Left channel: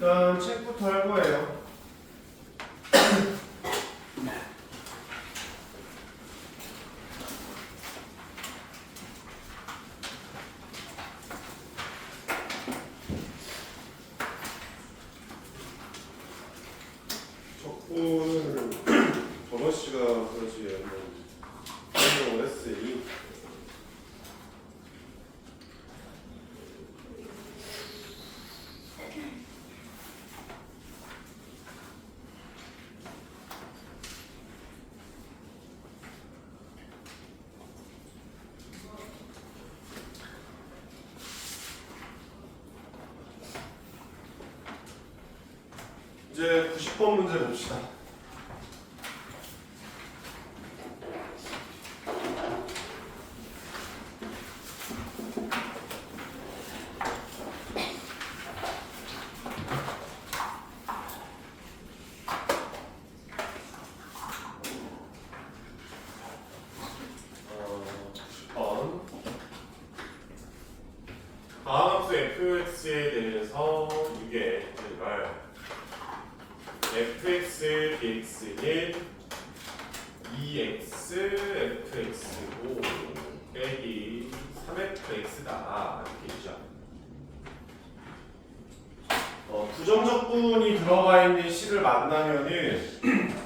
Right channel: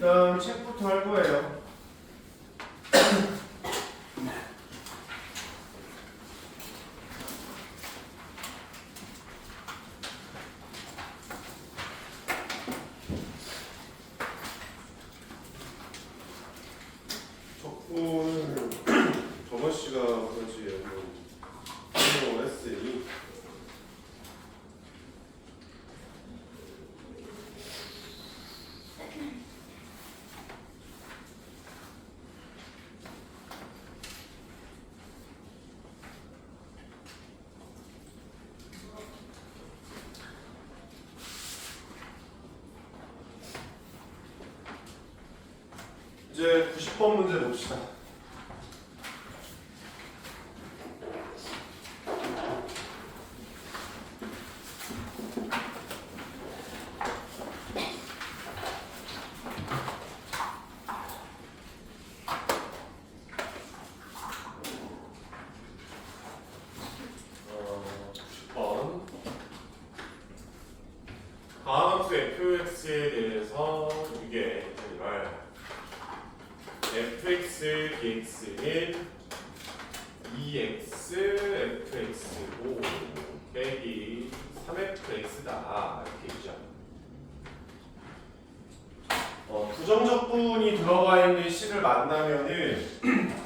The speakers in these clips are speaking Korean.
일단 책부터 할 거예요. 적분을 전원 씨가 그렇지 한번 했으니 이제 90번 문제 봅시다. 다함수 fx에 대해서 이게 정말 fx dx는 2x fx고 빼기 3fx다 이렇게 있죠. 부정적분이 들어가 있는 식을 만나면은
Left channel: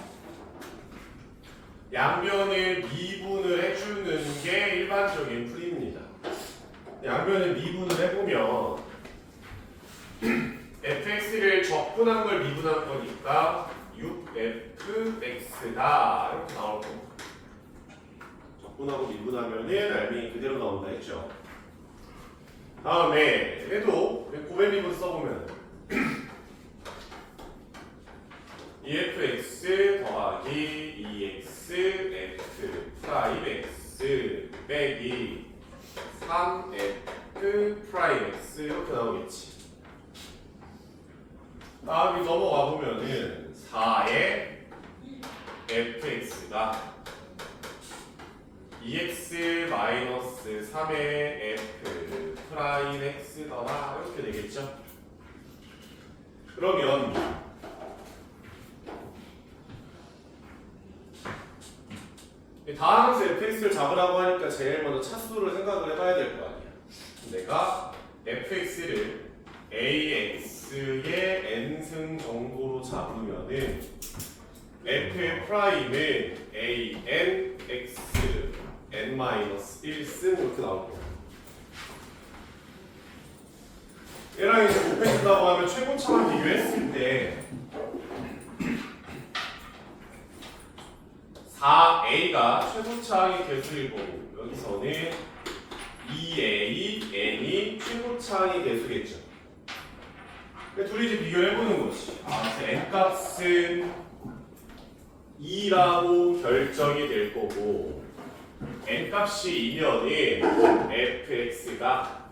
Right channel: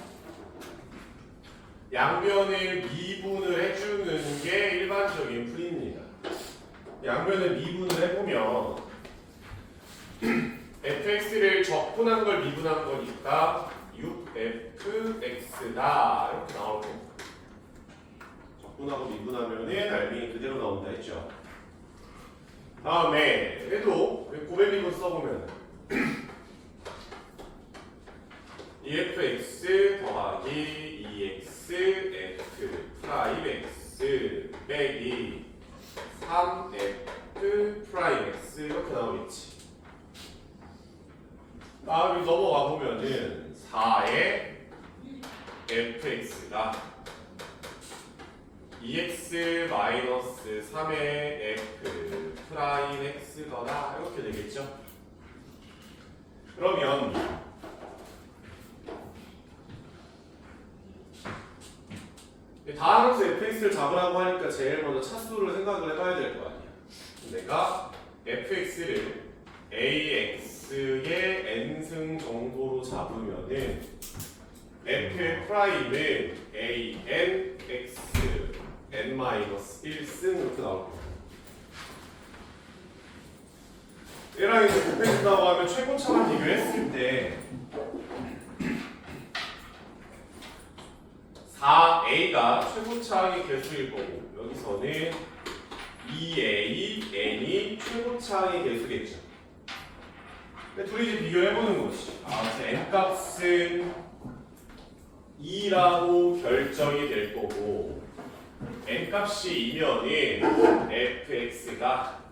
양변을 미분을 해주는 게 일반적인 풀이입니다. 양변을 미분을 해보면 fx를 적분한 걸 미분한 거니까 6fx다 이렇게 나올 겁니다. 적분하고 미분하면은 알맹이 그대로 나온다 했죠. 다음에 얘도 고배 미분 써보면 2fx 더하기 2x f 프라임 x 빼기 3f 프라임 x 이렇게 나오겠지. 다음에 넘어가 보면은 4의 fx가 2x 마이너스 3의 f 프라임 x더라 이렇게 되겠죠. 그러면 다함수 fx를 잡으라고 하니까 제일 먼저 차수를 생각을 해봐야 될 거 아니야. 내가 fx를 ax의 n승 정도로 잡으면은 f 프라임은 an x n-1승 이렇게 나올 거야. 얘랑 이제 곱해준다고 하면 최고차만 비교했을 때 4a가 최고차항의 개수일 거고 여기서는 2a, n이 최고차항의 개수겠죠. 둘이 이제 비교를 해보는 거지. n 값은 2라고 결정이 될 거고 n 값이 2면은 fx가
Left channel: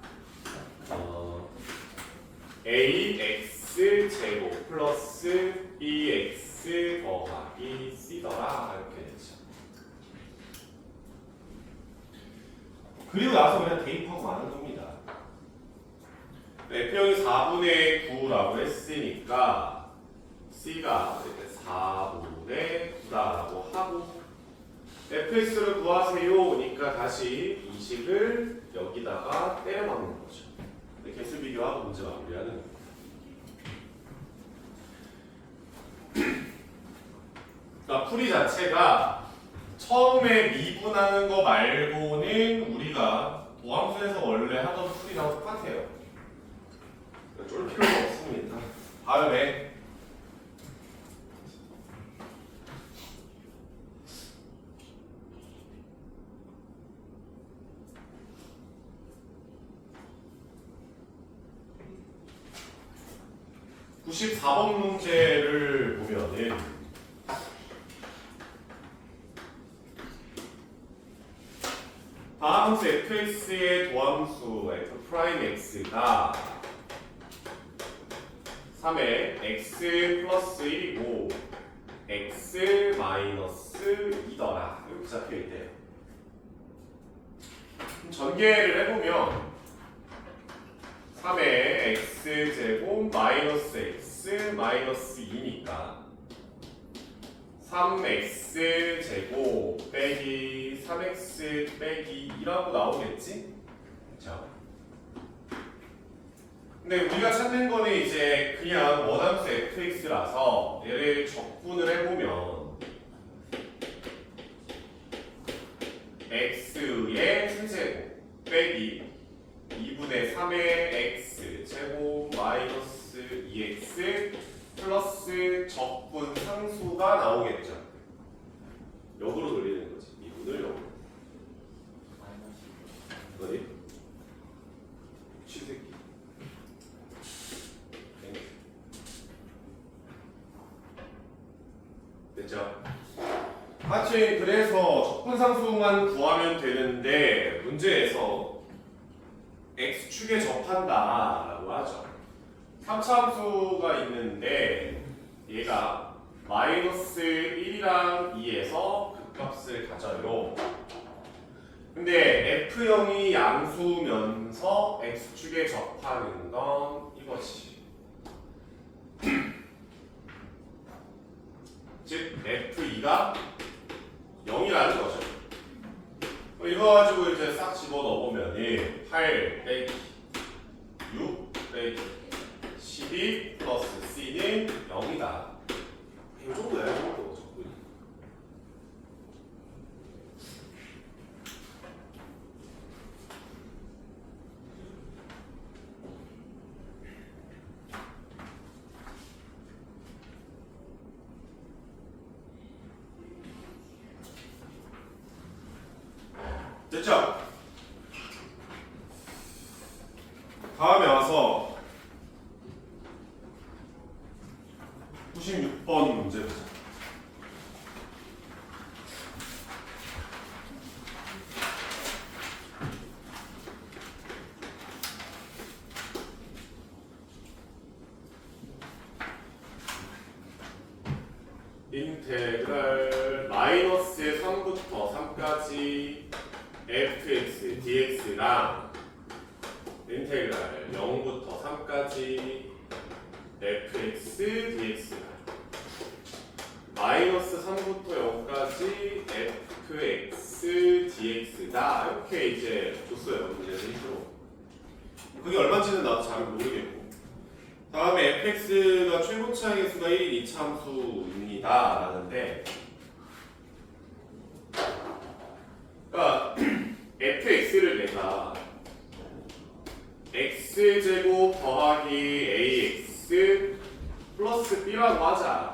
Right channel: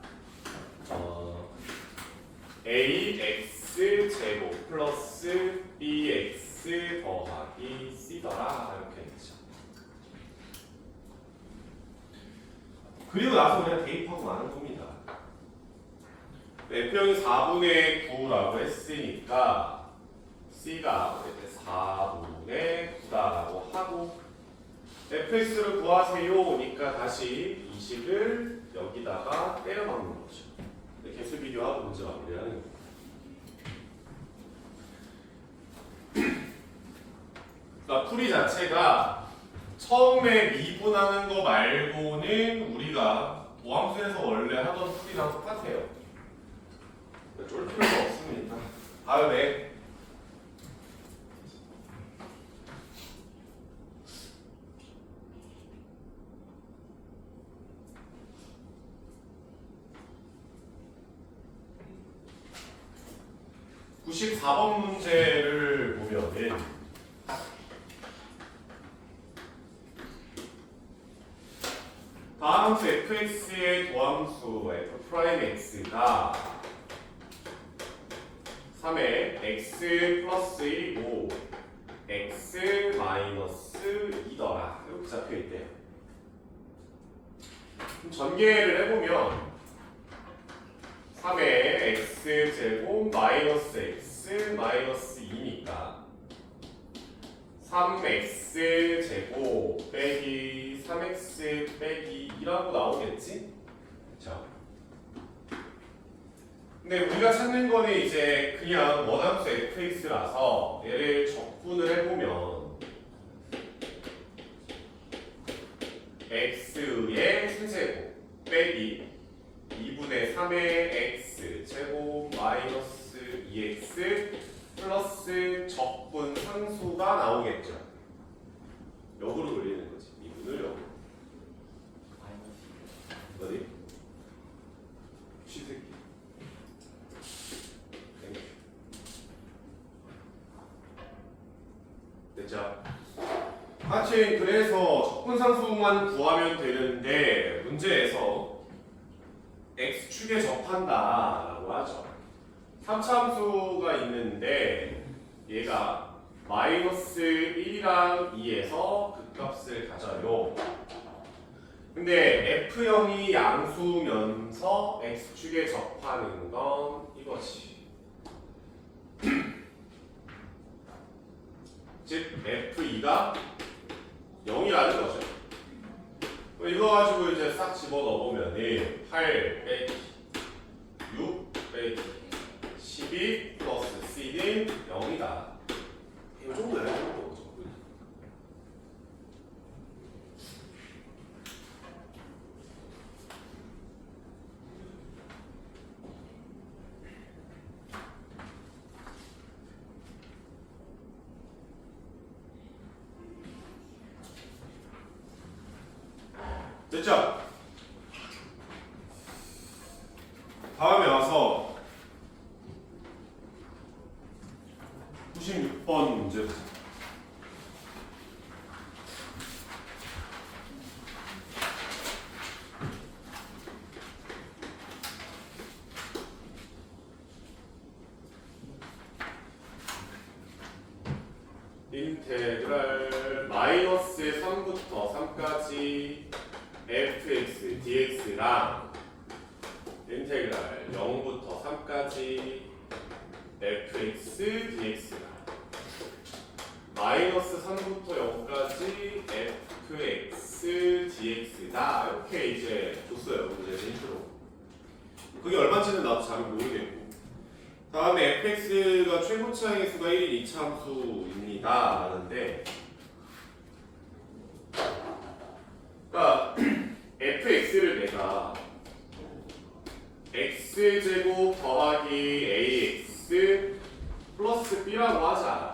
ax 제곱 플러스 bx 더하기 c더라 이렇게 되죠. 그리고 나서 그냥 대입하고 마는 겁니다. f형이 4분의 9라고 했으니까 c가 4분의 9라고 하고 fx를 구하세요니까 다시 이 식을 여기다가 때려 박는 거죠. 개수 비교하고 문제 마무리하는 겁니다. 그러니까 풀이 자체가 처음에 미분하는 거 말고는 우리가 도함수에서 원래 하던 풀이랑 똑같아요. 쫄 필요가 없습니다. 다음에 (94번) 문제를 보면은 다함수 fx의 도함수 f 프라임 x가 3의 x 플러스 1이고 x 마이너스 2더라 이렇게 잡혀있대요. 전개를 해보면 3의 x제곱 마이너스 x x 마이너스 2니까 3x 제곱 빼기 3x 빼기 2라고 나오겠지? 자, 근데 우리가 찾는 거는 이제 그냥 원함수 fx라서 얘를 적분을 해보면 x의 세제곱 빼기 2분의 3의 x 제곱 마이너스 2x 플러스 적분 상수가 나오겠죠. 역으로 돌리는 거지. 2분을 역으로. 어디? 취새끼. 땡큐. 됐죠? 하여튼 그래서 적분 상수만 구하면 되는데 문제에서 x축에 접한다 라고 하죠. 3차 함수가 있는데 얘가 마이너스 1이랑 2에서 극값을 가져요. 근데 F형이 양수면서 x축에 접하는 건 이거지. 즉 F2가 0이라는 거죠. 이거 가지고 이제 싹 집어 넣어보면 8 빼기 6 빼기 12 플러스 C는 0이다. 이 정도야, 이 정도. 적분이. 됐죠? 다음에 와서 96번 문제 보자. 인테그랄 마이너스 3부터 3까지 fx dx랑 인테그랄 0부터 3까지 fx dx랑 마이너스 3부터 0까지 fx dx다. 이렇게 이제 줬어요. 문제에서 힌트로. 그게 얼마인지는 나도 잘 모르겠고. 다음에 fx가 최고차항의 수가 1인 2차 함수입니다 라는데, 그러니까 fx를 내가 x제곱 더하기 ax 플러스 b라고 하자.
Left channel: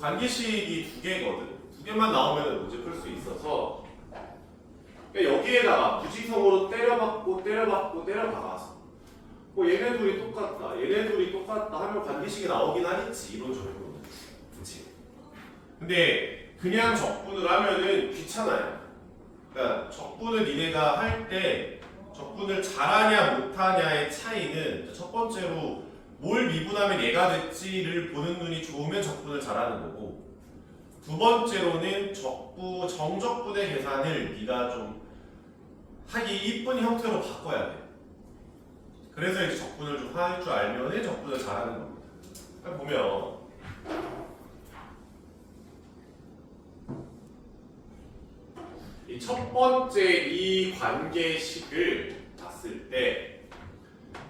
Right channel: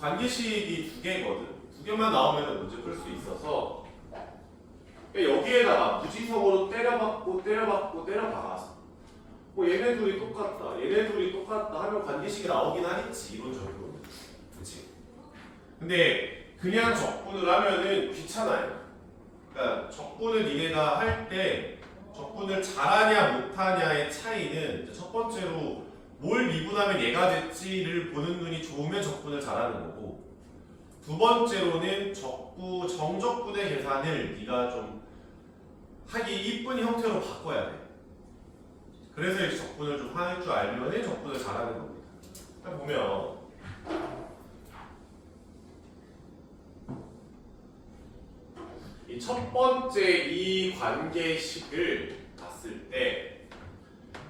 관계식이 두 개거든. 두 개만 나오면 문제 풀 수 있어서 여기에다가 무지성으로 때려박고 때려박고 때려박아서 뭐 얘네 둘이 똑같다, 얘네 둘이 똑같다 하면 관계식이 나오긴 하겠지, 이론적으로. 그치? 근데 그냥 적분을 하면은 귀찮아요. 그러니까 적분을 니네가 할 때 적분을 잘하냐 못하냐의 차이는 첫 번째로 뭘 미분하면 얘가 됐지를 보는 눈이 좋으면 적분을 잘하는 거고, 두 번째로는 정적분의 계산을 네가 좀 하기 이쁜 형태로 바꿔야 돼. 그래서 이제 적분을 좀 할 줄 알면은 적분을 잘하는 겁니다. 보면 이 첫 번째 이 관계식을 봤을 때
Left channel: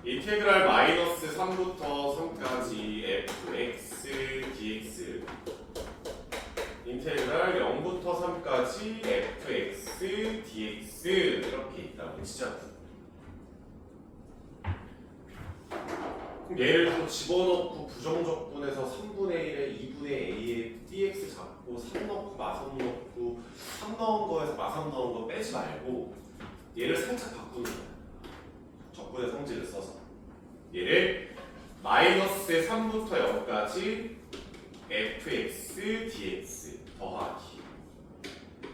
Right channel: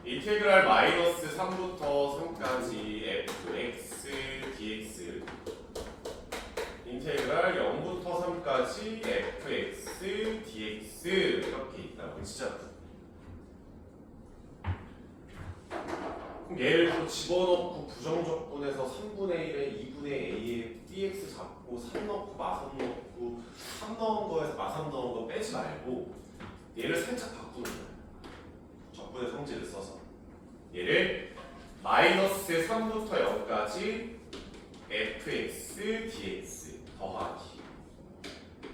인테그랄 마이너스 3부터 3까지 fx dx 인테그랄 0부터 3까지 fx dx 이렇게 있다고 치자고. 그럼 얘를 또 집어넣고 부정적분해서 3분의 1에 2분의 a에 dx 잡고 3 넣고 마선 넣고 3 넣은 거에서 마선 넣은 거 빼지 말고 얘를 살짝 바꾸는 거야. 적분의 성질을 써서 얘를 마이너스 3부터 0까지 fx dx 더하기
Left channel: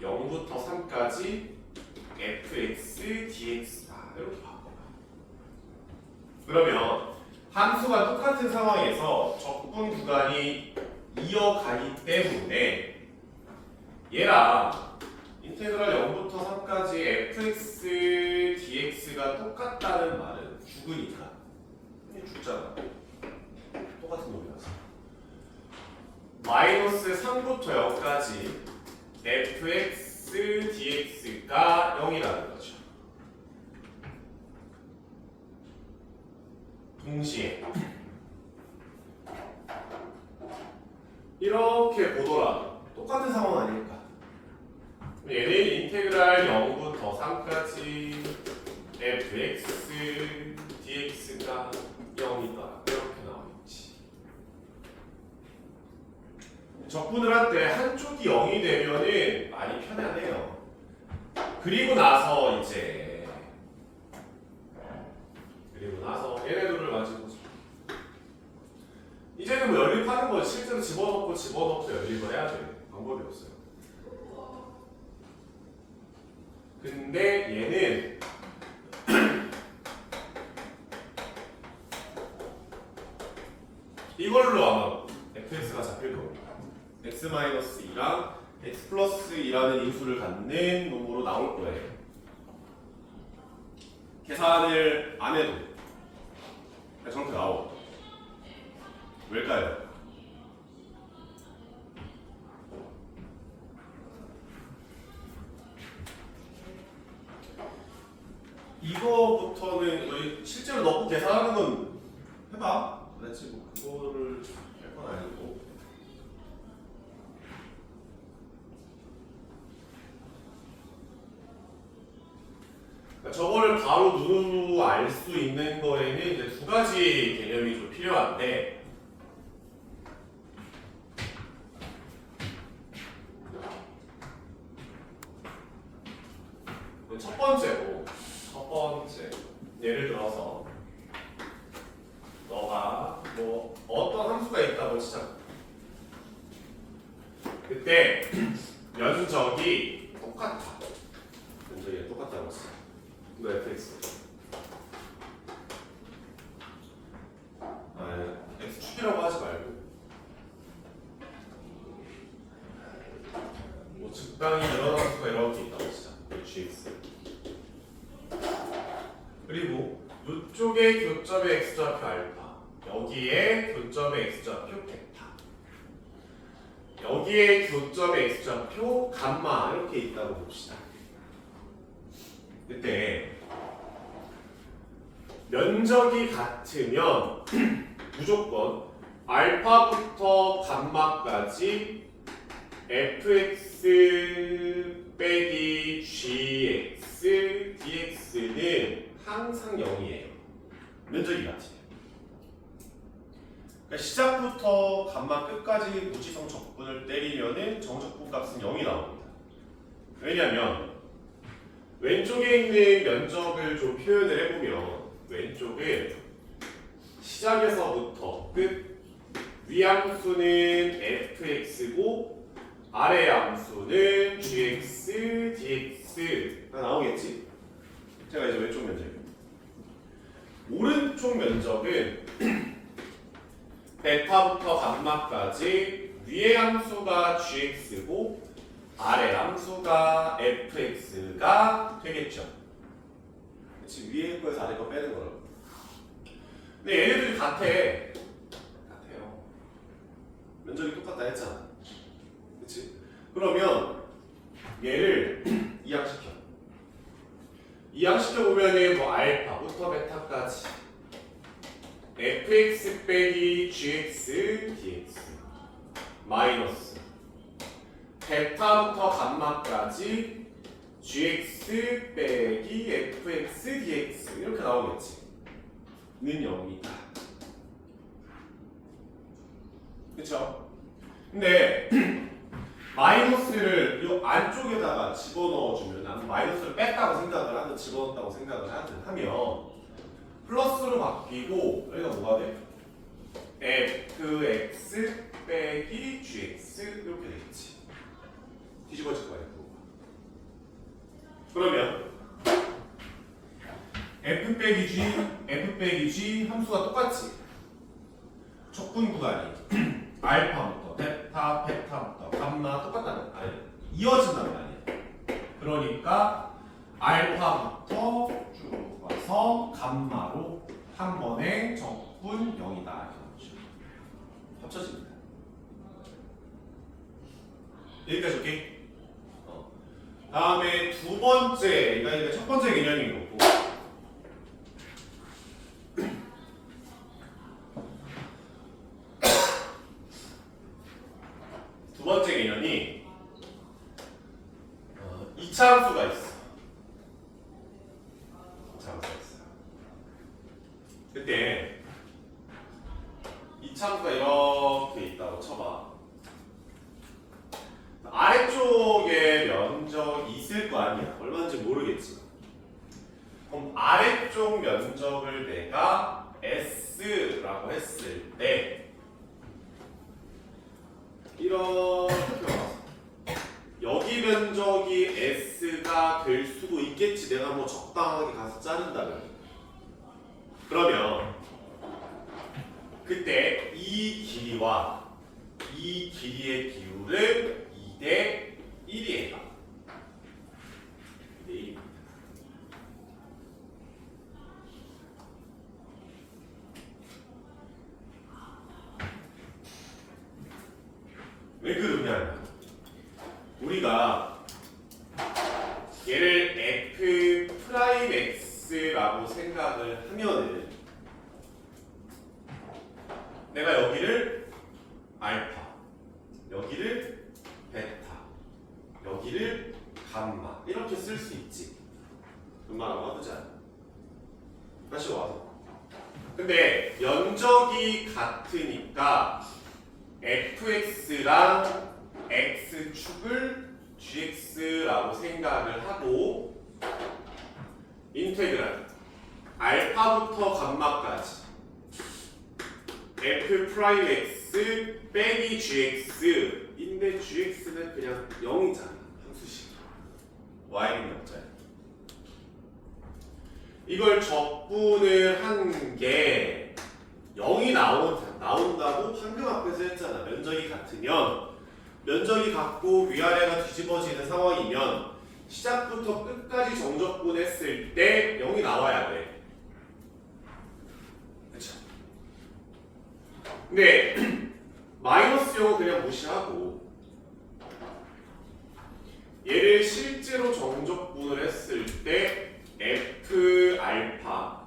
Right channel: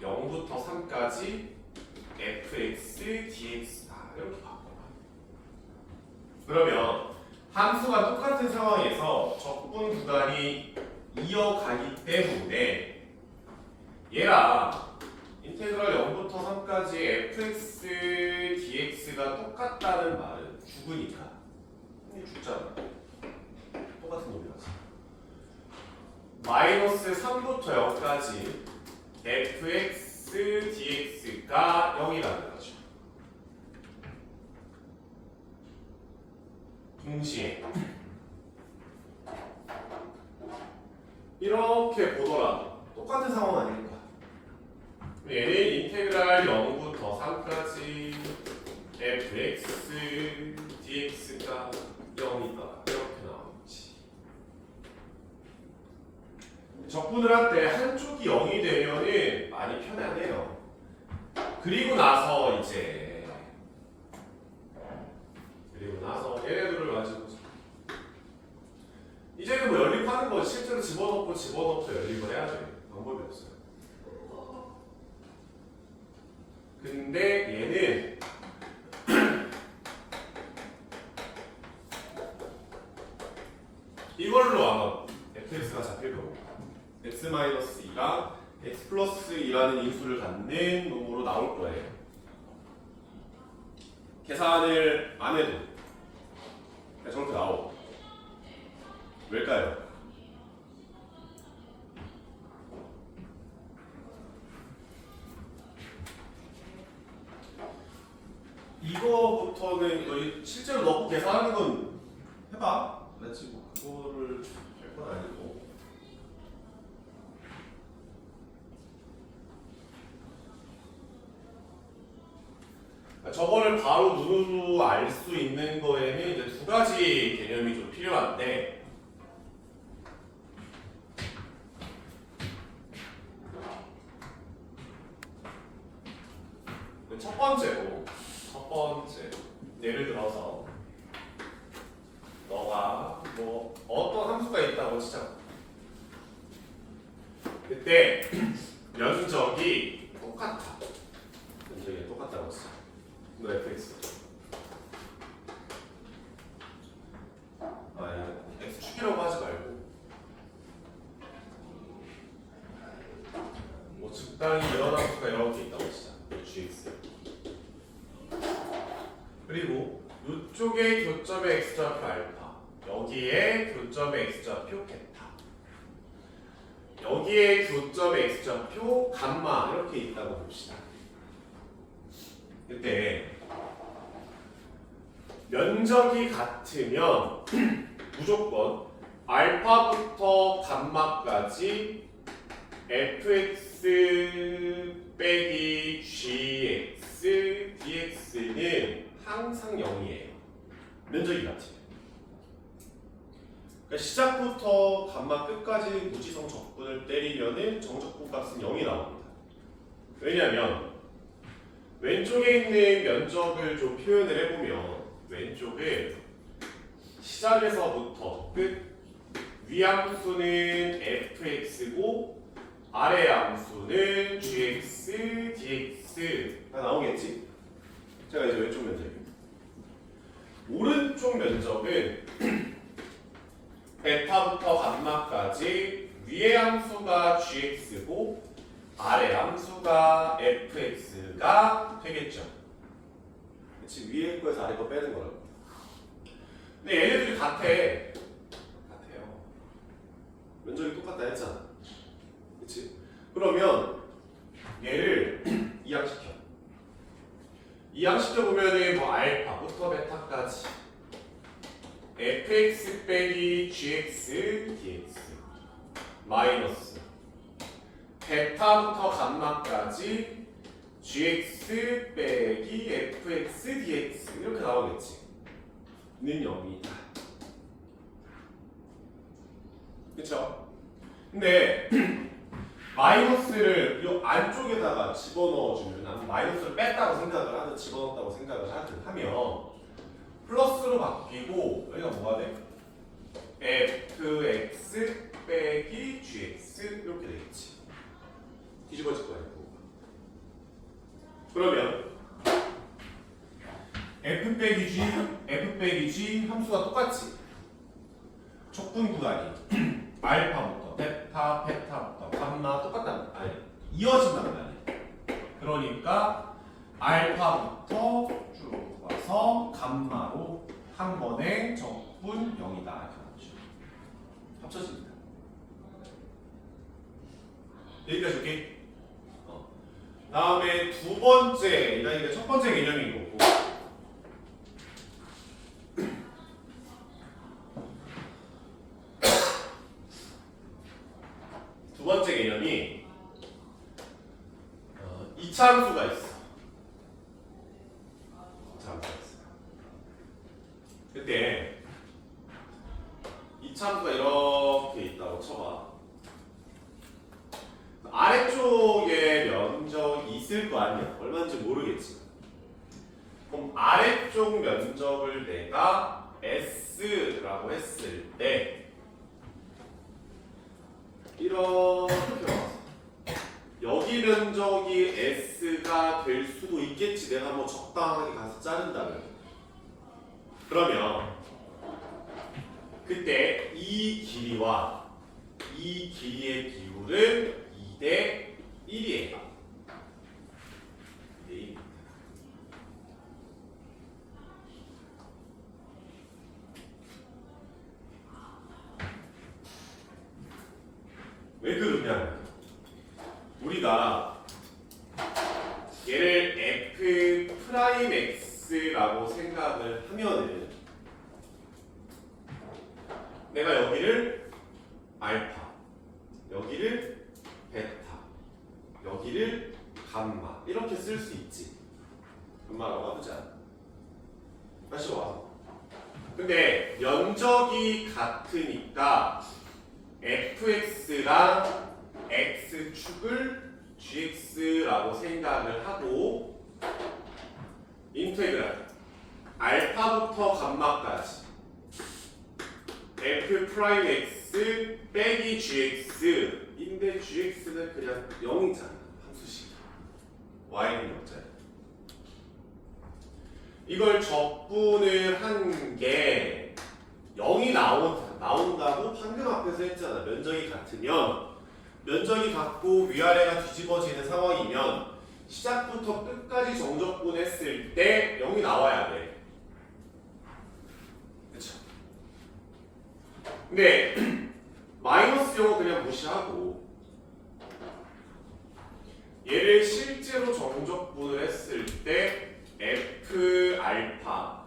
0부터 3까지 fx dx다. 이렇게 바꿔봐. 그러면 함수가 똑같은 상황에서 적분 구간이 이어가기 때문에 얘랑 인테그랄 0부터 3까지 fx dx가 똑같다는 말은 죽으니까 죽잖아. 마이너스 3부터 0까지 fx dx가 0이라는 거죠. 동시에 이렇게 보더라도 똑같은 상황 아닐까? 얘는 인테그랄 0부터 3까지 fx dx가 0이다 이렇게 나오겠지. 적분을 할 때 한쪽이 0이 되면은 많이 편하네요. 그리고 나서 얘네들을 가지고 이제는 뭐 연립하는 거 실제로 집어넣고 연립을 해야죠. 방법이 없어요. 근데 얘는 이걸로 아마 fx가 잡힐 겁니다. x-2랑 x 플러스 2라는 인수를 갖는 놈으로 나올 거예요. 계산을 안 해도 저렇게 나오고. 왜일까요? 이거부터는 우리 실제로 넣고 계산하는 건 해봐. 그렇지 뭐 그거를 할 건 아니고. 저거를 바로 눈으로 알 수 있는 거에는 이제 두 가지 개념이 좀 필요한데, 첫 번째 예를 들어서 너가 뭐 어떤 함수가 있다고 치자. 그때 면적이 똑같아. 면적이 똑같다고 치자. 너 fx x축이라고 하지 말고 뭐 적당히 여러 함수가 이렇게 있다고 치자. gx 그리고 이쪽에 교점의 x좌표 알파, 여기에 교점의 x좌표 베타, 여기에 교점의 x좌표 감마 이렇게 있다고 봅시다. 그때 면적이 같으면 무조건 알파부터 감마까지 fx 빼기 gx dx는 항상 0이에요. 면적이 같으면. 그러니까 시작부터 감마 끝까지 무지성 적분을 때리면은 정적분 값은 0이 나옵니다. 왜냐하면 왼쪽에 있는 면적을 좀 표현을 해보면 왼쪽은 시작에서부터 끝 위함수는 fx고 아래 함수는 gx, dx가 나오겠지? 제가 이제 왼쪽 면적이에요. 오른쪽 면적은 베타부터 감마까지 위의 함수가 gx고 아래 함수가 fx가 되겠죠. 그치? 위에 거에서 아래 거 빼는 거라고. 근데 얘네들이 같아요. 면적이 똑같다 했잖아. 그치? 그러면 얘를 이항시켜보면은 뭐 알파부터 베타까지 fx 빼기 gx dx 마이너스 베타부터 감마까지 gx 빼기 fx dx 이렇게 나오겠지. 는 0이다. 그쵸? 근데 마이너스를 이 안쪽에다가 집어넣어주면 나는 마이너스를 뺐다고 생각을 하든 집어넣었다고 생각을 하든 하면 플러스로 바뀌고 여기가 뭐가 돼? fx 빼기 gx 이렇게 되겠지. 뒤집어질 거야. 그러면 f 빼기 g 함수가 똑같지. 적분 구간이 알파부터 베타부터 감마 똑같다는 아니 이어진다는 거 아니야. 그러니까 알파부터 쭉 와서 감마로 한 번에 적분 0이다 이렇게 나오죠. 합쳐집니다. 여기까지 오케이? 다음에 두 번째, 그러니까 첫 번째 개념인 거고. 두 번째 개념이 이차함수가 있어. 이차함수가 있어. 그때 이차함수가 이렇게 있다고 쳐봐. 아래쪽에 면적이 있을 거 아니야. 얼마인지 모르겠지만. 그럼 아래쪽 면적을 내가 S라고 했을 때 이렇게 와서 여기 면적이 S가 될 수도 있겠지. 내가 뭐 적당하게 가서 자른다면. 그러면 그때 이 길이와 이 길이의 비율은 2대 1이에요. 2대 1. 왜 그러냐면 우리가 얘를 f 프라임 x라고 생각을 하면은 내가 여기를 알파, 여기를 베타, 여기를 감마 이렇게 쓸 수 있지. 엄마라고 하자. 다시 와서. 근데 면적이 같으니까 fx랑 x축을 gx라고 생각을 하고 인테그랄 알파부터 감마까지 f 프라임 x 빼기 gx인데 gx는 그냥 0이잖아. 함수식. y는 0짜리. 이걸 적분을 한 게 0이 나온다고 판명 앞에서 했잖아. 면적이 같으면 면적이 같고 위아래가 뒤집어지는 상황이면 시작부터 끝까지 정적분했을 때 0이 나와야 돼. 그쵸? 근데 마이너스 0은 그냥 무시하고 얘를 실제로 정적분을 했을 때 f 알파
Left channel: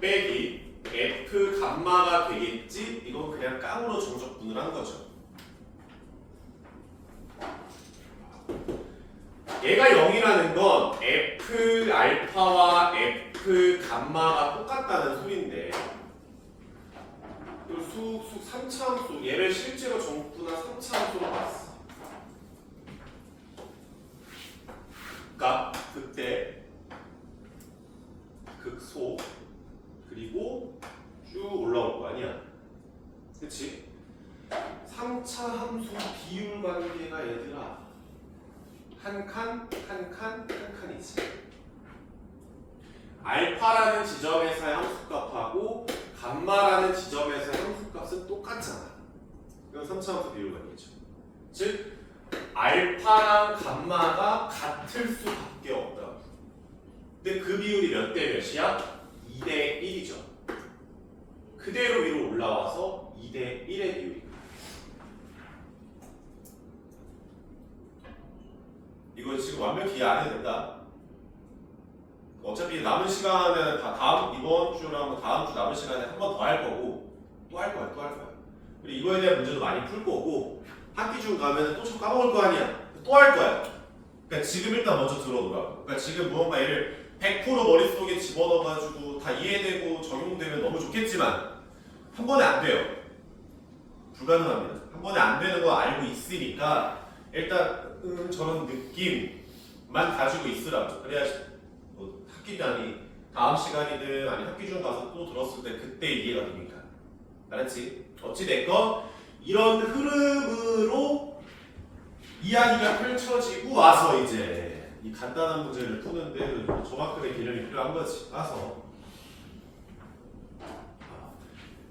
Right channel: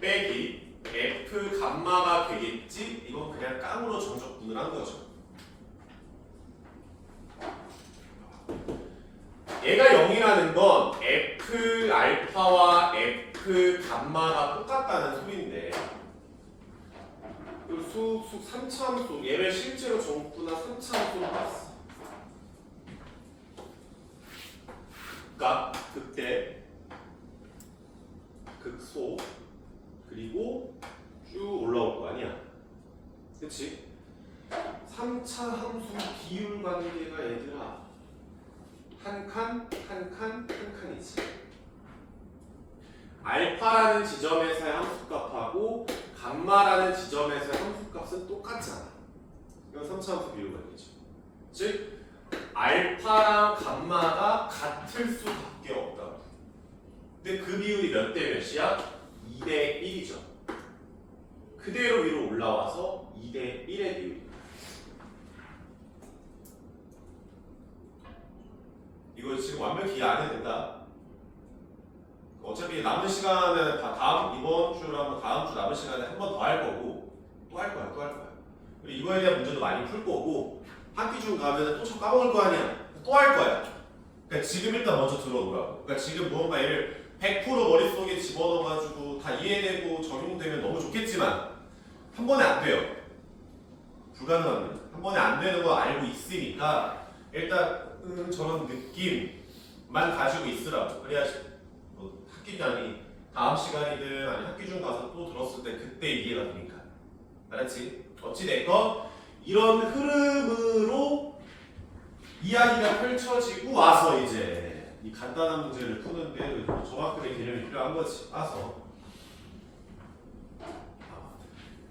빼기 f 감마가 되겠지? 이건 그냥 깡으로 정적분을 한 거죠. 얘가 0이라는 건 f 알파와 f 감마가 똑같다는 소리인데 수 3차 함수 얘를 실제로 정분한 3차 함수로 봤어. 그러니까 그때 극소 그리고 쭉 올라올 거 아니야. 그치? 3차 함수 비율 관계가 얘들아 한 칸, 한 칸, 한 칸이지. 알파라는 지점에서의 함수값하고 감마라는 지점에서의 함수값은 똑같잖아. 이건 3차 함수 비율 관계죠. 즉 알파랑 감마가 같을 수밖에 없다고. 근데 그 비율이 몇 대 몇이야? 2대 1이죠. 그대로 위로 올라와서 2대 1의 비율입니다. 이거 지금 완벽히 이해 안 해도 된다. 어차피 남은 시간은 다 이번 주랑 다음 주 남은 시간에 한 번 더 할 거고 또 할 거야. 그리고 이거에 대한 문제도 많이 풀 거고 학기 중 가면 또 좀 까먹을 거 아니야. 또 할 거야. 그러니까 지금 일단 먼저 들어오라고. 그러니까 지금 무언가 얘를 100% 머릿속에 집어넣어가지고 다 이해되고 적용되면 너무 좋겠지만 한 번에 안 돼요. 불가능합니다. 한 번에 안 되는 거 알고 있으니까 일단 저런 느낌만 가지고 있으라고. 그래야 뭐 학기간이 다음 시간이든 아니 학기 중 가서 또 들었을 때 그때 이해가 되니까. 알았지? 어찌됐건 이런 흐름으로 이야기가 펼쳐지고 와서 이제 이 간단한 문제를 푸는데 저만큼의 개념이 필요한 거지. 와서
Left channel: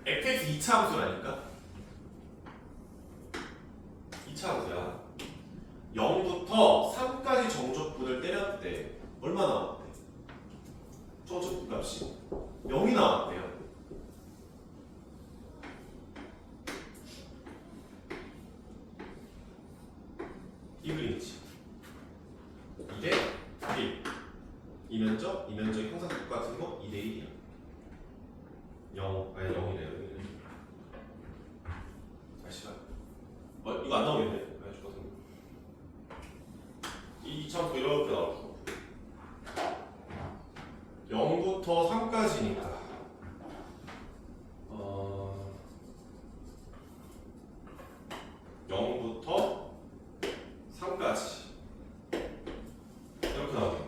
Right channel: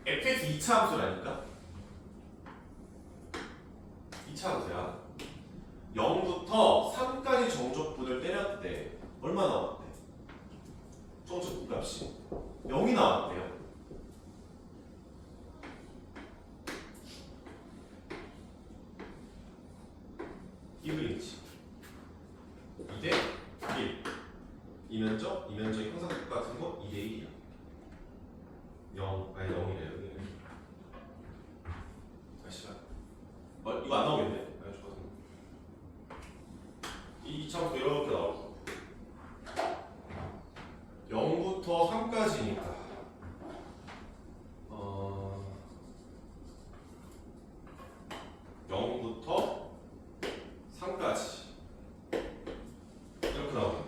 fx 2차 함수라니까? 2차 함수야. 0부터 3까지 정적분을 때렸대. 얼마 나왔대? 정적분 값이 0이 나왔대요. 이면적이 항상 똑같은 거 2대 1이야. 0, 아니 0이래요. 다시 가. 이거 안 나오겠네. 아니 죽었네. 이 참수 이렇게 나오고 0부터 3까지니까 0부터 3까지 이렇게 나오겠네.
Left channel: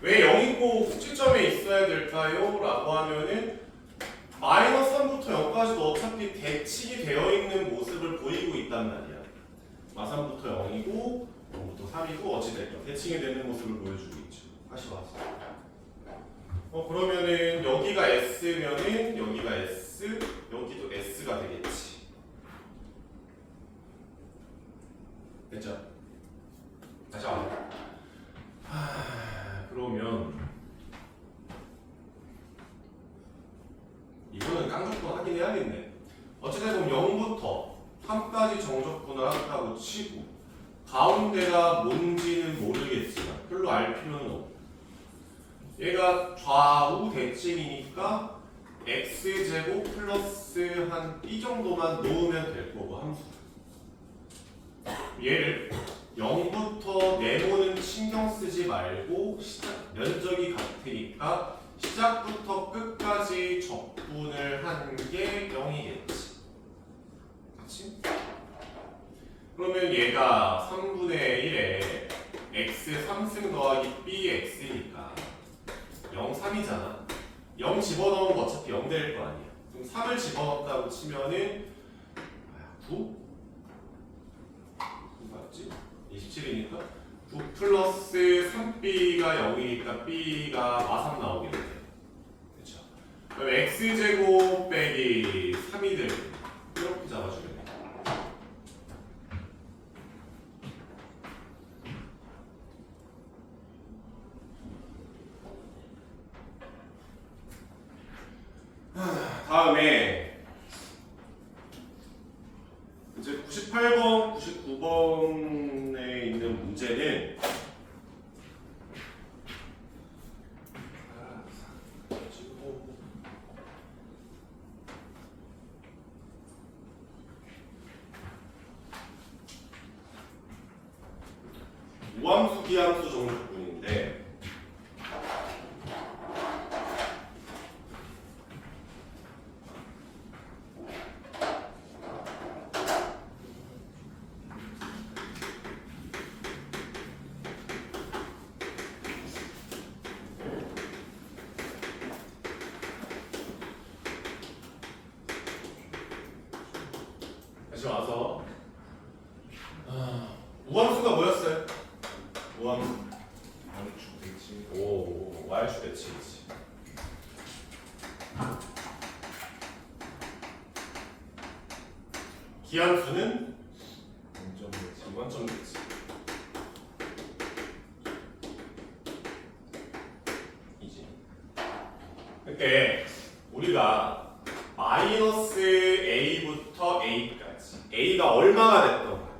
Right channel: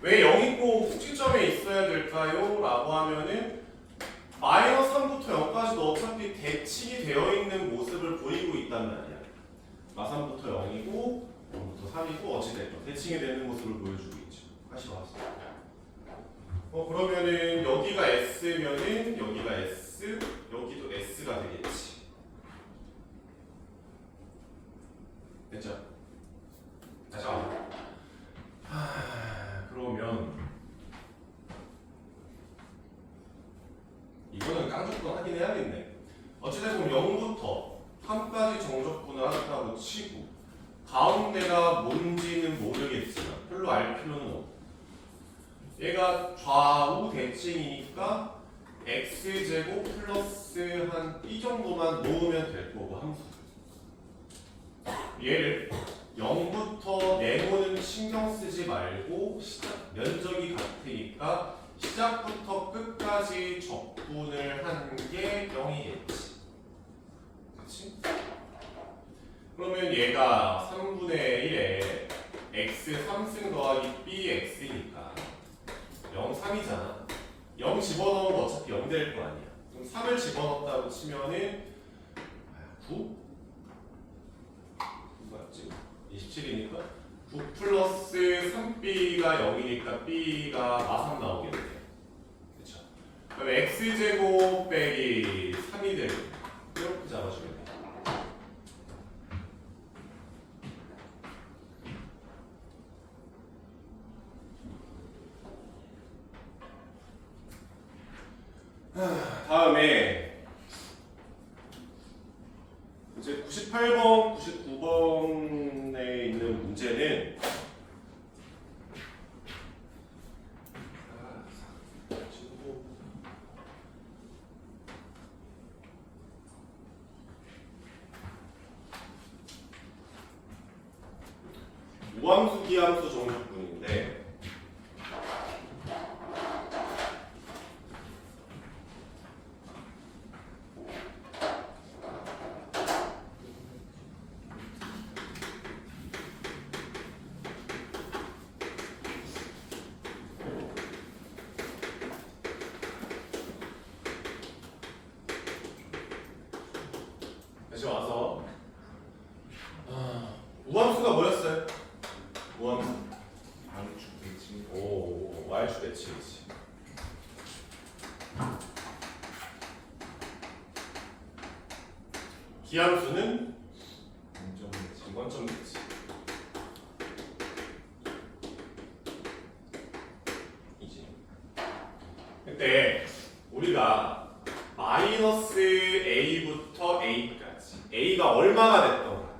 왜 0이 꼭 꼭지점에 있어야 될까요? 라고 하면은 마이너스 3부터 0까지도 어차피 대칭이 되어 있는 모습을 보이고 있단 말이야. 3부터 0이고 0부터 3이고 어찌됐든 대칭이 되는 모습을 보여주고 있죠. 다시 봤어. 그러면은 여기가 S면은 여기가 S, 여기도 S가 되겠지. 됐죠? 다시 와. 그러면 이거는 깡조건 하긴 해야겠네. 어찌됐든 0부터 3까지 정적분을 한다고 치고 가운데가 뭔지는 모르겠지만 별로 알 필요는 없고 얘가 좌우 대칭이니까 x제곱 플러스 한 b 정도만 놓으면 될 거고 함수. 얘를 0부터 네모는 신경 쓰지 말고 면적이 같으니까 시작부터 끝까지 적분을 한 게 0이겠지. 그렇지? 그러면 얘가 3분의 1에 x 3승 더하기 b x니까 0, 3이잖아. 0 집어넣으면 어차피 0 될 거 아니야. 그럼 3을 집어넣었다고 치면은 9? 뭐였지? 27이니까 9 플러스 3b가 0이니까 b가 마상 나오겠네. 그쵸? 그럼 x제곱 빼기 3이 되고 이렇게 잡아주면 돼. 다음에 이제 98번, 99번에 있는 문제는 우함수, 기함수 정적분인데 다시 와서 우함수가 뭐였어요? 우함수 Y축 대칭. 오, Y축 대칭이지. 기함수는 원점 대칭. 원점 대칭. 이지. 근데 우리가 마이너스 A부터 A까지 A가 얼마나 됐던 간에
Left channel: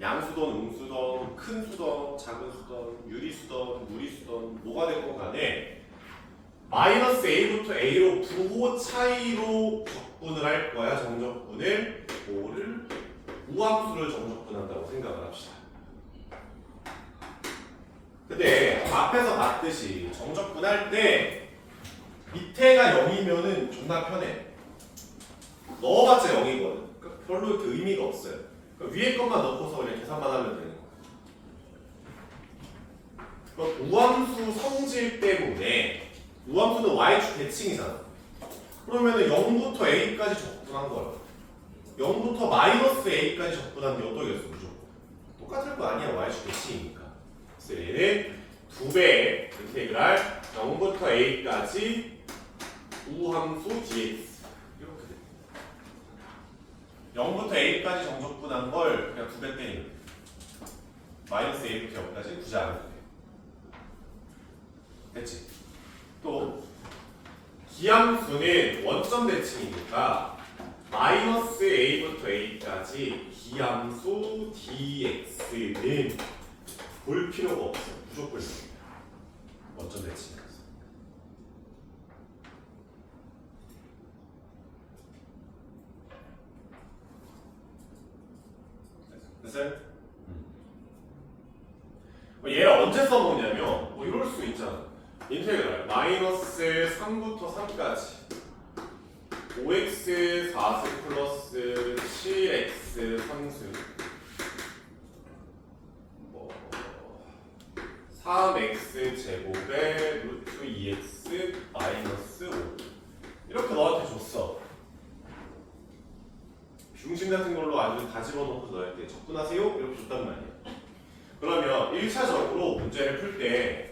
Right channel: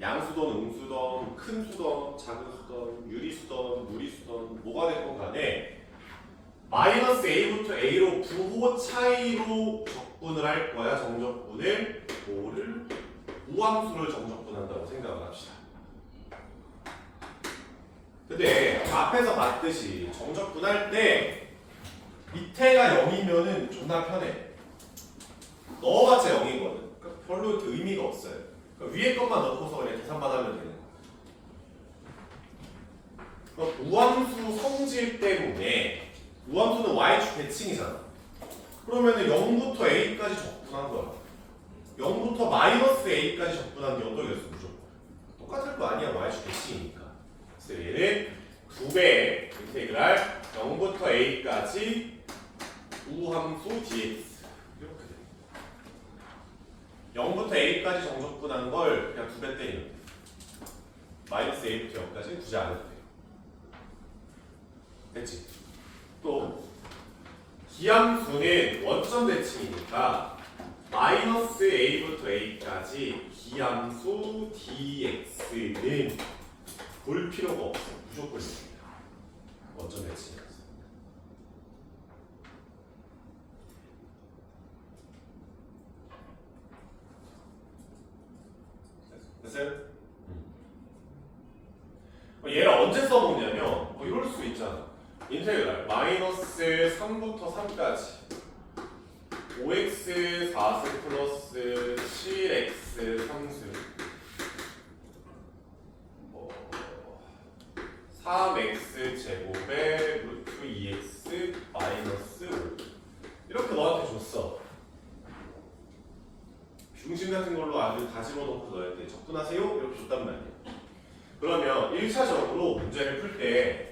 양수던 음수던 큰 수던 작은 수던 유리수던 무리수던 뭐가 됐건 간에 마이너스 A부터 A로 부호 차이로 적분을 할 거야. 정적분을 뭐를 우함수를 정적분한다고 생각을 합시다. 근데 앞에서 봤듯이 정적분할 때 밑에가 0이면은 존나 편해. 넣어봤자 0이거든. 그러니까 별로 이렇게 의미가 없어요. 그러니까 위에 것만 넣고서 그냥 계산만 하면 되는 거야. 그러니까 우함수 성질 때문에 우함수는 y축 대칭이잖아. 그러면은 0부터 a까지 적분한 거야. 0부터 마이너스 a까지 적분한 게 어떻게 됐어? 무조건 똑같을 거 아니야. y축 대칭이니까. 그래서 얘는 2배 인테그랄 0부터 a까지 우함수 dx 이렇게 됩니다. 0부터 a까지 정적분한 걸 그냥 2배 때리면 돼. 마이너스 a부터 0까지 굳이 안 해도 돼요. 됐지? 또 기함수는 원점 대칭이니까 마이너스 a부터 a까지 기함수 dx는 볼 필요가 없어. 무조건 있습니다. 원점 대칭이라서. 됐어요? 얘를 언제 써먹냐면 뭐 이럴 수 있잖아. 인테그랄 마이너스 3부터 3까지 5x 4수 플러스 7x 3수 뭐 3x 제곱에 루트 2x 마이너스 5 이렇게 너한테 줬어. 중심 같은 걸로 아주 다 집어넣고 너한테 접근하세요 이렇게 줬단 말이야. 그러면 1차적으로 문제를 풀 때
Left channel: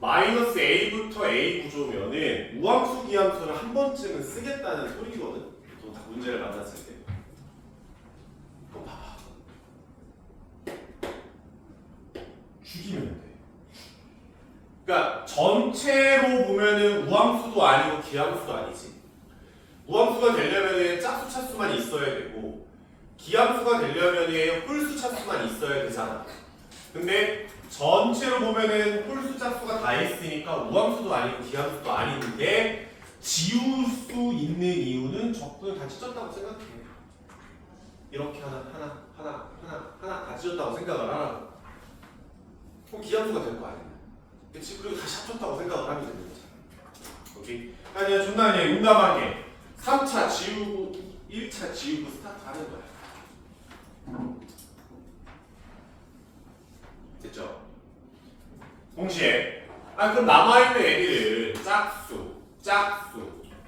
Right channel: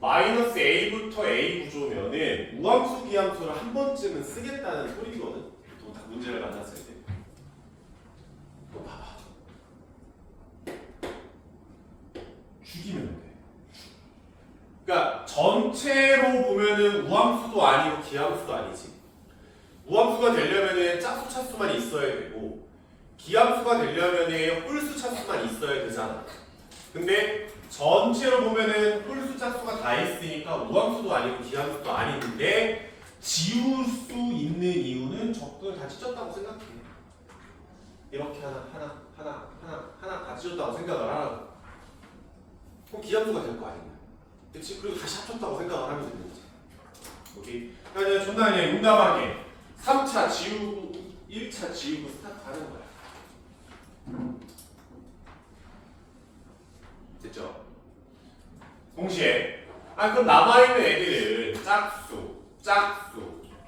마이너스 a부터 a 구조면은 우함수 기함수를 한 번쯤은 쓰겠다는 소리거든. 또 문제를 만났을 때. 이거 봐봐. 죽이면 돼. 그러니까 전체로 보면은 우함수도 아니고 기함수도 아니지. 우함수가 되려면은 짝수 차수만 있어야 되고 기함수가 되려면은 홀수 차수만 있어야 되잖아. 근데 전체로 보면은 홀수 짝수가 다 있으니까 우함수도 아니고 기함수도 아닌데 지울 수 있는 이유는 접근을 다 찢었다고 생각해. 이렇게 하나 다 찢었다고 생각을 하라고. 그럼 기함수가 될 거 아니야. 그치? 그리고 다시 합쳤다고 생각을 하면 되는 거지. 오케이? 그러니까 존나 그냥 용감하게 3차 지우고 1차 지우고 스타트 하는 거야. 됐죠? 동시에 그럼 남아있는 애들은 짝수,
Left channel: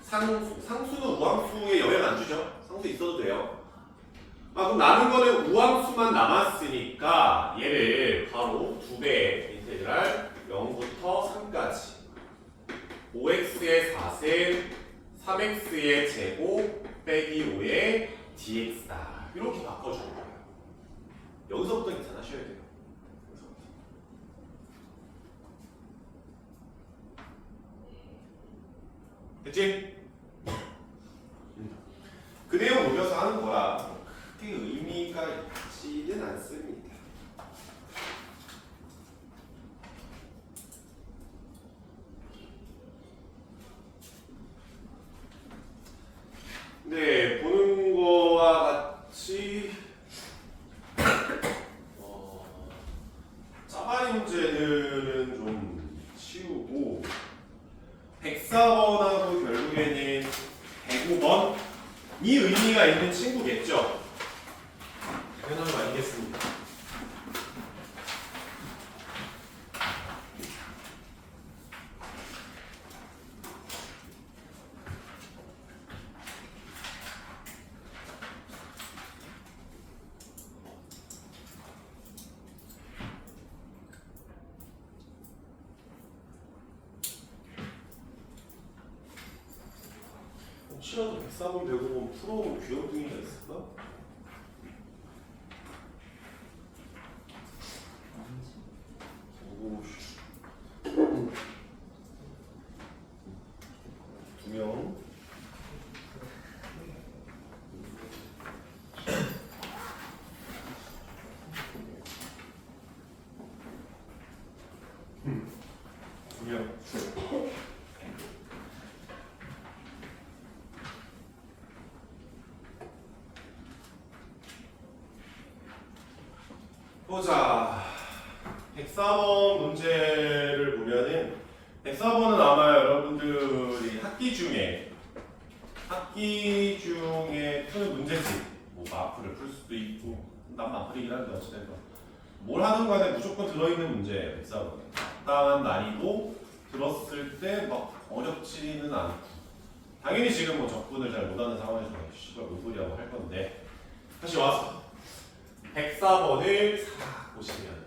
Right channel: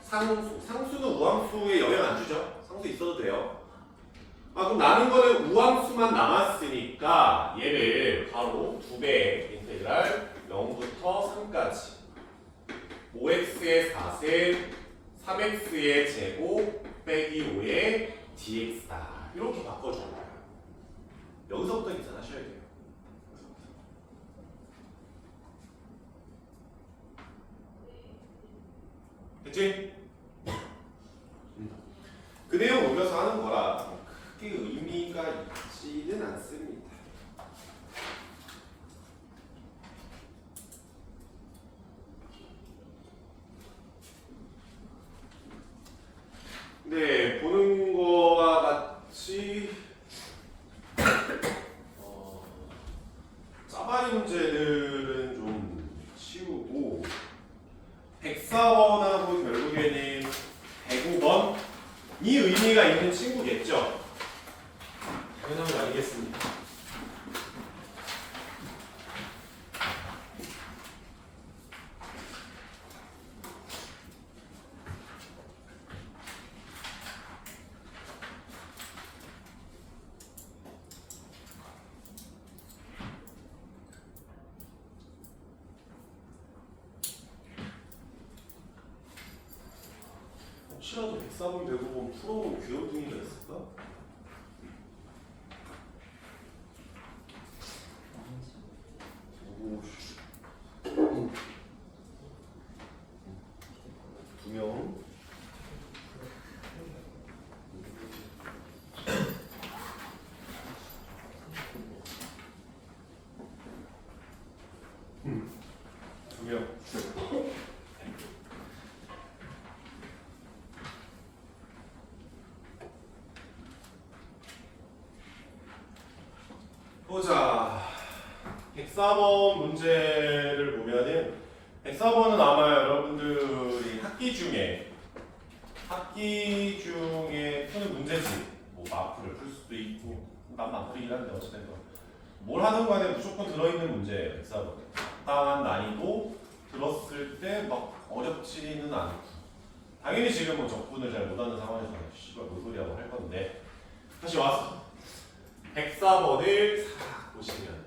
상수는 우함수에 영향 안 주죠? 상수 있어도 돼요. 그럼 남은 거는 우함수만 남았으니까 얘를 바로 2배 인테그랄 0부터 3까지 5x의 4세 3x의 제곱 빼기 5의 dx다. 이렇게 바꿔주는 거예요. 여기서부터 계산하셔야 돼요. 됐지? 그 내용 녹여서 하는 거라 크게 의미가 있지는 않습니다. 네, 보는 거와 같이 짜바리 문제들은 좀 치우고 104번하고 결국에는 105번이 의미가 있는 친구겠죠? 당연한 거 아니겠습니까? 혹시라도 104번 105번 풀어온 귀염둥이가 있을까? 오우씨 2명 보자. 104번 문제를 보면은 104번은 아마 여러분들이 학기 중에 푸는 문제집 뭐 마프를 풀 수도 있고 난 마프이긴 한데 어쨌든 뭘 하든 간에 무조건 들어있는 문제예요. 104번에 적당한 난이도 들었을 때 막 어렵지는 않고 당연히 지금 뭐 적분을 잘 못하는 상황에서 씨발 뭔 소리하고 할 건데 다시 와서 104번을 싹 보시면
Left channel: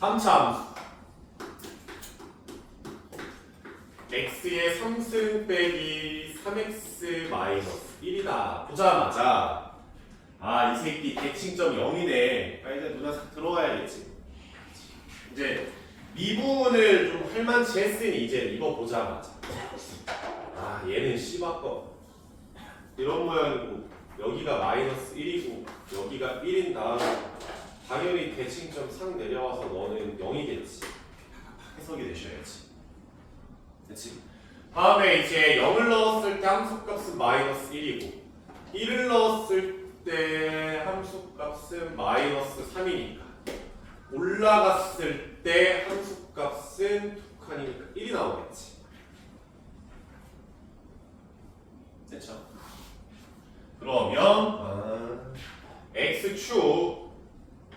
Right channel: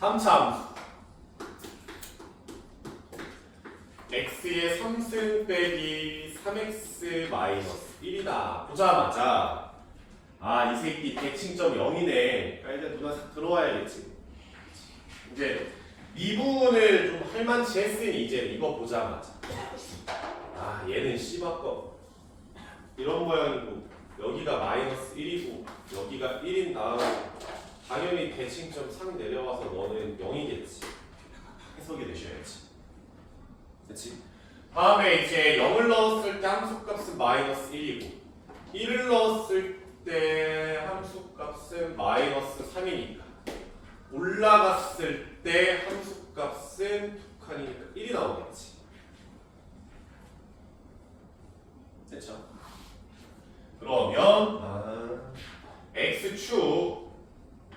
3차 x의 3승 빼기 3x 마이너스 1이다 보자마자 이 새끼 대칭점 0이네. 이제 누나 싹 들어와야겠지. 이제 미분을 좀 할만치 했으니 이제 이거 보자마자 아 얘는 C바꿔 이런 모양이고 여기가 마이너스 1이고 여기가 1인 다음 당연히 대칭점 상 내려와서 너는 0이겠지. 해석이 되셔야지. 그치? 다음에 이제 0을 넣었을 때 함수값은 마이너스 1이고 1을 넣었을 때 함수값은 마이너스 3이니까 올라갔을 때 함수값은 두 칸이니까 1이 나오겠지. 됐죠? 그러면 x축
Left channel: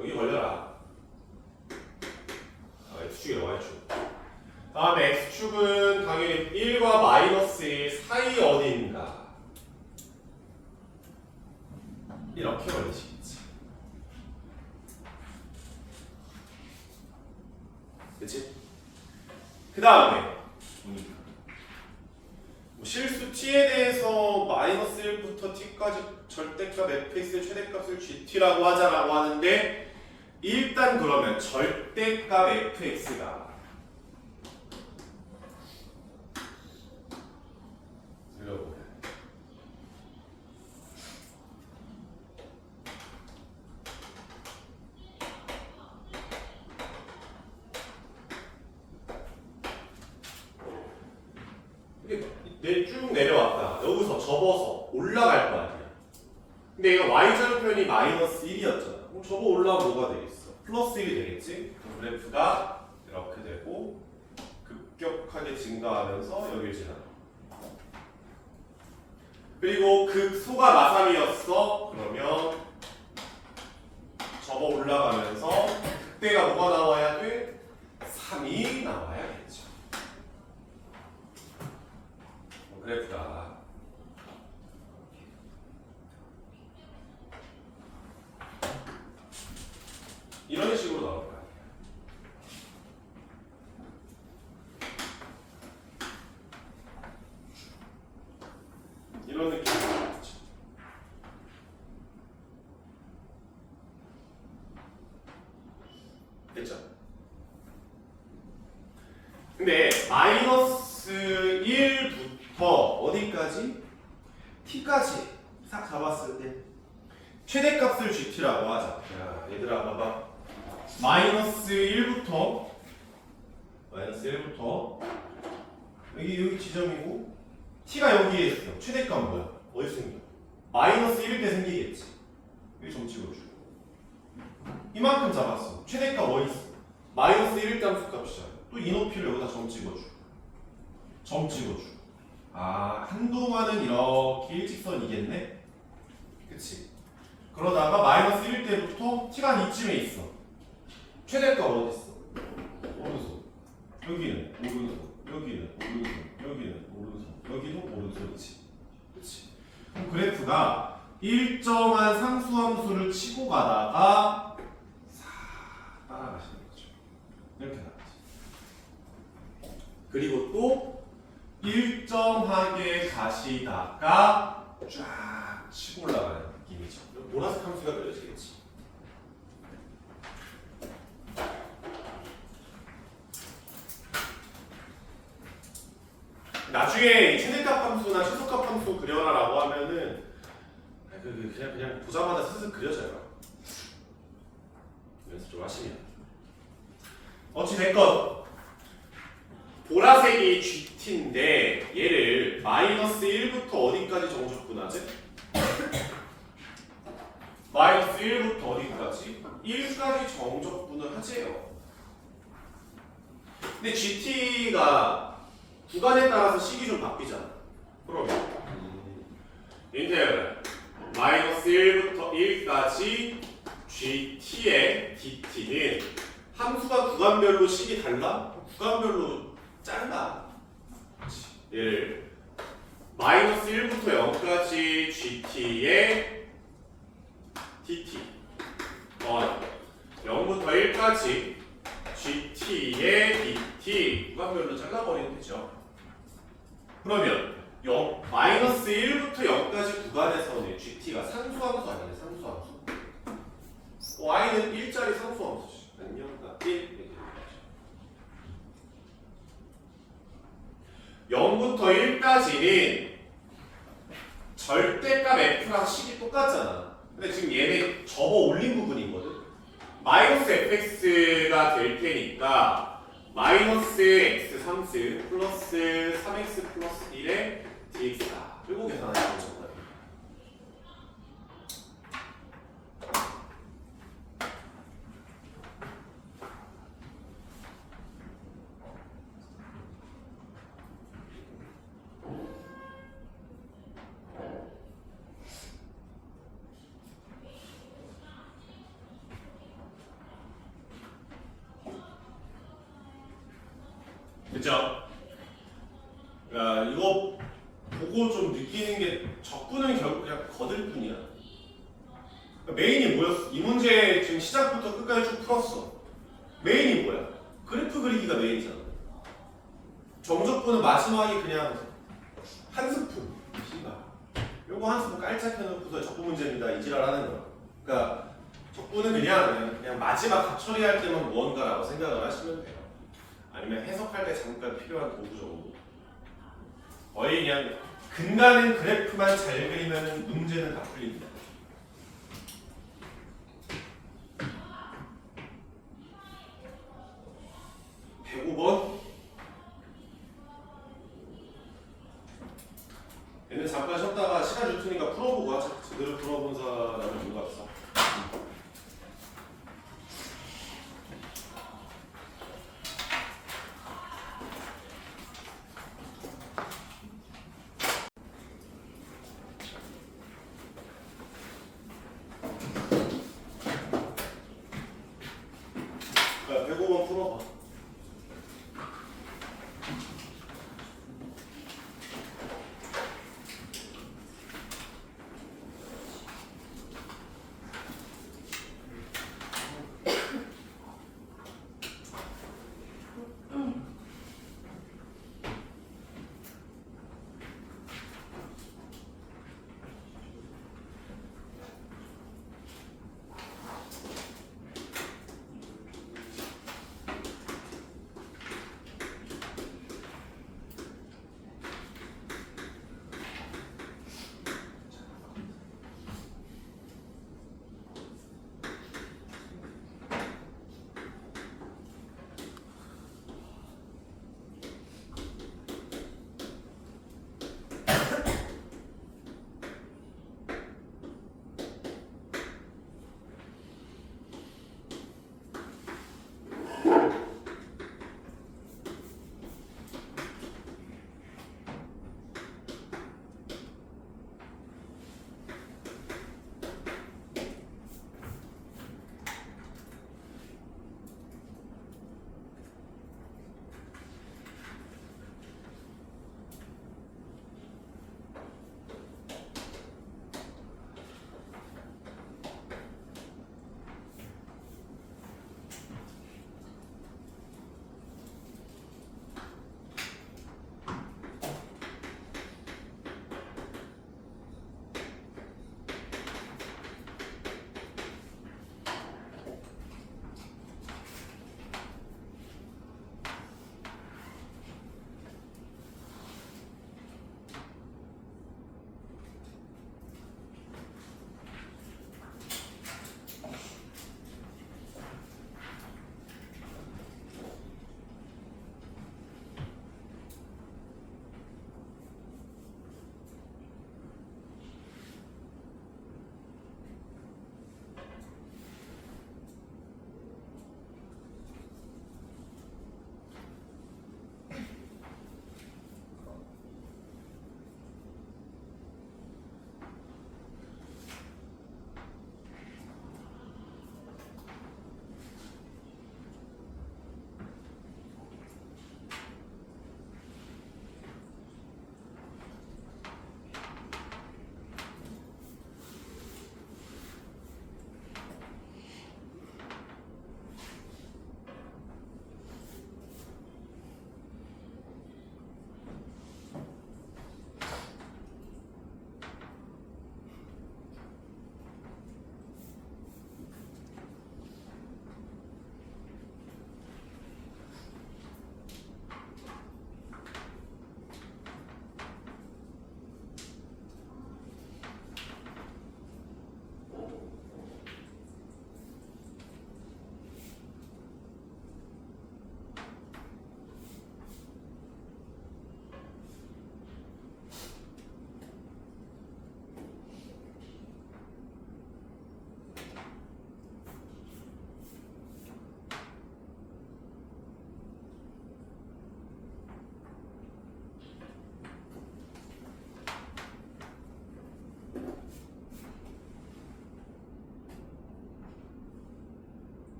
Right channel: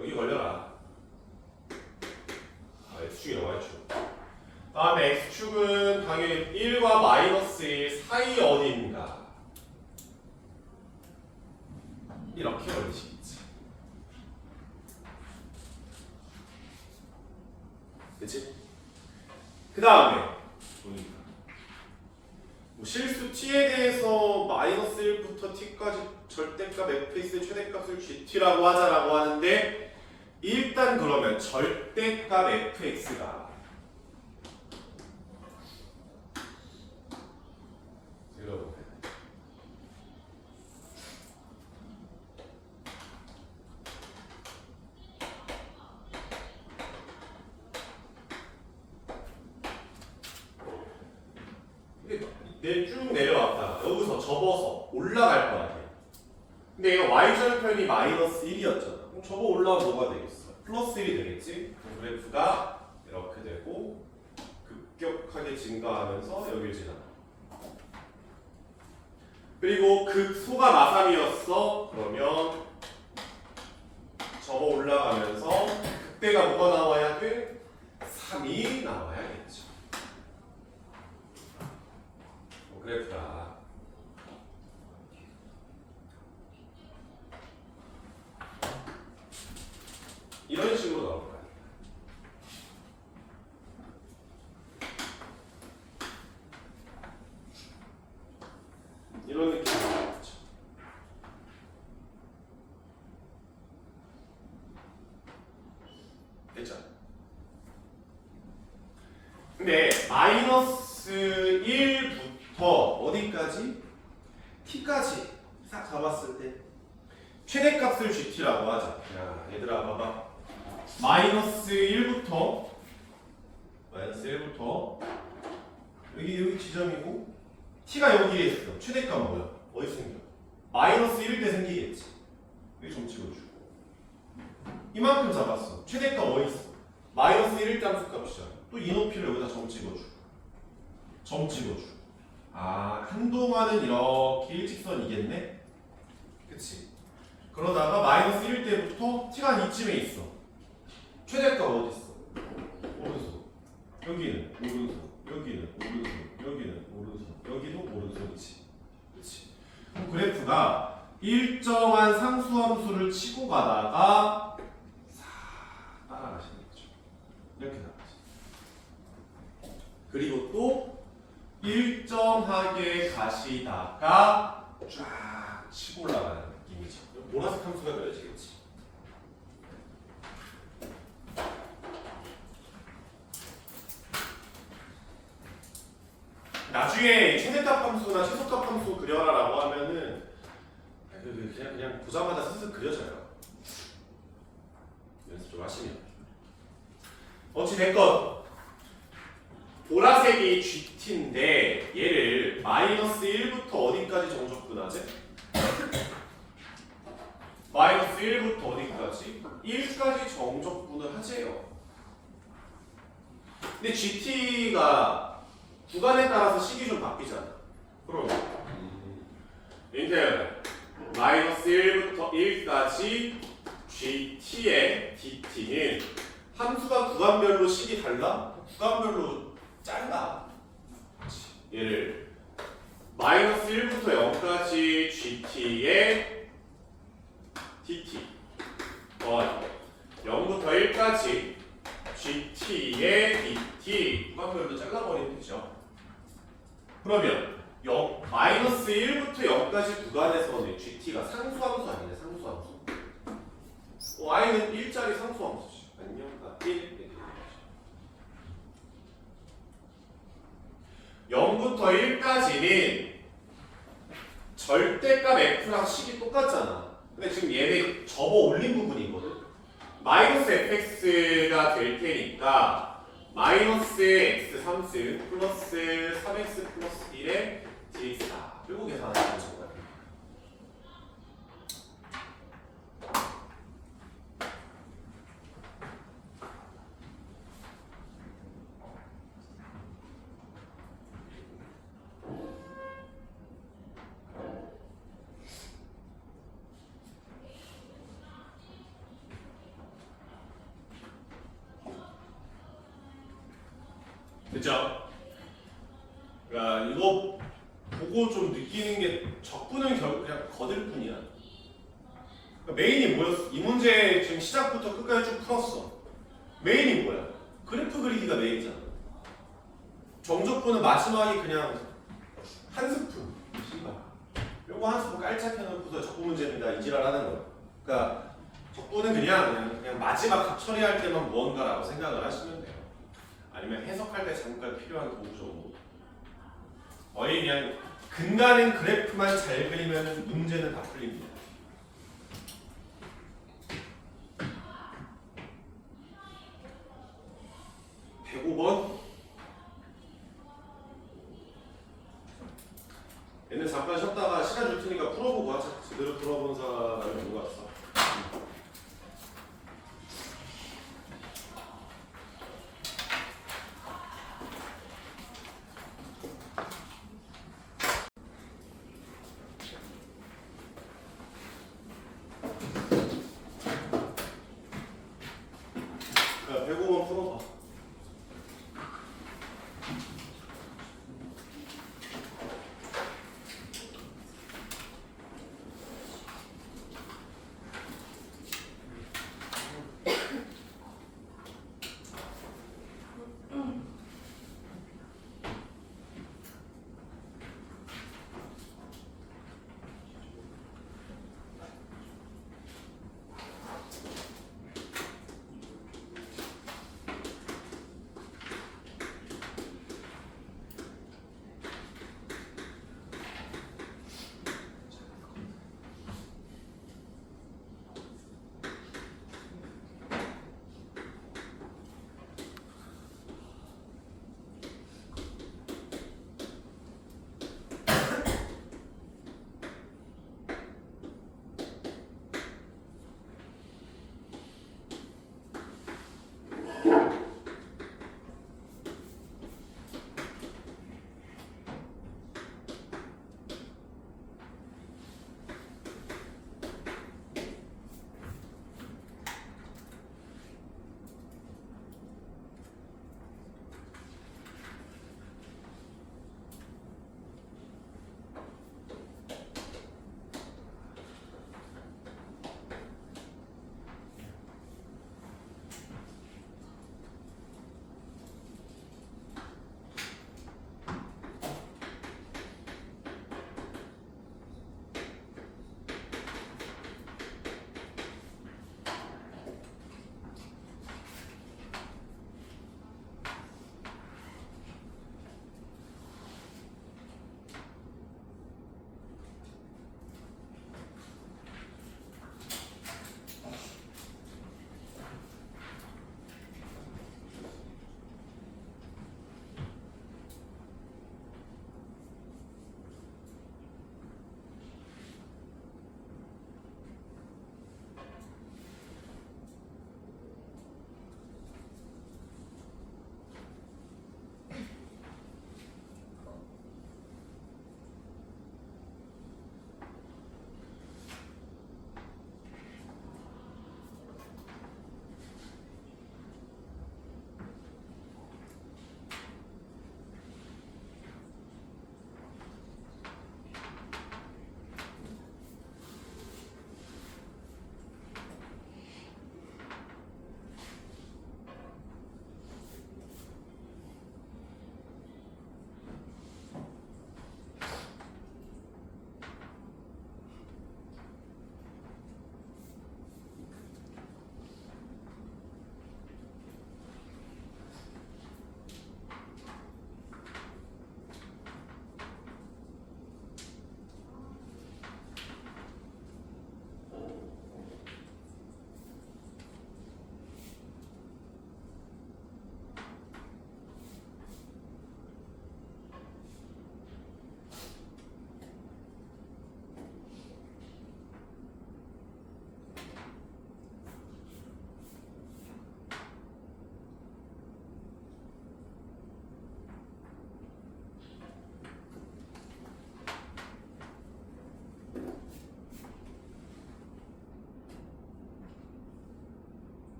여기 걸려라. x축이 y축. 다음에 x축은 당연히 1과 마이너스 1 사이 어딘가 이렇게 걸리시겠지. 그치? 그 다음에 보니까 뭐 실수 t에 대해서 마이너스 1부터 t까지 절대값 fx의 최대값을 gt라고 하자라고 하는데 일단 그러면 절대값 fx가 여러분 이게 쭉 내려왔다가 여기서 접어서 올라갈 거 아니야. 근데 얘가 y절편이 마이너스 1이었잖아. 그럼 접어 올라가면 뭐가 되겠어? 플러스 1이 되겠지? 그럼 그래프가 이렇게 되고 급격하게 증가하면서 여기를 지나가. 그리고 극소가 마삼이었어. 그러면 접어 올라가면서 그때가 뭐가 나와야 돼? 3이 나와야겠죠. 그래프가 이런 식으로 나올 거야. 이런 느낌으로 나오겠죠. 됐죠? 근데 마이너스 1부터 어디까지? t까지 싹 잡았을 때 최대값을 gt라고 하자. 야, 얘들아 봐봐. 마이너스 1부터 여기 지점이고 t가 여기에 있어. 최대값 뭐야? 어디 생겨? 마이너스 1일 때 생기겠지. 여기 점 찍어주고 이만큼 잡았어. 최대값 어디 있어? 마이너스 1일 때 함수값이잖아. 또 이 높이를 여기다 점 찍어주고 아 한동안은 이렇게 일직선이겠네? 그치? 그러다가 마이너스 1일 때부터 t가 이쯤에 있어. 최대값 어디 있어? 오른손. 여기는 오른손. 여기는 오른손. 여기는 오른손. 여기도 오른손이지. 그치? 그럼 그래프가 일정한 상수함수를 치고 가다가 싹 따라가시는 거죠. 이렇게 나가지. 그리고 또 일정하게 가시다가 쫙 치고 올라가는 느낌이죠. 보라색 함수가 그려지겠지. 나중에 최대값 함수나 최소값 함수 그려라라고 하면은 그냥 보자마자 슬슬 그려져요. 연습 좀 하시면. 어찌됐건 보라색이 GT인데 얘를 마이너스 1부터 어디까지 정적분하지? 마이너스 1부터 어디까지? 1까지 정적분을 하재요. 근데 GT가 구간에 따라서 식이 좀 바뀌잖아. 그럼 인테그랄 마이너스 1부터 1까지 GT의 DT는 함수가 구간별로 식이 달라? 구간별로 짧아. 얘를 마이너스 1부터 0까지 GT의 DT 0부터 1까지 GT의 DT 구간별로 잘라버리면 되죠. 그러면 마이너스 1부터 0까지 구간에서는 GT가 상수함수 아니냐? 상수함수. y는 1짜리 상수함수지. 안녕. 1 이렇게 되는 거죠. 절대값 f랑 식이 똑같잖아. 근데 지금 얘네 접어 올린 부분이거든. 마이너스 fx가 될 테니까 마이너스 x 3승 플러스 3x 플러스 1의 dx다. 이거 계산하시면 정답입니다. 그죠? 그러니까 이거 보고 좀 느끼는 게 적분은 결국 그냥 거들 뿐이야. 그러니까 메인이 뭐였어? 이 문제 지금 시작부터 끝까지 쭉 풀었어. 메인이 뭐야? 그래프 그리기가 메인이잖아. 정적분은 마지막에 그냥 한 스푼 신발. 요거 한 스푼 깔짝 해놓고서 적분 문제입니다. 이지랄 하는 거야. 그러니까 적분은 그냥 마지막 각 처리할 때만 무언가라고 생각을 하시면 돼요. 아니면 해석할 때 잠깐 필요한 도구 정도. 거의 그냥 근간은 그래프만 잘 그리면 문제는 다 풀립니다. (105번) 얘는 잠깐 쉬었다가 시간 줄 테니까 풀어보고 하자. 제대로 풀어본 사람은 누가 있어? 자, 105번 풀어봐.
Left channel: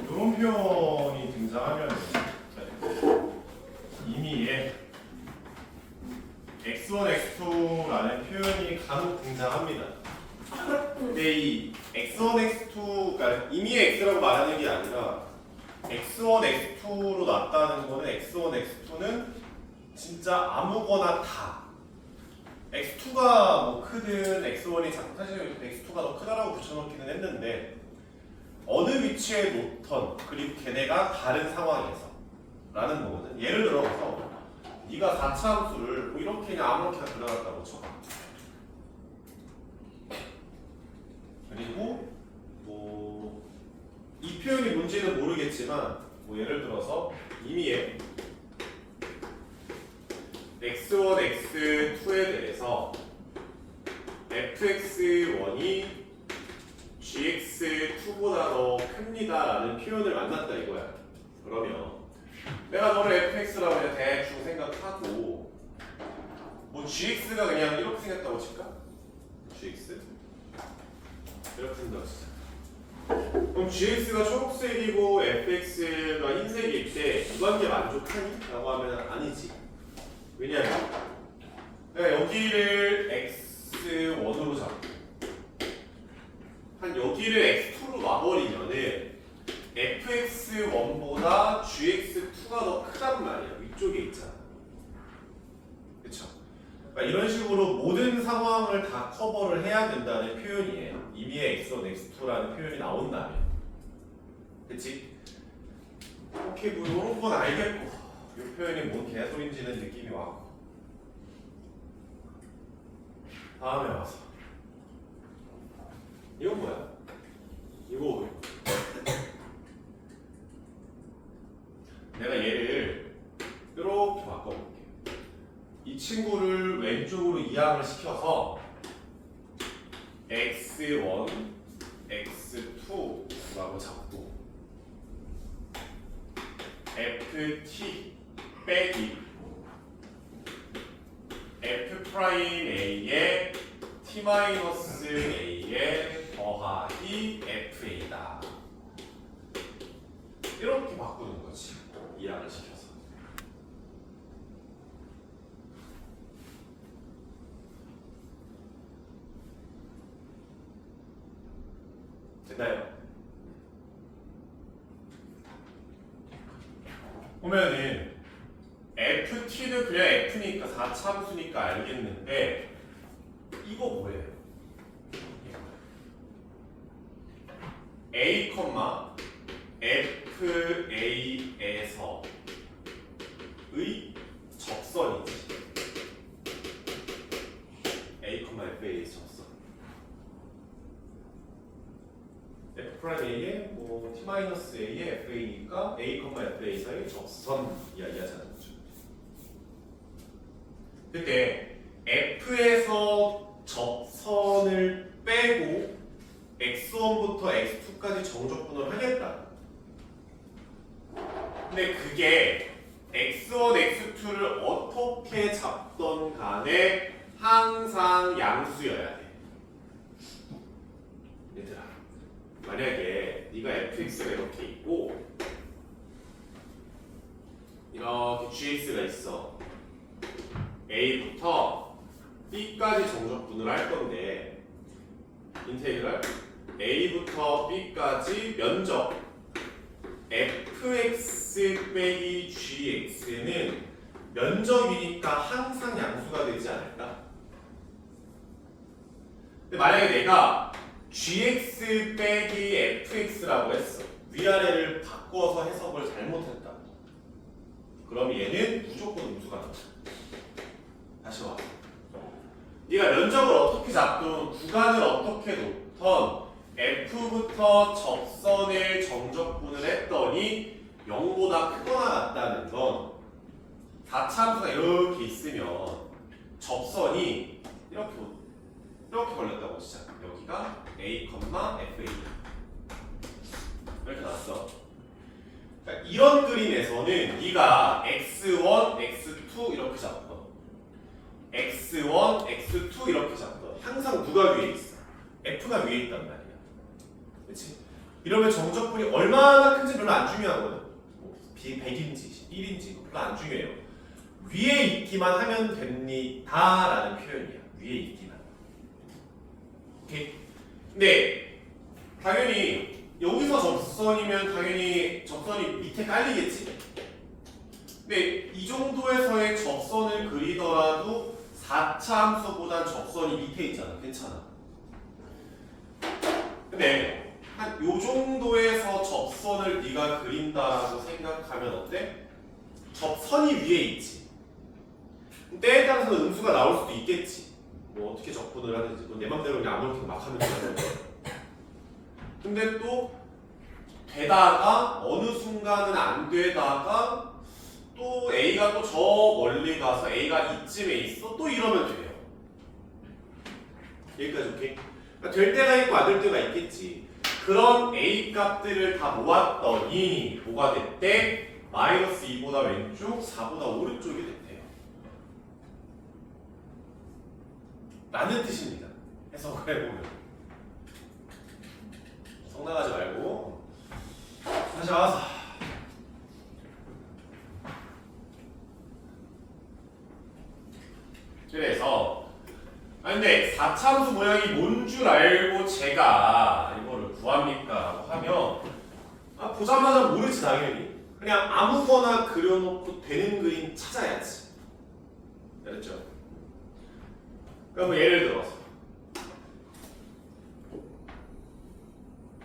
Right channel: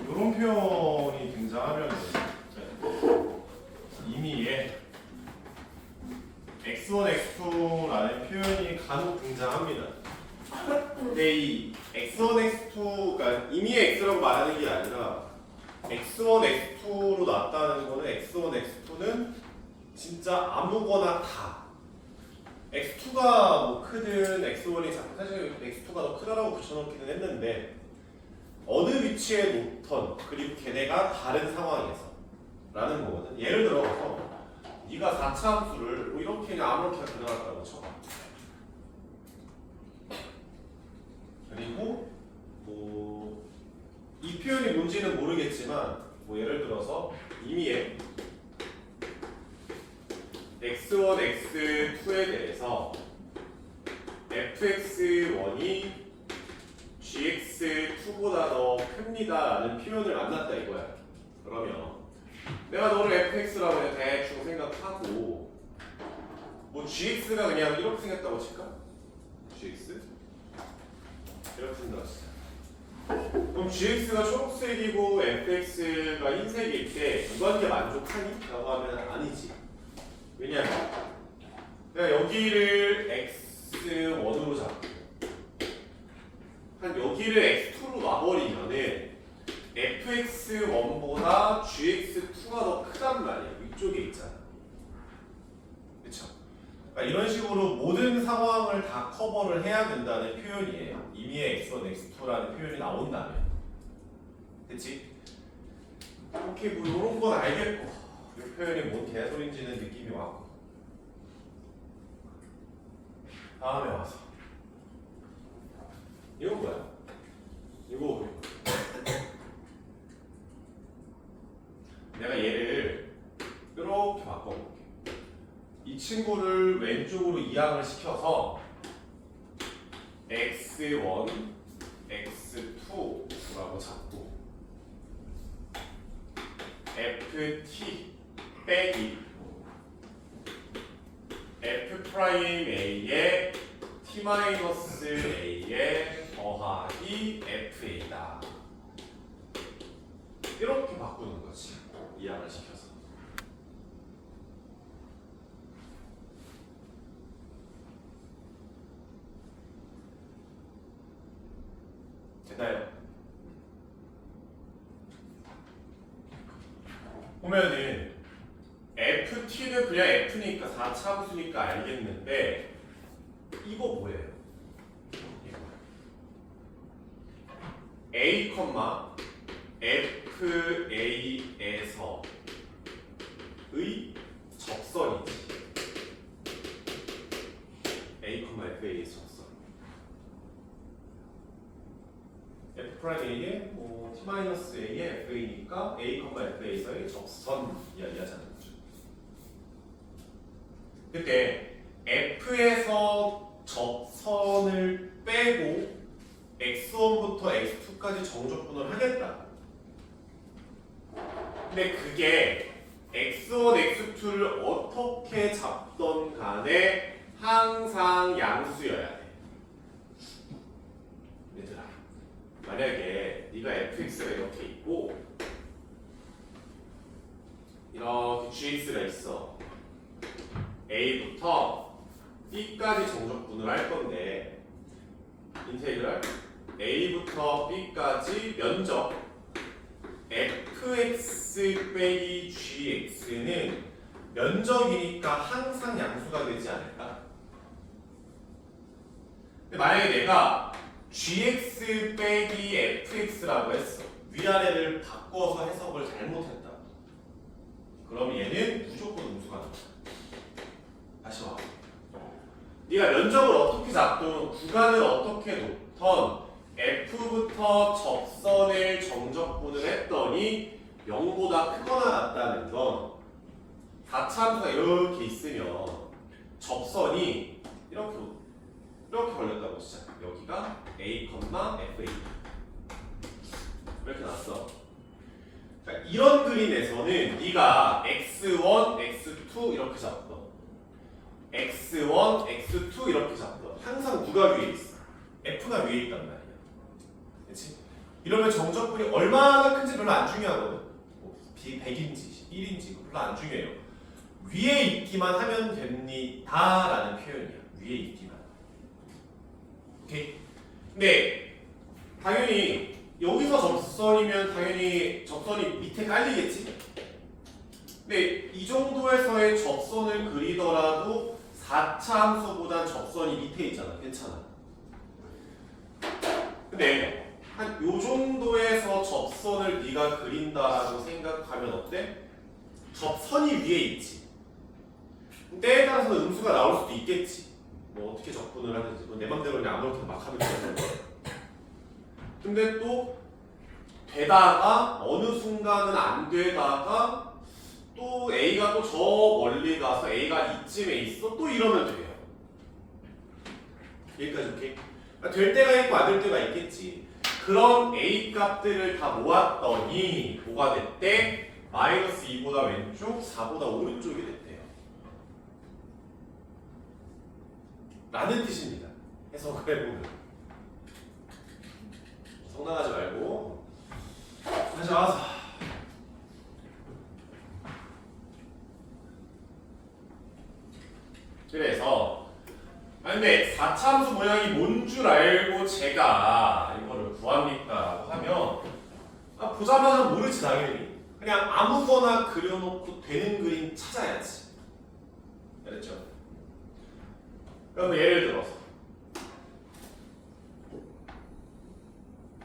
이런 표현이 등장하면 임의의 x1, x2라는 표현이 간혹 등장합니다. 근데 이 x1, x2, 그러니까 임의의 x라고 말하는 게 아니라 x1, x2로 놨다는 거는 x1, x2는 진짜 아무거나 다 x2가 뭐 크든 x1이 작든 사실 x2가 더 크다라고 붙여놓기는 했는데 어느 위치에 놓던 그리고 걔네가 다른 상황에서 라는 거거든. 예를 들어서 네가 4차 함수를 뭐 이렇게 그냥 아무렇게나 변화했다고 쳐. 그리고 뭐 이 표현이 뭔지는 모르겠지만 뭐 예를 들어서 임의의 x1, x2에 대해서 fx1이 gx2보다 더 큽니다 라는 표현을 만났다 이거야. 그러면 내가 너를 fx라고 그냥 대충 생각하고 뭐 gx가 그냥 이렇게 생겼다고 칠까? gx? 이렇게 생겼다고 치자. 그럼 gx가 초록색이고 fx가 흰색일 때 이 관계 만족하니? 라고 하면 아니지. 왜냐하면 내가 여기를 x1으로 잡고 한 여기를 x2로 놔버리면은 fx1보다 gx2가 더 크단 말이야. 위쪽에 있잖아. 그쵸? 그러니까 이런 식으로 모든 상황을 다 커버를 해야 된다는 표현이에요. 임의의 x1, x2라는 표현이 나온다면. 그치? 오케이, 뭐 이런 건 알겠고 이 표현이 뭔 개소리인지는 느낌이 왔고 다음에 와서 이건 뭐야? 이거 내가 얘를 이렇게 바꿔볼게. 이 친구를 왼쪽으로 이항을 시켜서 x1, x2라고 잡고 ft 빼기 f'a의 t-a의 더하기 fa다. 이렇게 바꾸는 거지. 이항을 시켜서. 됐나요? 보면은 ft는 그냥 f니까 4차 함수니까 알겠는데 이거 뭐예요? a, fa에서의 적선이지. a, fa의 적선. f'a의 뭐 t-a의 fa니까 a, fa에서의 적선 이야기하자는 거죠. 근데 f에서 적선을 빼고 x1부터 x2까지 정적분을 하겠다. 근데 그게 x1, x2를 어떻게 잡던 간에 항상 양수여야 돼. 얘들아, 만약에 네가 fx가 이렇게 있고 이렇게 gx가 있어. a부터 b까지 정적분을 할 건데 인테그랄 a부터 b까지 면적 fx 빼기 gx는 면적이니까 항상 양수가 되지 않을까? 근데 만약에 내가 gx 빼기 fx라고 했어. 위아래를 바꿔서 해석을 잘못했다. 그럼 얘는 무조건 음수가 나와. 다시 와. 네가 면적을 어떻게 잡든 구간을 어떻게 놓던 f부터 접선을 정적분을 했더니 0보다 크거나 같다는 건 4차 함수가 이렇게 있으면 접선이 이렇게 걸렸다고 시작. 여기가 a, fa 이렇게 났어. 그러니까 이런 그림에서는 네가 x1, x2 이렇게 잡던 x1, x2 이렇게 잡던 항상 누가 위에 있어? f가 위에 있단 말이야. 그렇지? 이러면 정적분이 얼마나 큰지 별로 안 중요하거든. 뭐 100인지 1인지 별로 안 중요해요. 위에 있기만 하면 됩니다라는 표현이야. 위에 있기만. 오케이. 근데 당연히 여기서 접선이면 당연히 접선이 밑에 깔리겠지. 근데 이 정도에서의 접선을 그리더라도 4차 함수보단 접선이 밑에 있잖아. 괜찮아. 근데 한 요 정도에서 접선을 네가 그린다고 생각하면 어때? 접선이 위에 있지. 때에 따라서는 음수가 나올 수도 있겠지. 뭐 어떻게 접근을 하든지 뭐 내 맘대로 그냥 아무렇게나 막 하면 되는 근데 또 되다가 어느 순간은 안 되다가 또 A가 또 저 멀리 가서 A가 이쯤에 있어 또 이러면 돼요. 여기까지 오케이? 그러니까 될 때가 있고 안 될 때가 있겠지. 그런 A 값들을 다 모았더니 뭐가 됐대? 마이너스 2보다 왼쪽, 4보다 오른쪽이 됐대요. 라는 뜻입니다. 해석을 해보면. 성나가지 말고 다시 와서 그래서 근데 4차함수 모양이 뭔 줄 알고 제가 이거를 구합니까? 라고 하면 보자마자 모르지 당연히. 그냥 아무거나 그려놓고 되는 그림 찾아야지. 그랬죠? 그럼 예를 들어서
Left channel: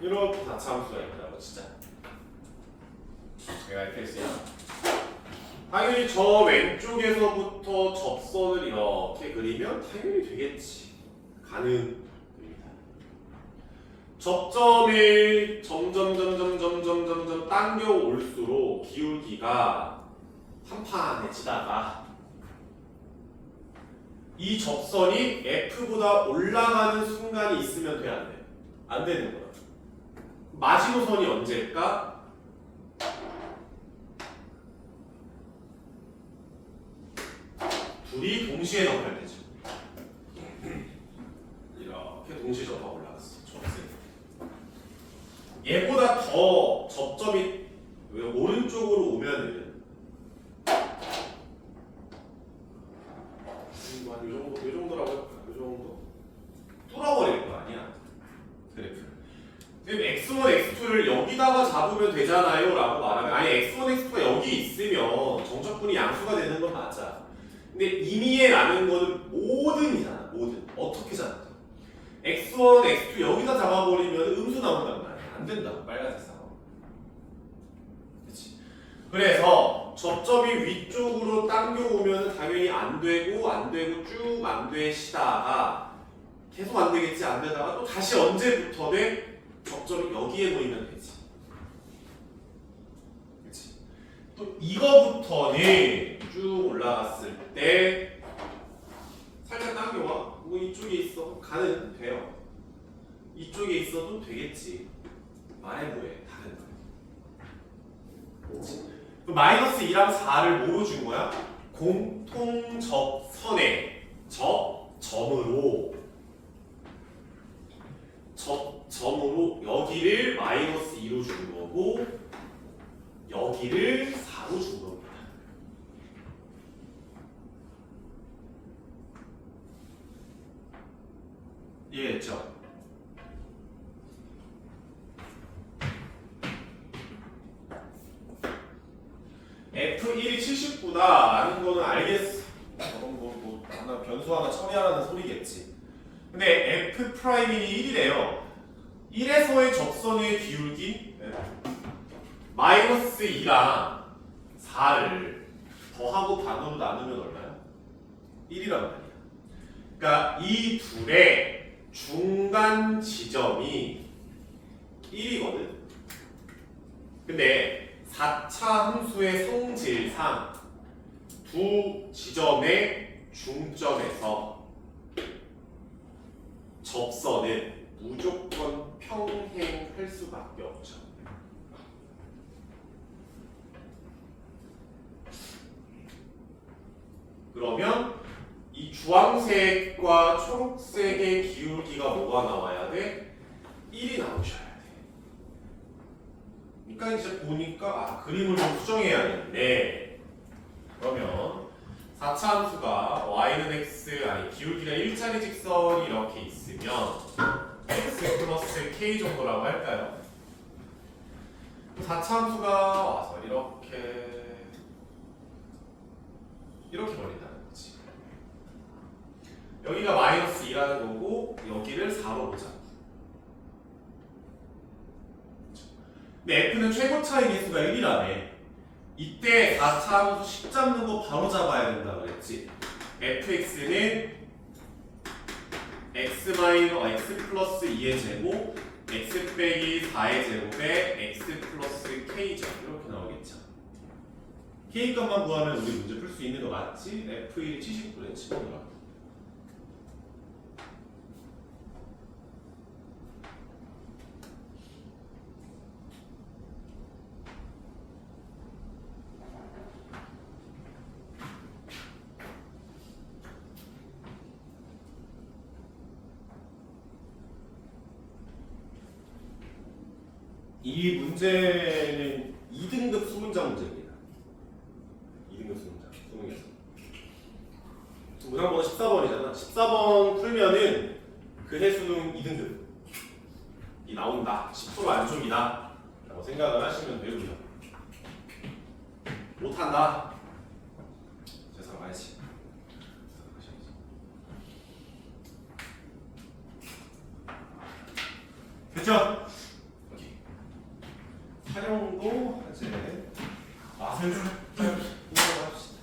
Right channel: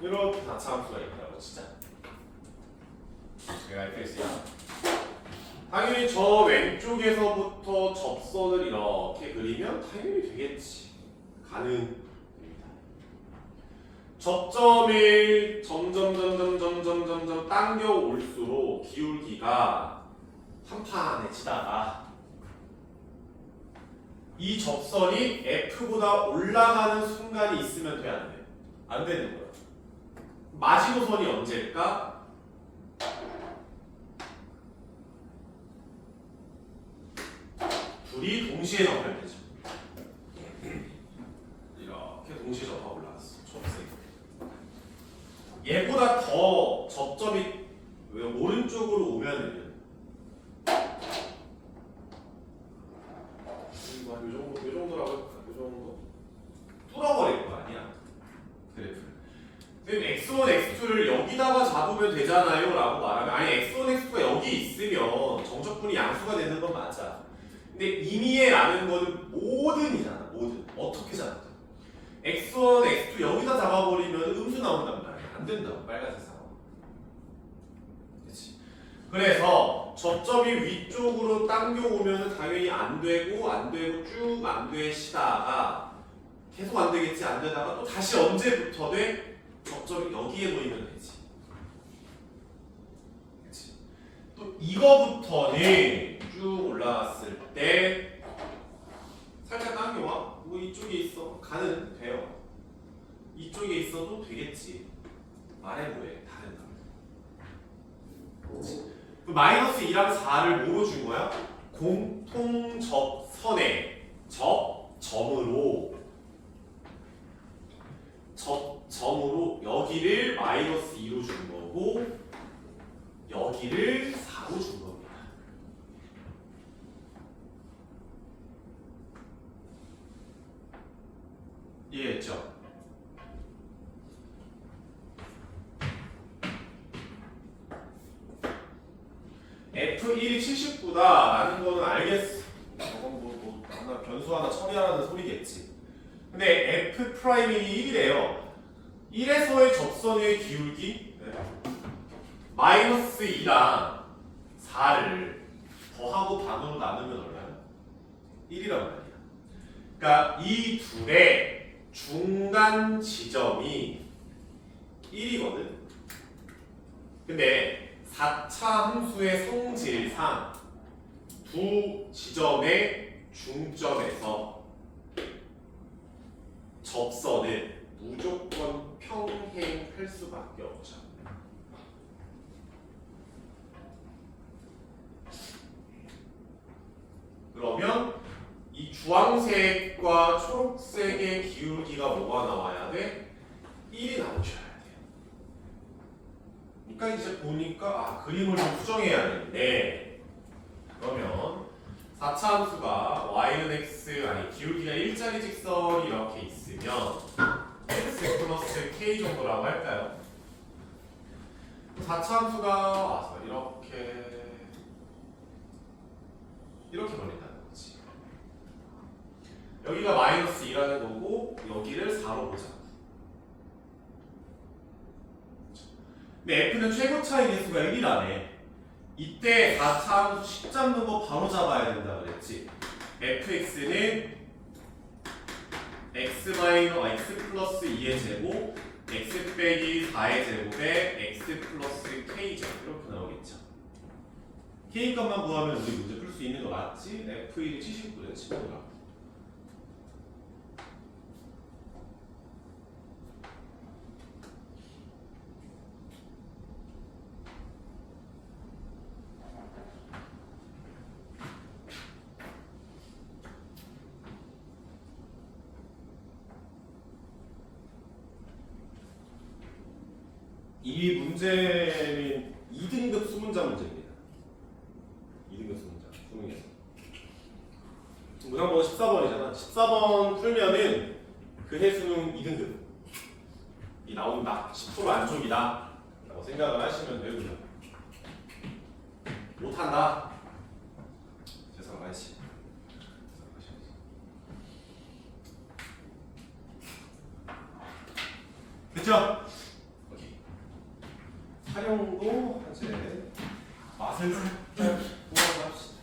이렇게 4차함수가 있더라고 진짜. 제가 이렇게 했어요. 당연히 저 왼쪽에서부터 접선을 이렇게 그리면 당연히 되겠지. 가능입니다. 접점을 점점 당겨 올수록 기울기가 한판해지다가 이 접선이 F보다 올라가는 순간이 있으면 돼, 안 돼? 안 되는 거야. 마지노선이 언제일까? 둘이 동시에 접할되죠. 이렇게 동시에 접하고 올라갔어. 초록색. 얘보다 더 접점이 오른쪽으로 오면은 요 정도라고 할까? 요 정도 뚫어버릴 거 아니야. 그래프. 근데 x1, x2를 여기다가 잡으면 되잖아요 라고 말하면 아니 x1, x2가 여기 있으면 정적분이 양수가 되는 건 맞아. 근데 이미에 라는 거는 모든이잖아. 모든. 어떻게 잡든. x1, x2 여기다 잡아버리면 음수 나온단 말이야. 안 된다고. 빨간색 상황. 그치? 그래서 접점이 위쪽으로 당겨오면 당연히 안 되고 쭉 안 되시다가 계속 안 되겠지. 안 되다가 또 다시 언제부터 돼? 접점이 여기에 놓이면 되지. 그치? 또 이거부터는 쭉 올라갔을 때 살짝 당겨와. 뭐 이쪽에 있어. 가는 돼요. 이쪽에 있어도 되겠지. 말해 뭐해. 다 된다. 그치? 그럼 마이너스 2랑 4를 뭐로 준 거야? 공통 접선의 접점으로 여기를 마이너스 2로 준 거고 여기를 4로 준 겁니다. 이해했죠? F1이 79다 라는 거는 알겠어. 저건 하나 변수 하나 처리하라는 소리겠지. 근데 F'이 1이래요. 1에서의 접선의 기울기 마이너스 2랑 4를 더하고 반으로 나누면 얼마야? 1이란 말이야. 그러니까 이 둘의 중간 지점이 1이거든. 근데 4차 함수의 성질상 두 지점의 중점에서 접선은 무조건 평행할 수밖에 없죠. 그러면 이 주황색과 초록색의 기울기가 뭐가 나와야 돼? 1이 나오셔야 돼. 그러니까 이제 보니까 그림을 좀 수정해야 되는데 그러면 4차 함수가 y는 x 아니 기울기가 일자리 직선이 이렇게 있으면 x 플러스 k 정도라고 할까요? 4차 함수가 와서 이렇게 버린다는 거지. 여기가 마이너스 2라는 거고 여기를 4로 보자. 근데 f는 최고 차이 개수가 1이라네. 이때 4차 함수 식 잡는 거 바로 잡아야 된다 그랬지. fx는 x 플러스 2의 제곱 x 빼기 4의 제곱에 x 플러스 k죠. 이렇게 나오겠죠. k 값만 구하면 우리 문제 풀 수 있는 거 맞지? f1이 79래 치고더라고. 이 문제는 2등급 수문장 문제입니다. 2등급 수문장, 수능에서. 문항번 14번이잖아. 14번 풀면은 그 해수능 2등급이 나온다. 10% 안쪽이다. 라고 생각을 하시면 되고요. 못한다. 죄송하지. 됐죠? 촬영도 이제 맛을 살짝 보도록 합시다.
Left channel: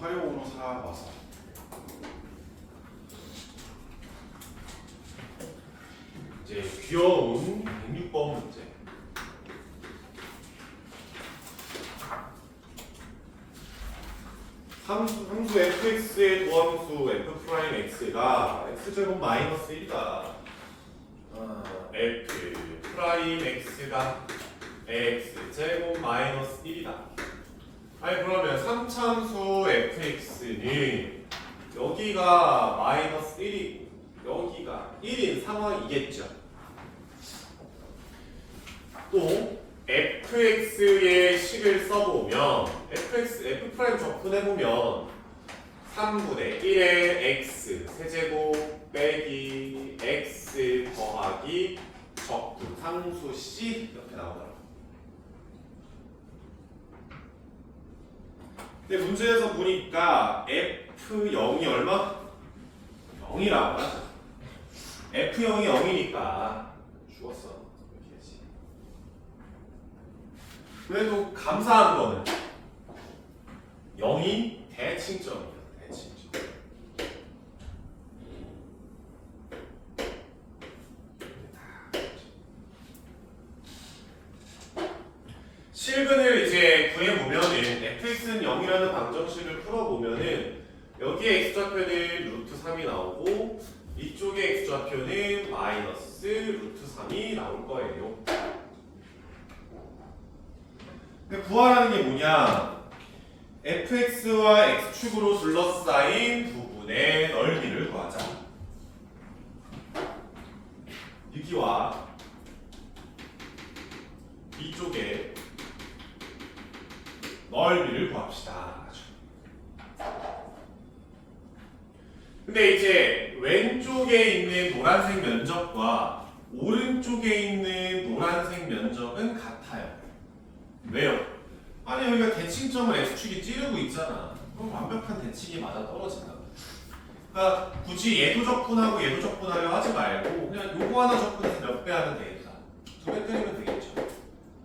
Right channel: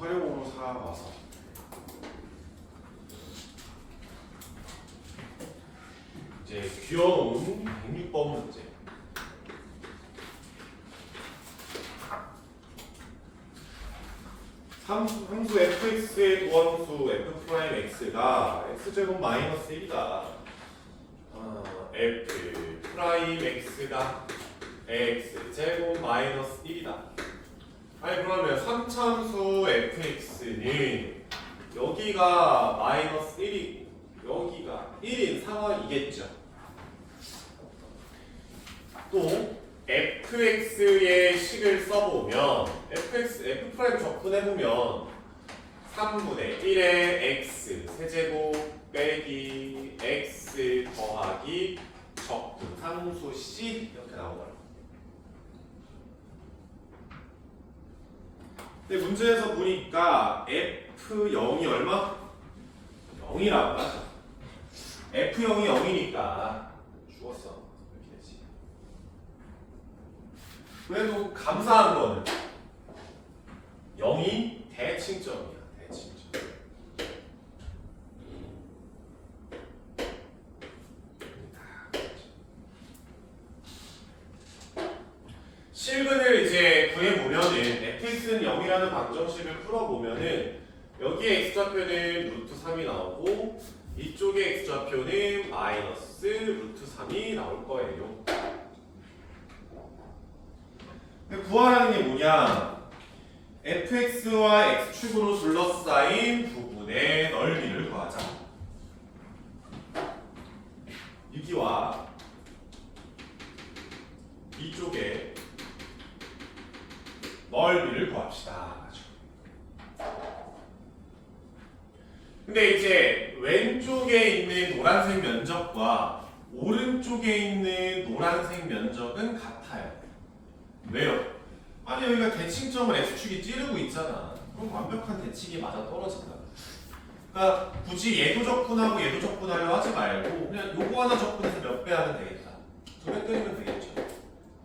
활용으로 사와서 이제 귀여운 106번 문제. 함수 fx의 도함수 f 프라임 x가 x제곱 마이너스 1이다. f 프라임 x가 x제곱 마이너스 1이다. 아니 그러면 3차함수 fx는 여기가 마이너스 1이고 여기가 1인 상황이겠죠. 또 fx의 식을 써보면 f 프라임 접근해보면 3분의 1의 x 세제곱 빼기 x 더하기 적분 상수 c 이렇게 나오더라고요. 근데 문제에서 보니까 F0이 얼마? 0이라고 하죠. F0이 0이니까 죽었어. 이렇게 되지. 그래도 감사한 거는 0이 대칭점이야. 대칭점. 실근을 이제 구해보면은 fx는 0이라는 방정식을 풀어보면은 여기에 x좌표는 루트 3이 나오고 이쪽에 x좌표는 마이너스 루트 3이 나올 거예요. 근데 구하라는 게 뭐냐? fx와 x축으로 둘러싸인 부분의 넓이를 구하자. 여기와 이쪽에 넓이를 구합시다. 근데 이제 왼쪽에 있는 노란색 면적과 오른쪽에 있는 노란색 면적은 같아요. 왜요? 아니 여기가 대칭점을 x축이 찌르고 있잖아. 그럼 완벽한 대칭이 맞아 떨어진다. 그러니까 굳이 얘도 적분하고 얘도 적분하려 하지 말고 그냥 요거 하나 적분해서 몇 배 하면 되겠다. 저배 때리면 되겠죠.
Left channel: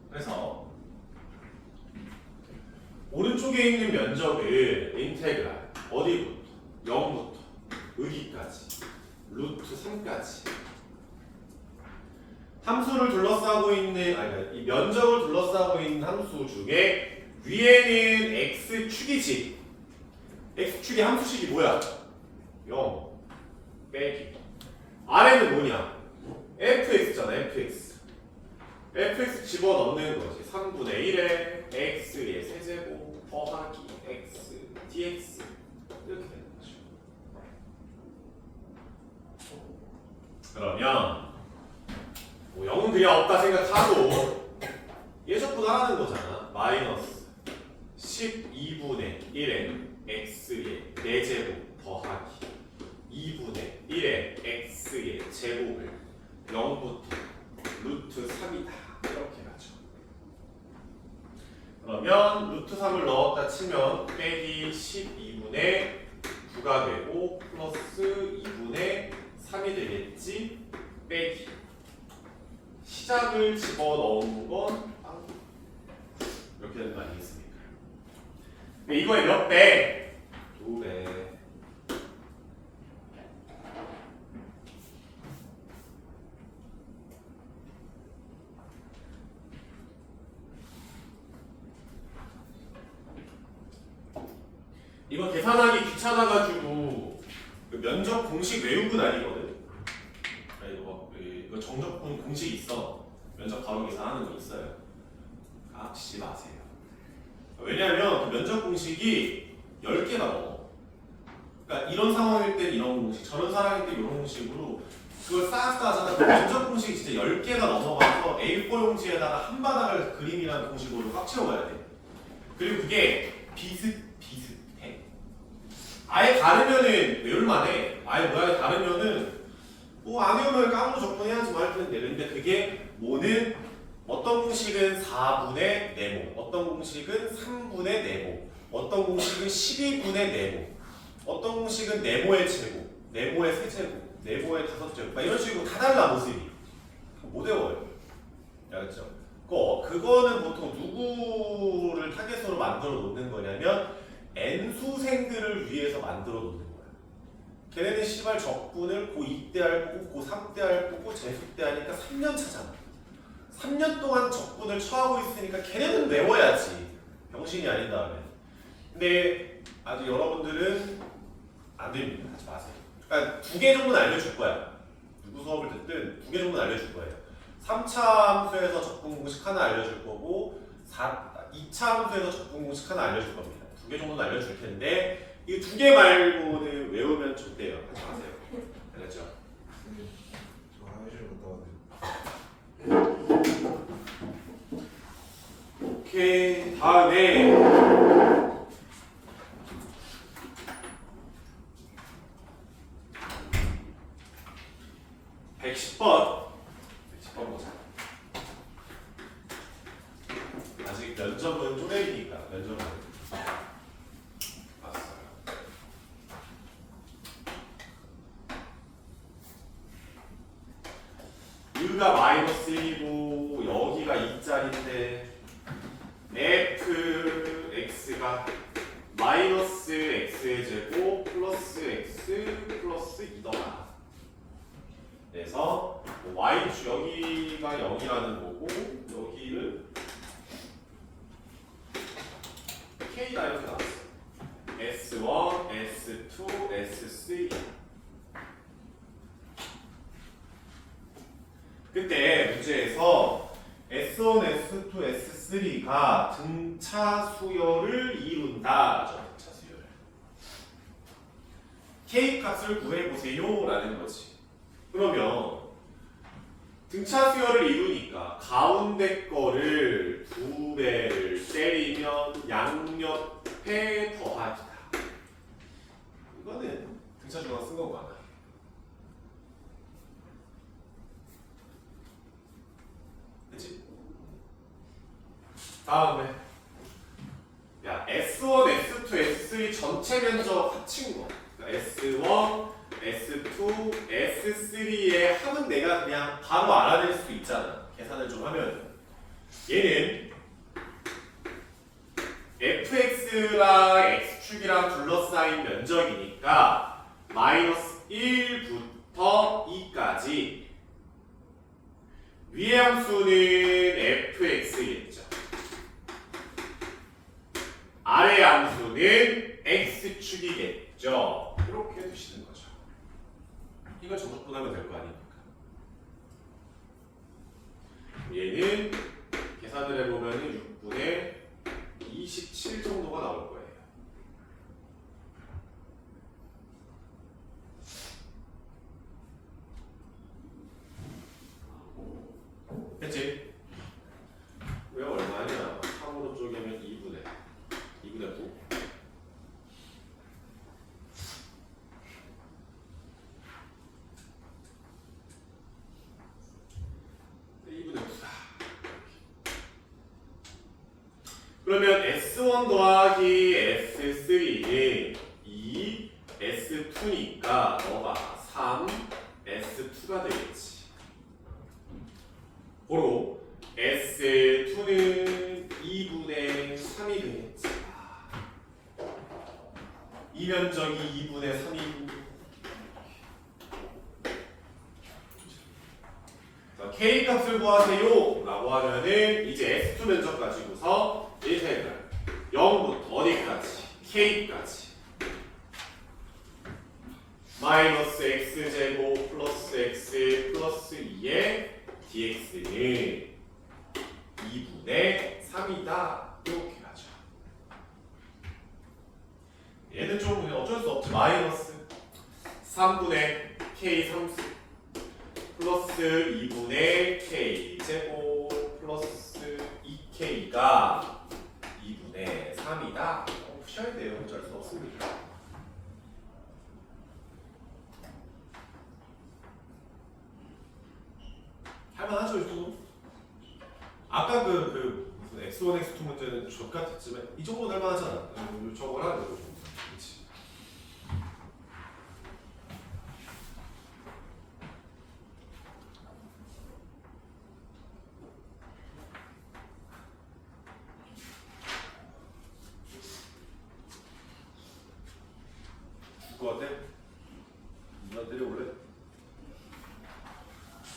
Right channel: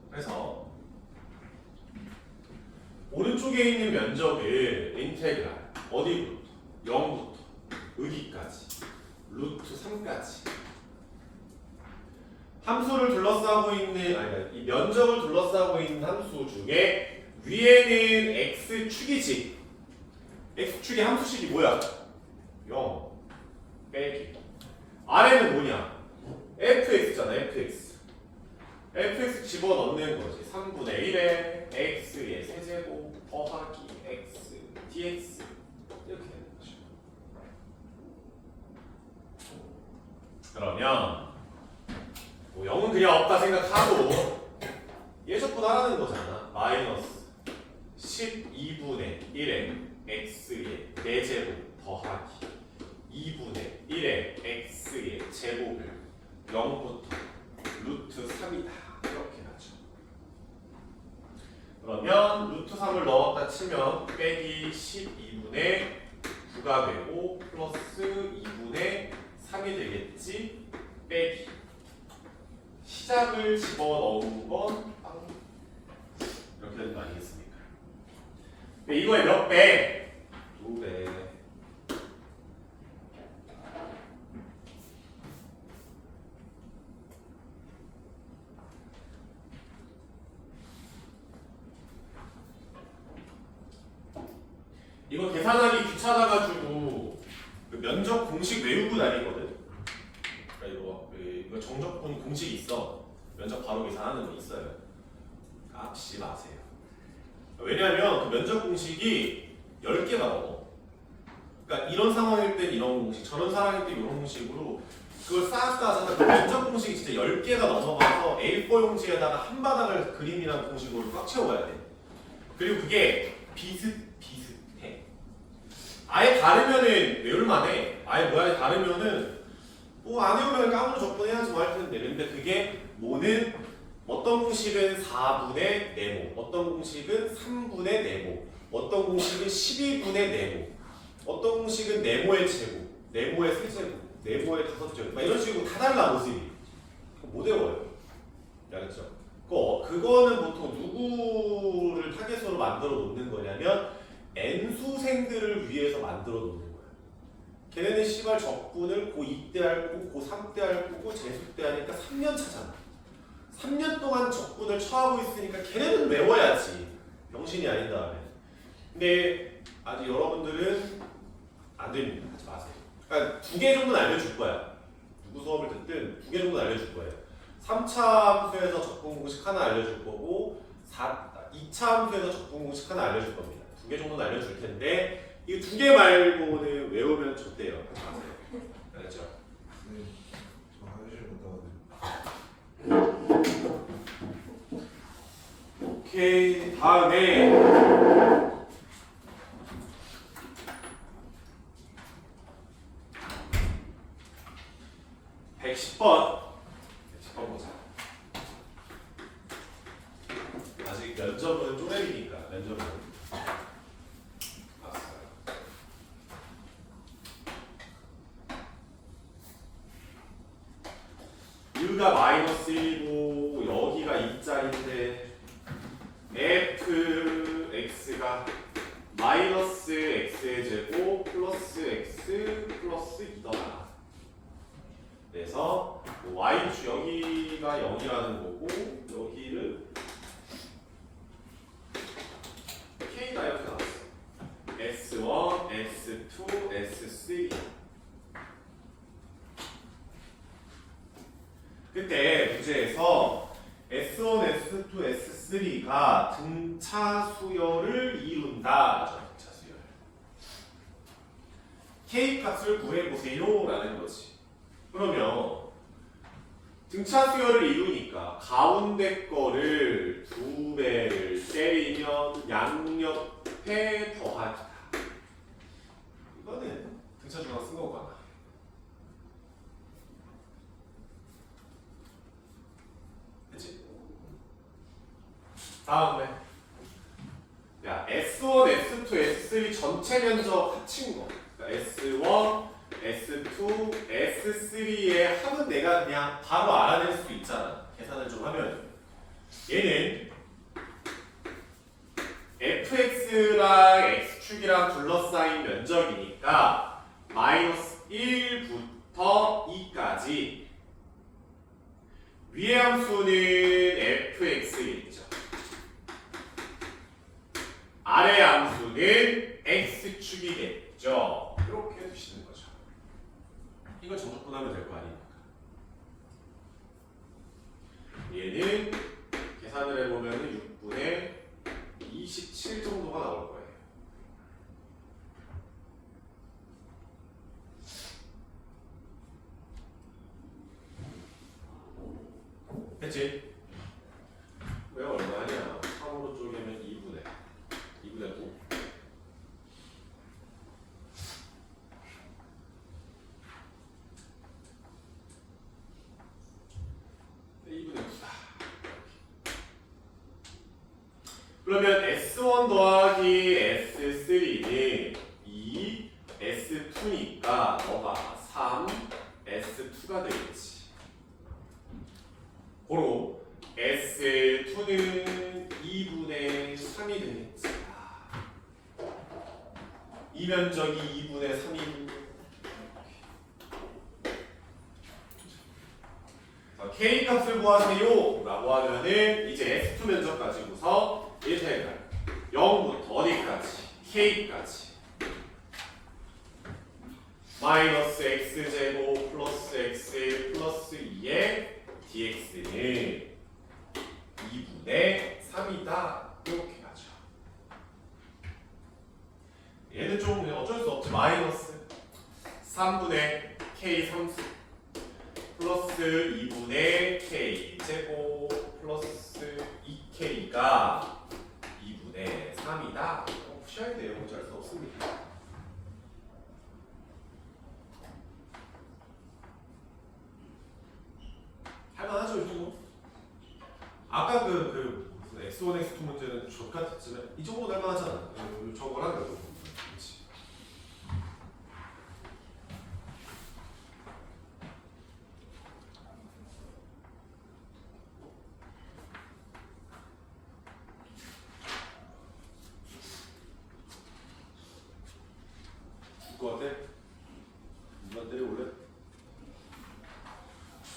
그래서 오른쪽에 있는 면적을 인테그랄 어디부터? 0부터 여기까지 루트 3까지 함수를 둘러싸고 있는 아니 이 면적을 둘러싸고 있는 함수 중에 위에는 x축이지. x축의 함수식이 뭐야? 0 빼기. 아래는 뭐냐? fx잖아. fx 집어넣는 거지. 3분의 1에 x의 세제곱 더하기 x dx 이렇게 되는 거죠. 그러면 뭐 0은 그냥 없다 생각하고 예적분하라는 거잖아. 마이너스 12분의 1에 x의 4제곱 더하기 2분의 1에 x의 제곱을 0부터 루트 3이다 이렇게 가죠. 그러면 루트 3을 넣었다 치면 빼기 12분의 9가 되고 플러스 2분의 3이 되겠지. 빼기 시작을 집어넣은 건 이렇게 되는 거 아니겠습니까? 이거의 몇 배? 2배. 이거 계산하기 귀찮아가지고 그 면적 공식 외우고 다니거든. 그러니까 이거 정적분 공식 있어. 면적 바로 계산하는 거 있어요. 깝지 마세요. 왜냐하면 그 면적 공식이 10개가 넘어. 그러니까 이런 상황일 땐 이런 공식, 저런 상황일 땐 이런 공식으로 그걸 쌓았다 하잖아. 그 면적 공식이 진짜 10개가 넘어가서 A4 용지에다가 한 바닥을 그림이라는 공식으로 꽉 채워야 돼. 그리고 그게 비슷해. 아예 다르면은 외울만해. 아예 모양이 다르면은 뭐 안 외우면 깜으로 접근해야지 뭐 할 텐데. 근데 그게 뭐는 어떤 공식은 4분의 네모, 어떤 공식은 3분의 네모, 어떤 공식은 12분의 네모, 어떤 공식은 네모의 제곱, 네모의 세제곱, 네모의 5제곱, 막 이런 식으로 다 달라 모습이. 못 외워요. 알겠죠? 그거는 보통 누구를 타겟으로 만들어 놓는 거냐면 N수생들을 위해서 만들어 놓는 거야. 걔네는 씨발 적분을 고2 때 할 거고 고3 때 할 거고 재수 때 하니까 3년 차잖아. 3년 동안 적분을 처하고 있으니까 걔네는 외워야지. 병신이 아닌 다음에. 근데 아직 여러분들은 안 됩니다. 하지 마세요. 그러니까 2개 정도는 알려줄 거야. 누구 수업을 듣든 2개 정도는 알려줄 거예요. 3차 함수에서 적분 공식 하나 알려줄 거고 2차 함수에서 적분 공식 하나 알려줄 겁니다. 2개 정도는 알려줄 텐데 이 2개 말고는 외우면 좋대요. 하지 마세요. 알았죠? 저 화장실 갔다 왔는데. 오케이. 다음에 110번 보자. 아직 면접은 쪼렙이니까 면접은 봤어요. U가 마이너스 1이고 여기가 2짜리인데 fx가 마이너스 x의 제곱 플러스 x 플러스 2더라. 그래서 y축 여기가 0이라는 거고 여기를 k가 이렇게 나왔어. s1, s2, s3. 그때 문제에서 S1, S2, S3가 등차 수열을 이룬다. 등차 수열. K 값을 구해보세요 라는 거지. 그러면 등차 수열을 이루니까 가운데 거를 2배를 때리면 양옆에 더하기다. 이거는 등차 수열가 쓴 거고 하나. 다음에 야 S1, S2, S3 전체 면적 합친 거. S1, S2, S3의 합은 내가 그냥 바로 알아낼 수 있잖아. 계산을 좀 하면. 얘는 fx랑 x축이랑 둘러싸인 면적이니까 마이너스 1부터 2까지 위의 함수는 fx겠죠. 아래 함수는 x축이겠죠. 이렇게 두시는 거죠. 이거 정적분하면 될 거 아닙니까? 얘는 계산을 해보면 6분의 27 정도가 나올 거예요. 됐지? 왜 얼마냐? 3으로 쪼개면 2분의 9. 2분의 9다. 그러면 S1 더하기 S3는 2, S2니까 너가 3, S2가 되겠지. 고로 S2는 2분의 3이 되겠지. 이 면적이 2분의 3이 K 값을 구하세요 라고 하면은 이제 S2 면적 가지고서 예제를 0부터 어디까지? K까지 마이너스 X제곱 플러스 X 플러스 2의 dx는 2분의 3이다 이렇게 가죠. 얘는 좀 어쩔 수 없지. 마이너스 3분의 K 3수 플러스 2분의 K 제곱 플러스 2K가 2분의 3이다. 푸셔야 돼요. 어쩔 수 없습니다. 할만하죠, 이 정도? 아까 그 무슨 X1, X2 문제는 족같았지만 이 정도는 할만하잖아. 저걸 하는 거죠. 그렇지. 그거 어때? 누나 때려볼래?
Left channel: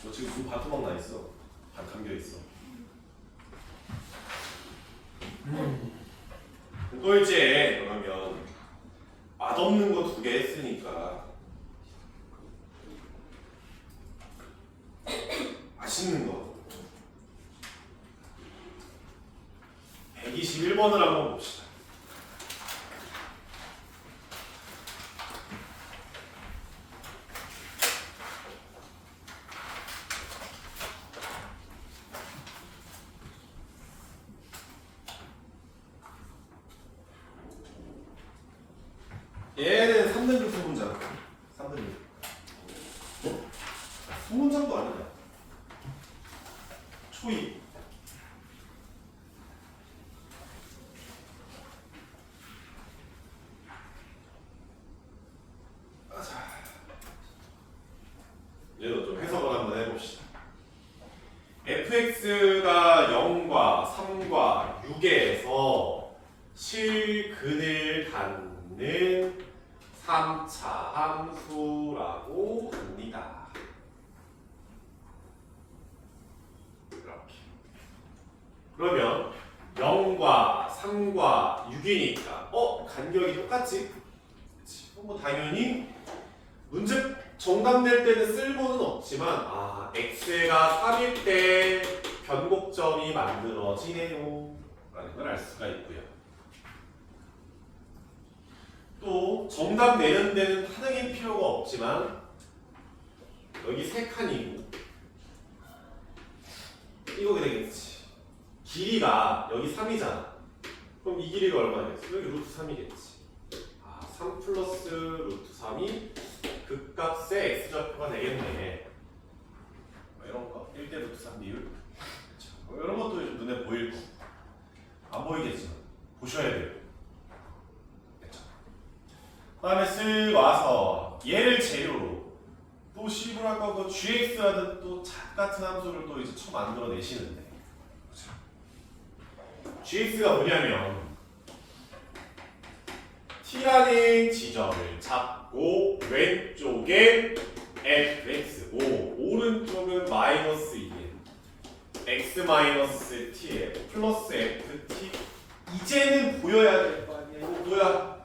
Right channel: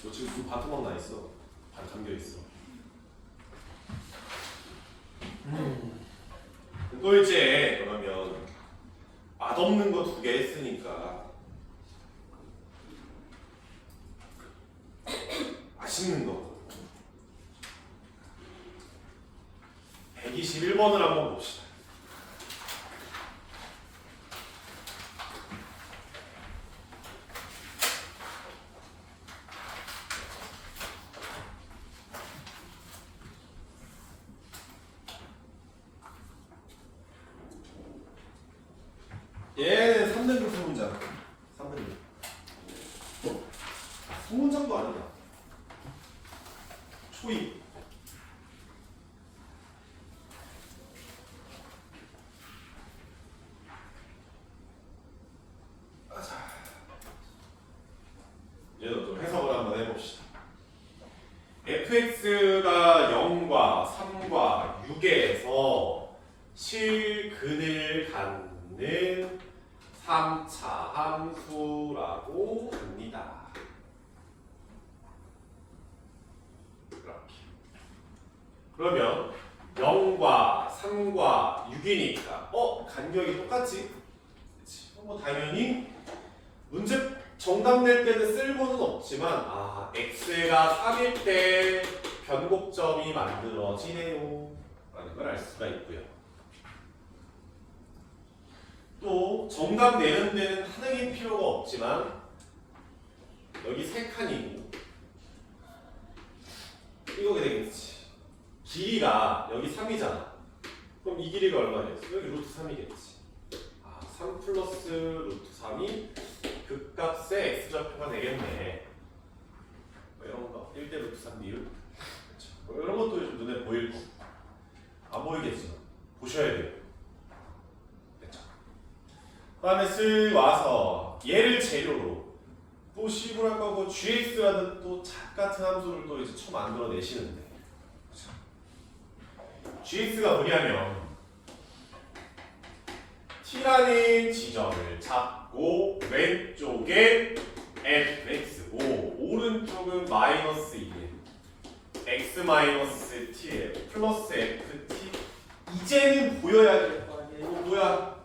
너 지금 눈 반토막 나 있어. 반 감겨 있어. 또 이제 그러면 맛없는 거 2개 했으니까 맛있는 거 121번을 한번 봅시다. 얘는 3등급 소문장. 3등급. 소문장도 아니야. 초입. 얘도 좀 해석을 한번 해봅시다. fx가 0과 3과 6에서 실근을 갖는 3차 함수라고 합니다. 이렇게. 그러면 0과 3과 6이니까 간격이 똑같지? 뭐 당연히 문제 정답 낼 때는 쓸모는 없지만 x가 3일 때 변곡점이 만들어지네요 라는 걸 알 수가 있고요. 또 정답 내는 데는 하등일 필요가 없지만 여기 3칸이고 이거 되겠지. 길이가 여기 3이잖아. 그럼 이 길이가 얼마 되겠어? 여기 루트 3이겠지. 3 플러스 루트 3이 극값의 x좌표가 되겠네. 이런 거 1대 루트 3 비율. 그렇죠. 이런 것도 눈에 보일 거. 안 보이겠지만 보셔야 돼요. 그 다음에 쓱 와서 얘를 재료로 또 시분할 거고 gx라는 또 같은 함수를 또 이제 만들어 내시는데 gx가 뭐냐면 t라는 지점을 잡고 왼쪽에 fx5 오른쪽은 마이너스 2 x 마이너스 t에 플러스 ft 이제는 보여야 될 거 아니에요. 이거 뭐야?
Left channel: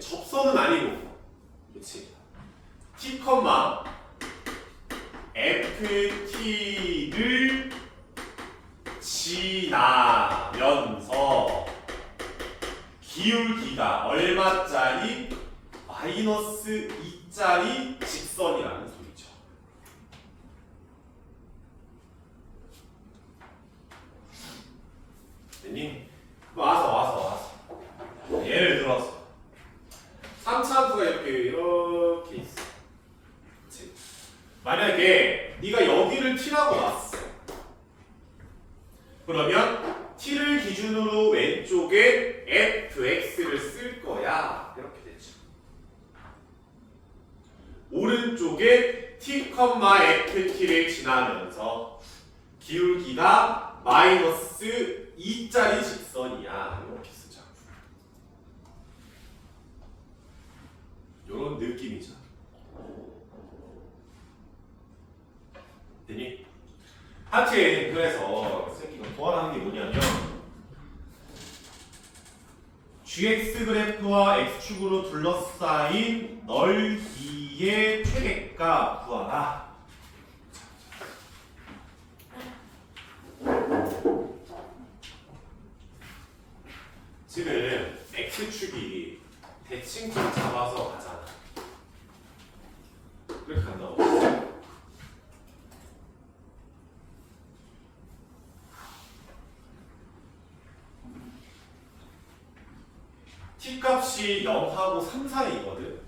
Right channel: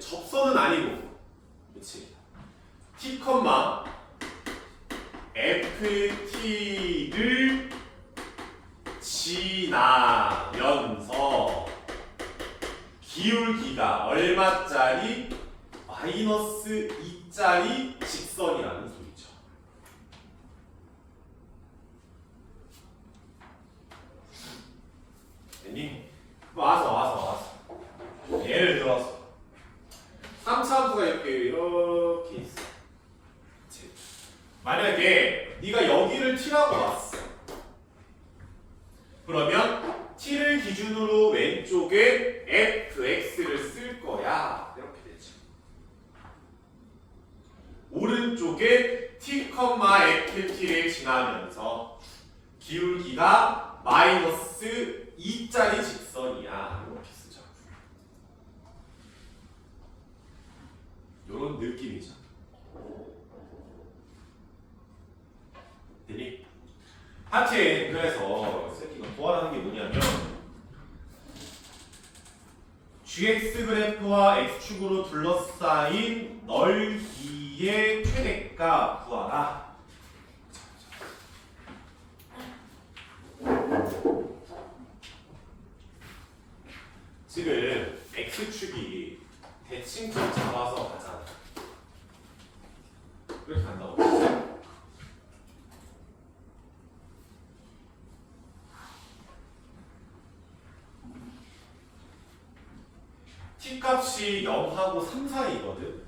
접선은 아니고 그렇지 t, ft를 지나면서 기울기가 얼마짜리? 마이너스 2짜리 직선이라는 소리죠. 됐니? 와서 예를 들어서 3차 함수가 이렇게 있어. 그치? 만약에 네가 여기를 t라고 놨어. 그러면 t를 기준으로 왼쪽에 fx를 쓸 거야. 이렇게 되죠. 오른쪽에 t, ft를 지나면서 기울기가 마이너스 2짜리 직선이야. 이렇게 쓰자. 이런 느낌이죠. 되니? 하체 그래서 새끼가 구하라는 게 뭐냐면 gx 그래프와 x축으로 둘러싸인 넓이의 최대값 구하라. 지금 x축이 대칭점 잡아서 가잖아. 그렇게 간다고. t 값이 0하고 3 사이거든.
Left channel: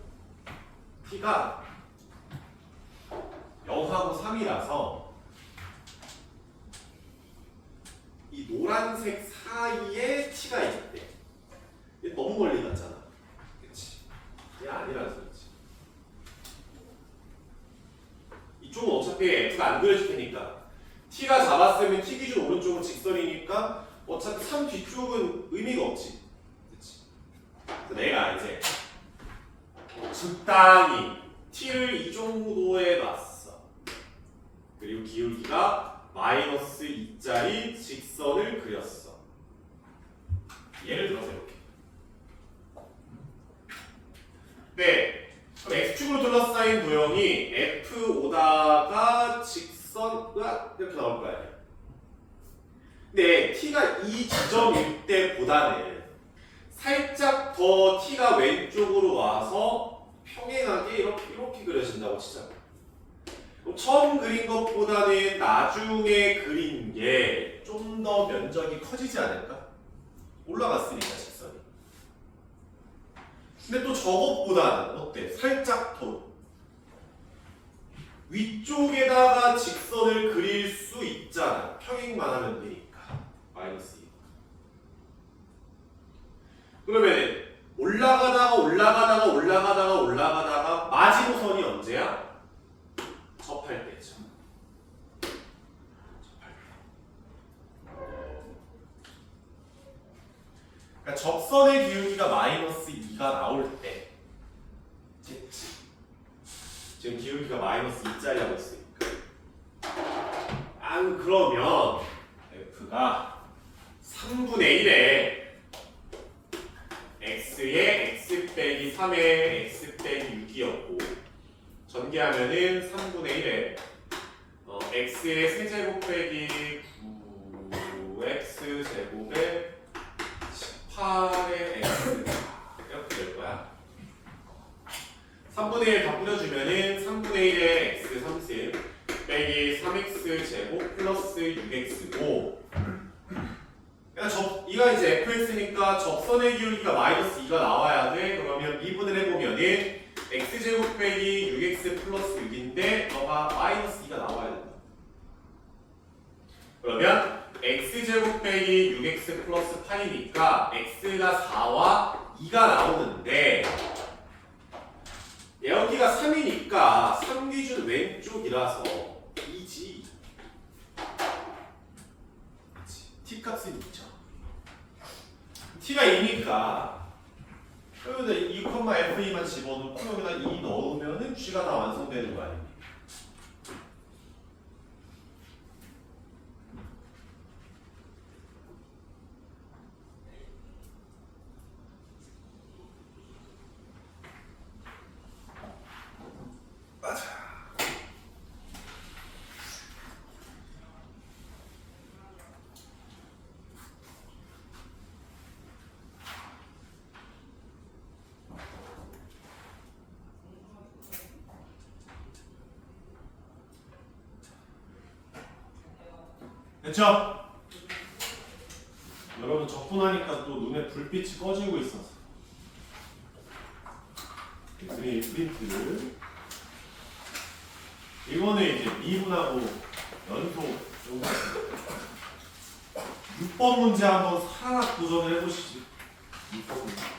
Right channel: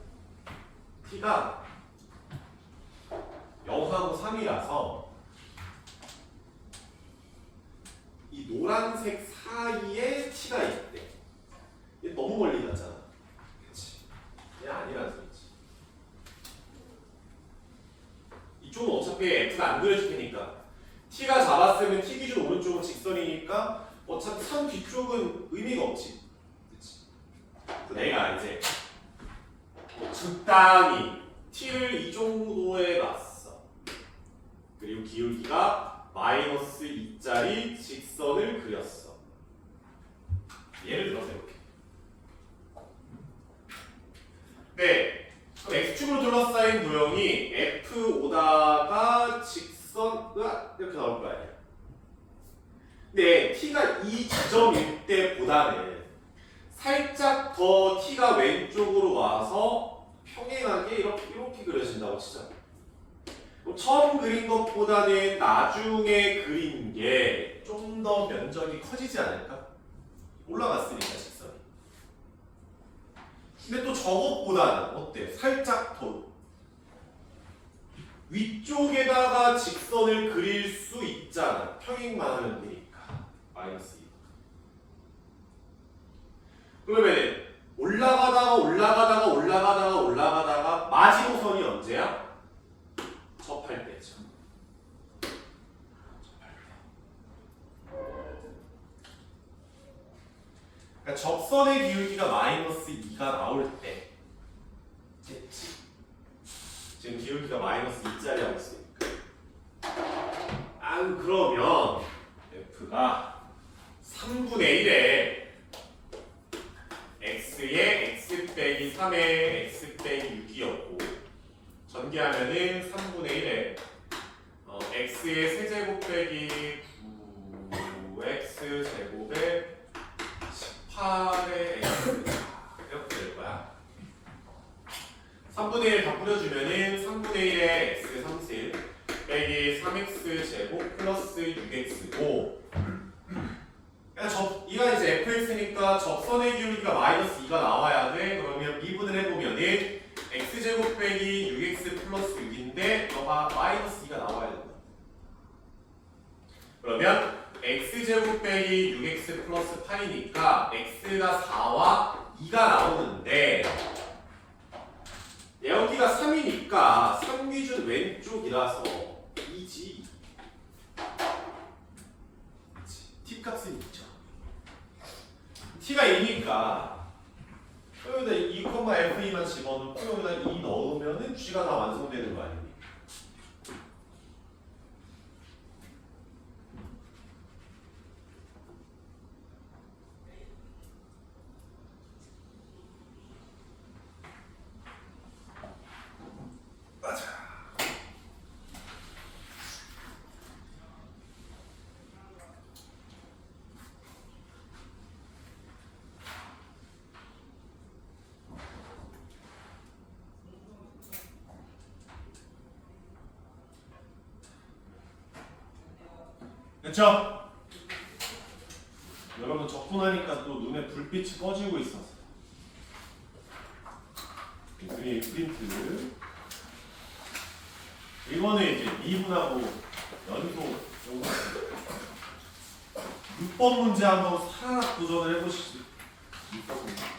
t가 0하고 3이라서 이 노란색 사이에 t가 있대. 얘 너무 멀리 갔잖아. 그치? 얘 아니라는 소리지. 이쪽은 어차피 f가 안 그려질 테니까 t가 잡았으면 t 기준 오른쪽은 직선이니까 어차피 3 뒤쪽은 의미가 없지. 그치? 그래서 내가 이제 적당히 t를 이 정도에 놨어. 그리고 기울기가 마이너스 2짜리 직선을 그렸어. 예를 들어서 이렇게. 네, 그럼 x축으로 둘러싸인 도형이 f 오다가 직선 이렇게 나올 거 아니야. 근데 t가 이 지점일 때보다는 살짝 더 t가 왼쪽으로 와서 평행하게 이렇게 그려진다고 치자. 그럼 처음 그린 것보다는 나중에 그린 게 좀 더 면적이 커지지 않을까? 올라갔으니까 직선이. 근데 또 저것보다는 어때? 살짝 더 위쪽에다가 직선을 그릴 수 있잖아. 평행만 하면 되니까. 마이너스 2. 그러면 올라가다가 마지노선이 언제야? 접할 때죠. 그러니까 접선의 기울기가 마이너스 2가 나올 때 됐지. 지금 기울기가 마이너스 2짜리라고 했으니까. 안 그러면 f가 3분의 1에 x에 x 빼기 3에 x 빼기 6이었고 전개하면은 3분의 1에 x의 세제곱 빼기 9x 제곱에 18의 x 이렇게 될 거야. 3분의 1 다 뿌려주면은 3분의 1에 x 30 빼기 3x 제곱 플러스 6x고 이가 이제 fx니까 접선의 기울기가 마이너스 2가 나와야 돼. 그러면 미분을 해보면은 x제곱 빼기 6x 플러스 6인데 너가 마이너스 2가 나와야 된다. 그러면 x제곱 빼기 6x 플러스 8이니까 x가 4와 2가 나오는데 여기가 3이니까 3기준 왼쪽이라서 2지. t값은 2죠. t가 2니까 여기다 2,f2만 집어넣고 여기다 2 넣으면은 g가 다 완성되는 거 아닙니까? 됐죠? 여러분 적분하니까 또 눈에 불빛이 꺼지고 있어서 그림 프린트 이거는 이제 미분하고 연속 6번 문제 한번 살짝 도전을 해보시죠. 6번 문제.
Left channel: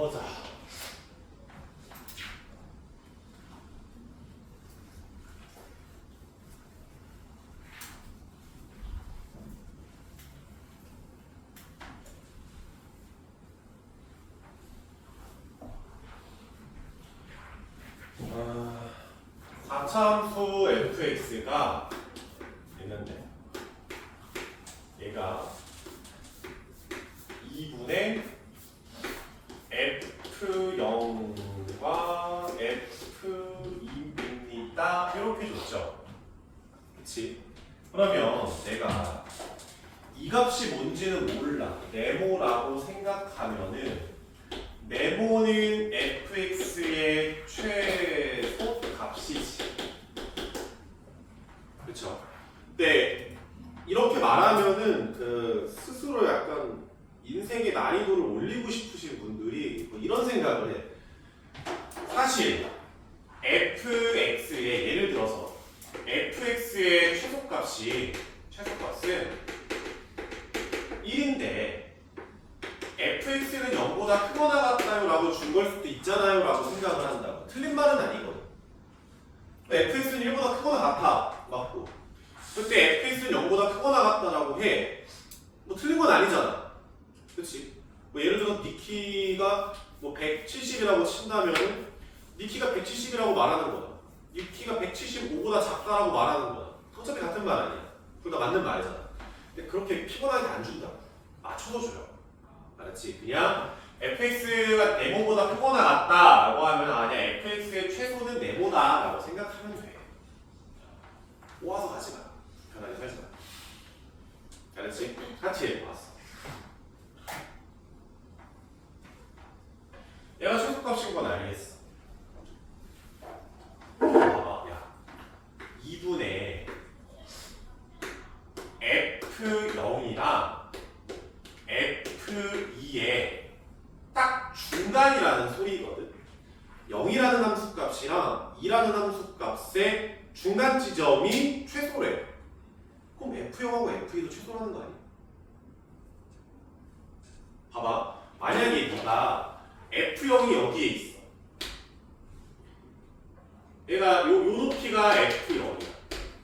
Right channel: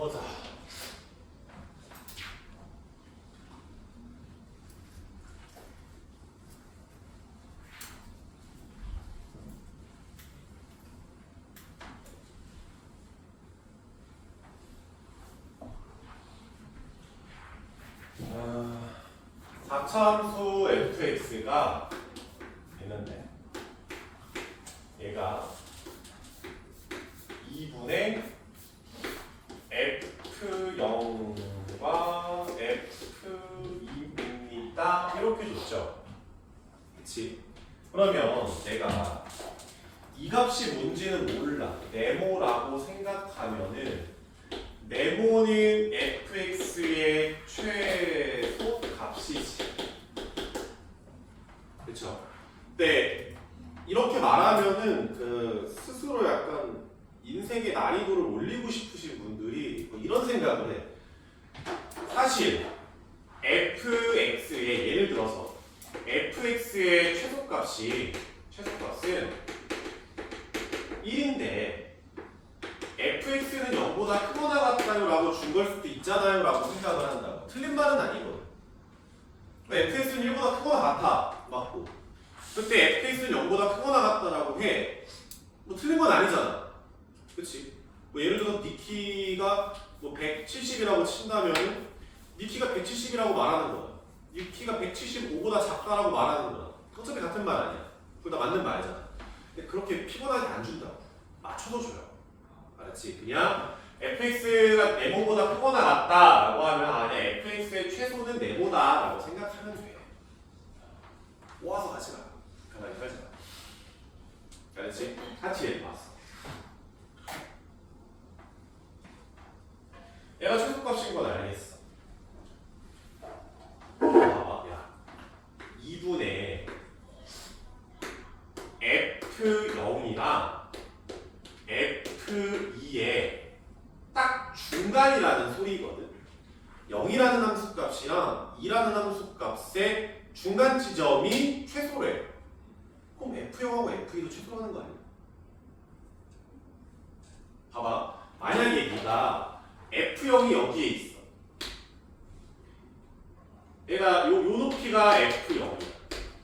보자. 사차함수 fx가 있는데 얘가 2분의 f0과 f2입니다. 이렇게 줬죠. 그치? 그러면 내가 이 값이 뭔지는 몰라. 네모라고 생각하면은 네모는 fx의 최소 값이지. 그쵸? 근데 이렇게 말하면은 그 스스로 약간 인생의 난이도를 올리고 싶으신 분들이 뭐 이런 생각을 해. 사실 fx의 예를 들어서 fx의 최소값은 1인데 fx는 0보다 크거나 같다요 라고 준 걸 수도 있잖아요 라고 생각을 한다고. 틀린 말은 아니거든. fx는 1보다 크거나 같아 맞고, 그때 fx는 0보다 크거나 같다라고 해. 뭐 틀린 건 아니잖아. 그치? 뭐 예를 들어 니 키가 뭐 170이라고 친다면은 니 키가 170이라고 말하는 거야. 니 키가 175보다 작다라고 말하는 거야. 어차피 같은 말 아니야. 둘 다 맞는 말이잖아. 근데 그렇게 피곤하게 안 준다고. 맞춰서 줘요. 알았지? 그냥 fx가 네모보다 크거나 같다라고 하면 아니야, fx의 최소는 네모다라고 생각하면 돼. 모아서 가지 마. 편하게 살지 마. 알았지? 하트에 모았어. 얘가 최소값인 건 알겠어. 봐봐, 야, 2분의 f0이랑 f2의 딱 중간이라는 소리거든. 0이라는 함수값이랑 2라는 함수값의 중간 지점이 최소래. 그럼 f0하고 f2도 최소라는 거 아니야? 봐봐, 만약에 네가 f0이 여기에 있어. 얘가 요 높이가 f0이야.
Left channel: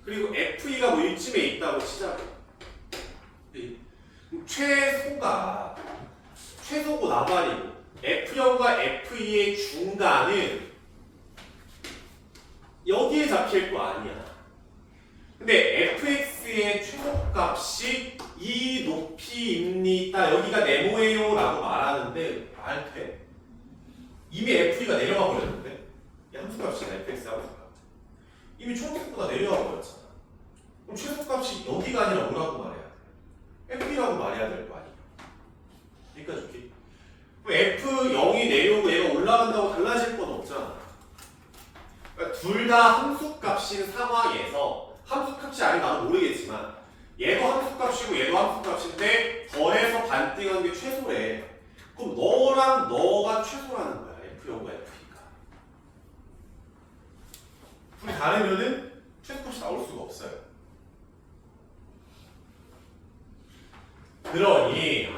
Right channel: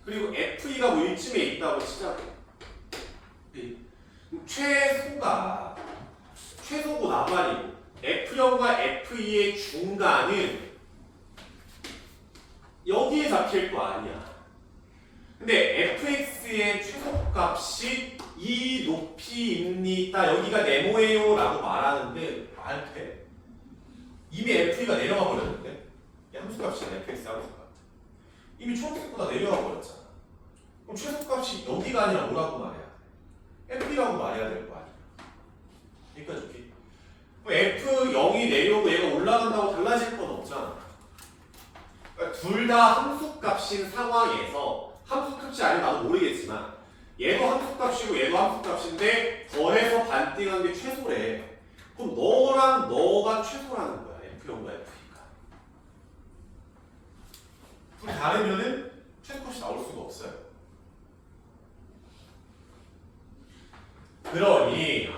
그리고 f2가 뭐 이쯤에 있다고 치자고. 최소고 나발이고 f0과 f2의 중간은 여기에 잡힐 거 아니야. 근데 fx의 최소값이 이 높이입니다. 여기가 네모예요 라고 말하는데 말 돼? 이미 f2가 내려가 버렸는데? 이 함수값이잖아. fx 함수값 이미 초록색보다 내려가 버렸잖아. 그럼 최소값이 여기가 아니라 뭐라고 말해야 돼? f라고 말해야 될 거 아니야. 그러니까 좋게 f0이 내려오고 얘가 올라간다고 달라질 건 없잖아. 그러니까 둘 다 함수값인 상황에서, 함수값이 아닌 나도 모르겠지만 얘도 함수값이고 얘도 함수값인데 더해서 반띵한 게 최소래. 그럼 너랑 너가 최소라는 거야. f0과 f2가. 둘이 다르면은 최소값이 나올 수가 없어요. 그러니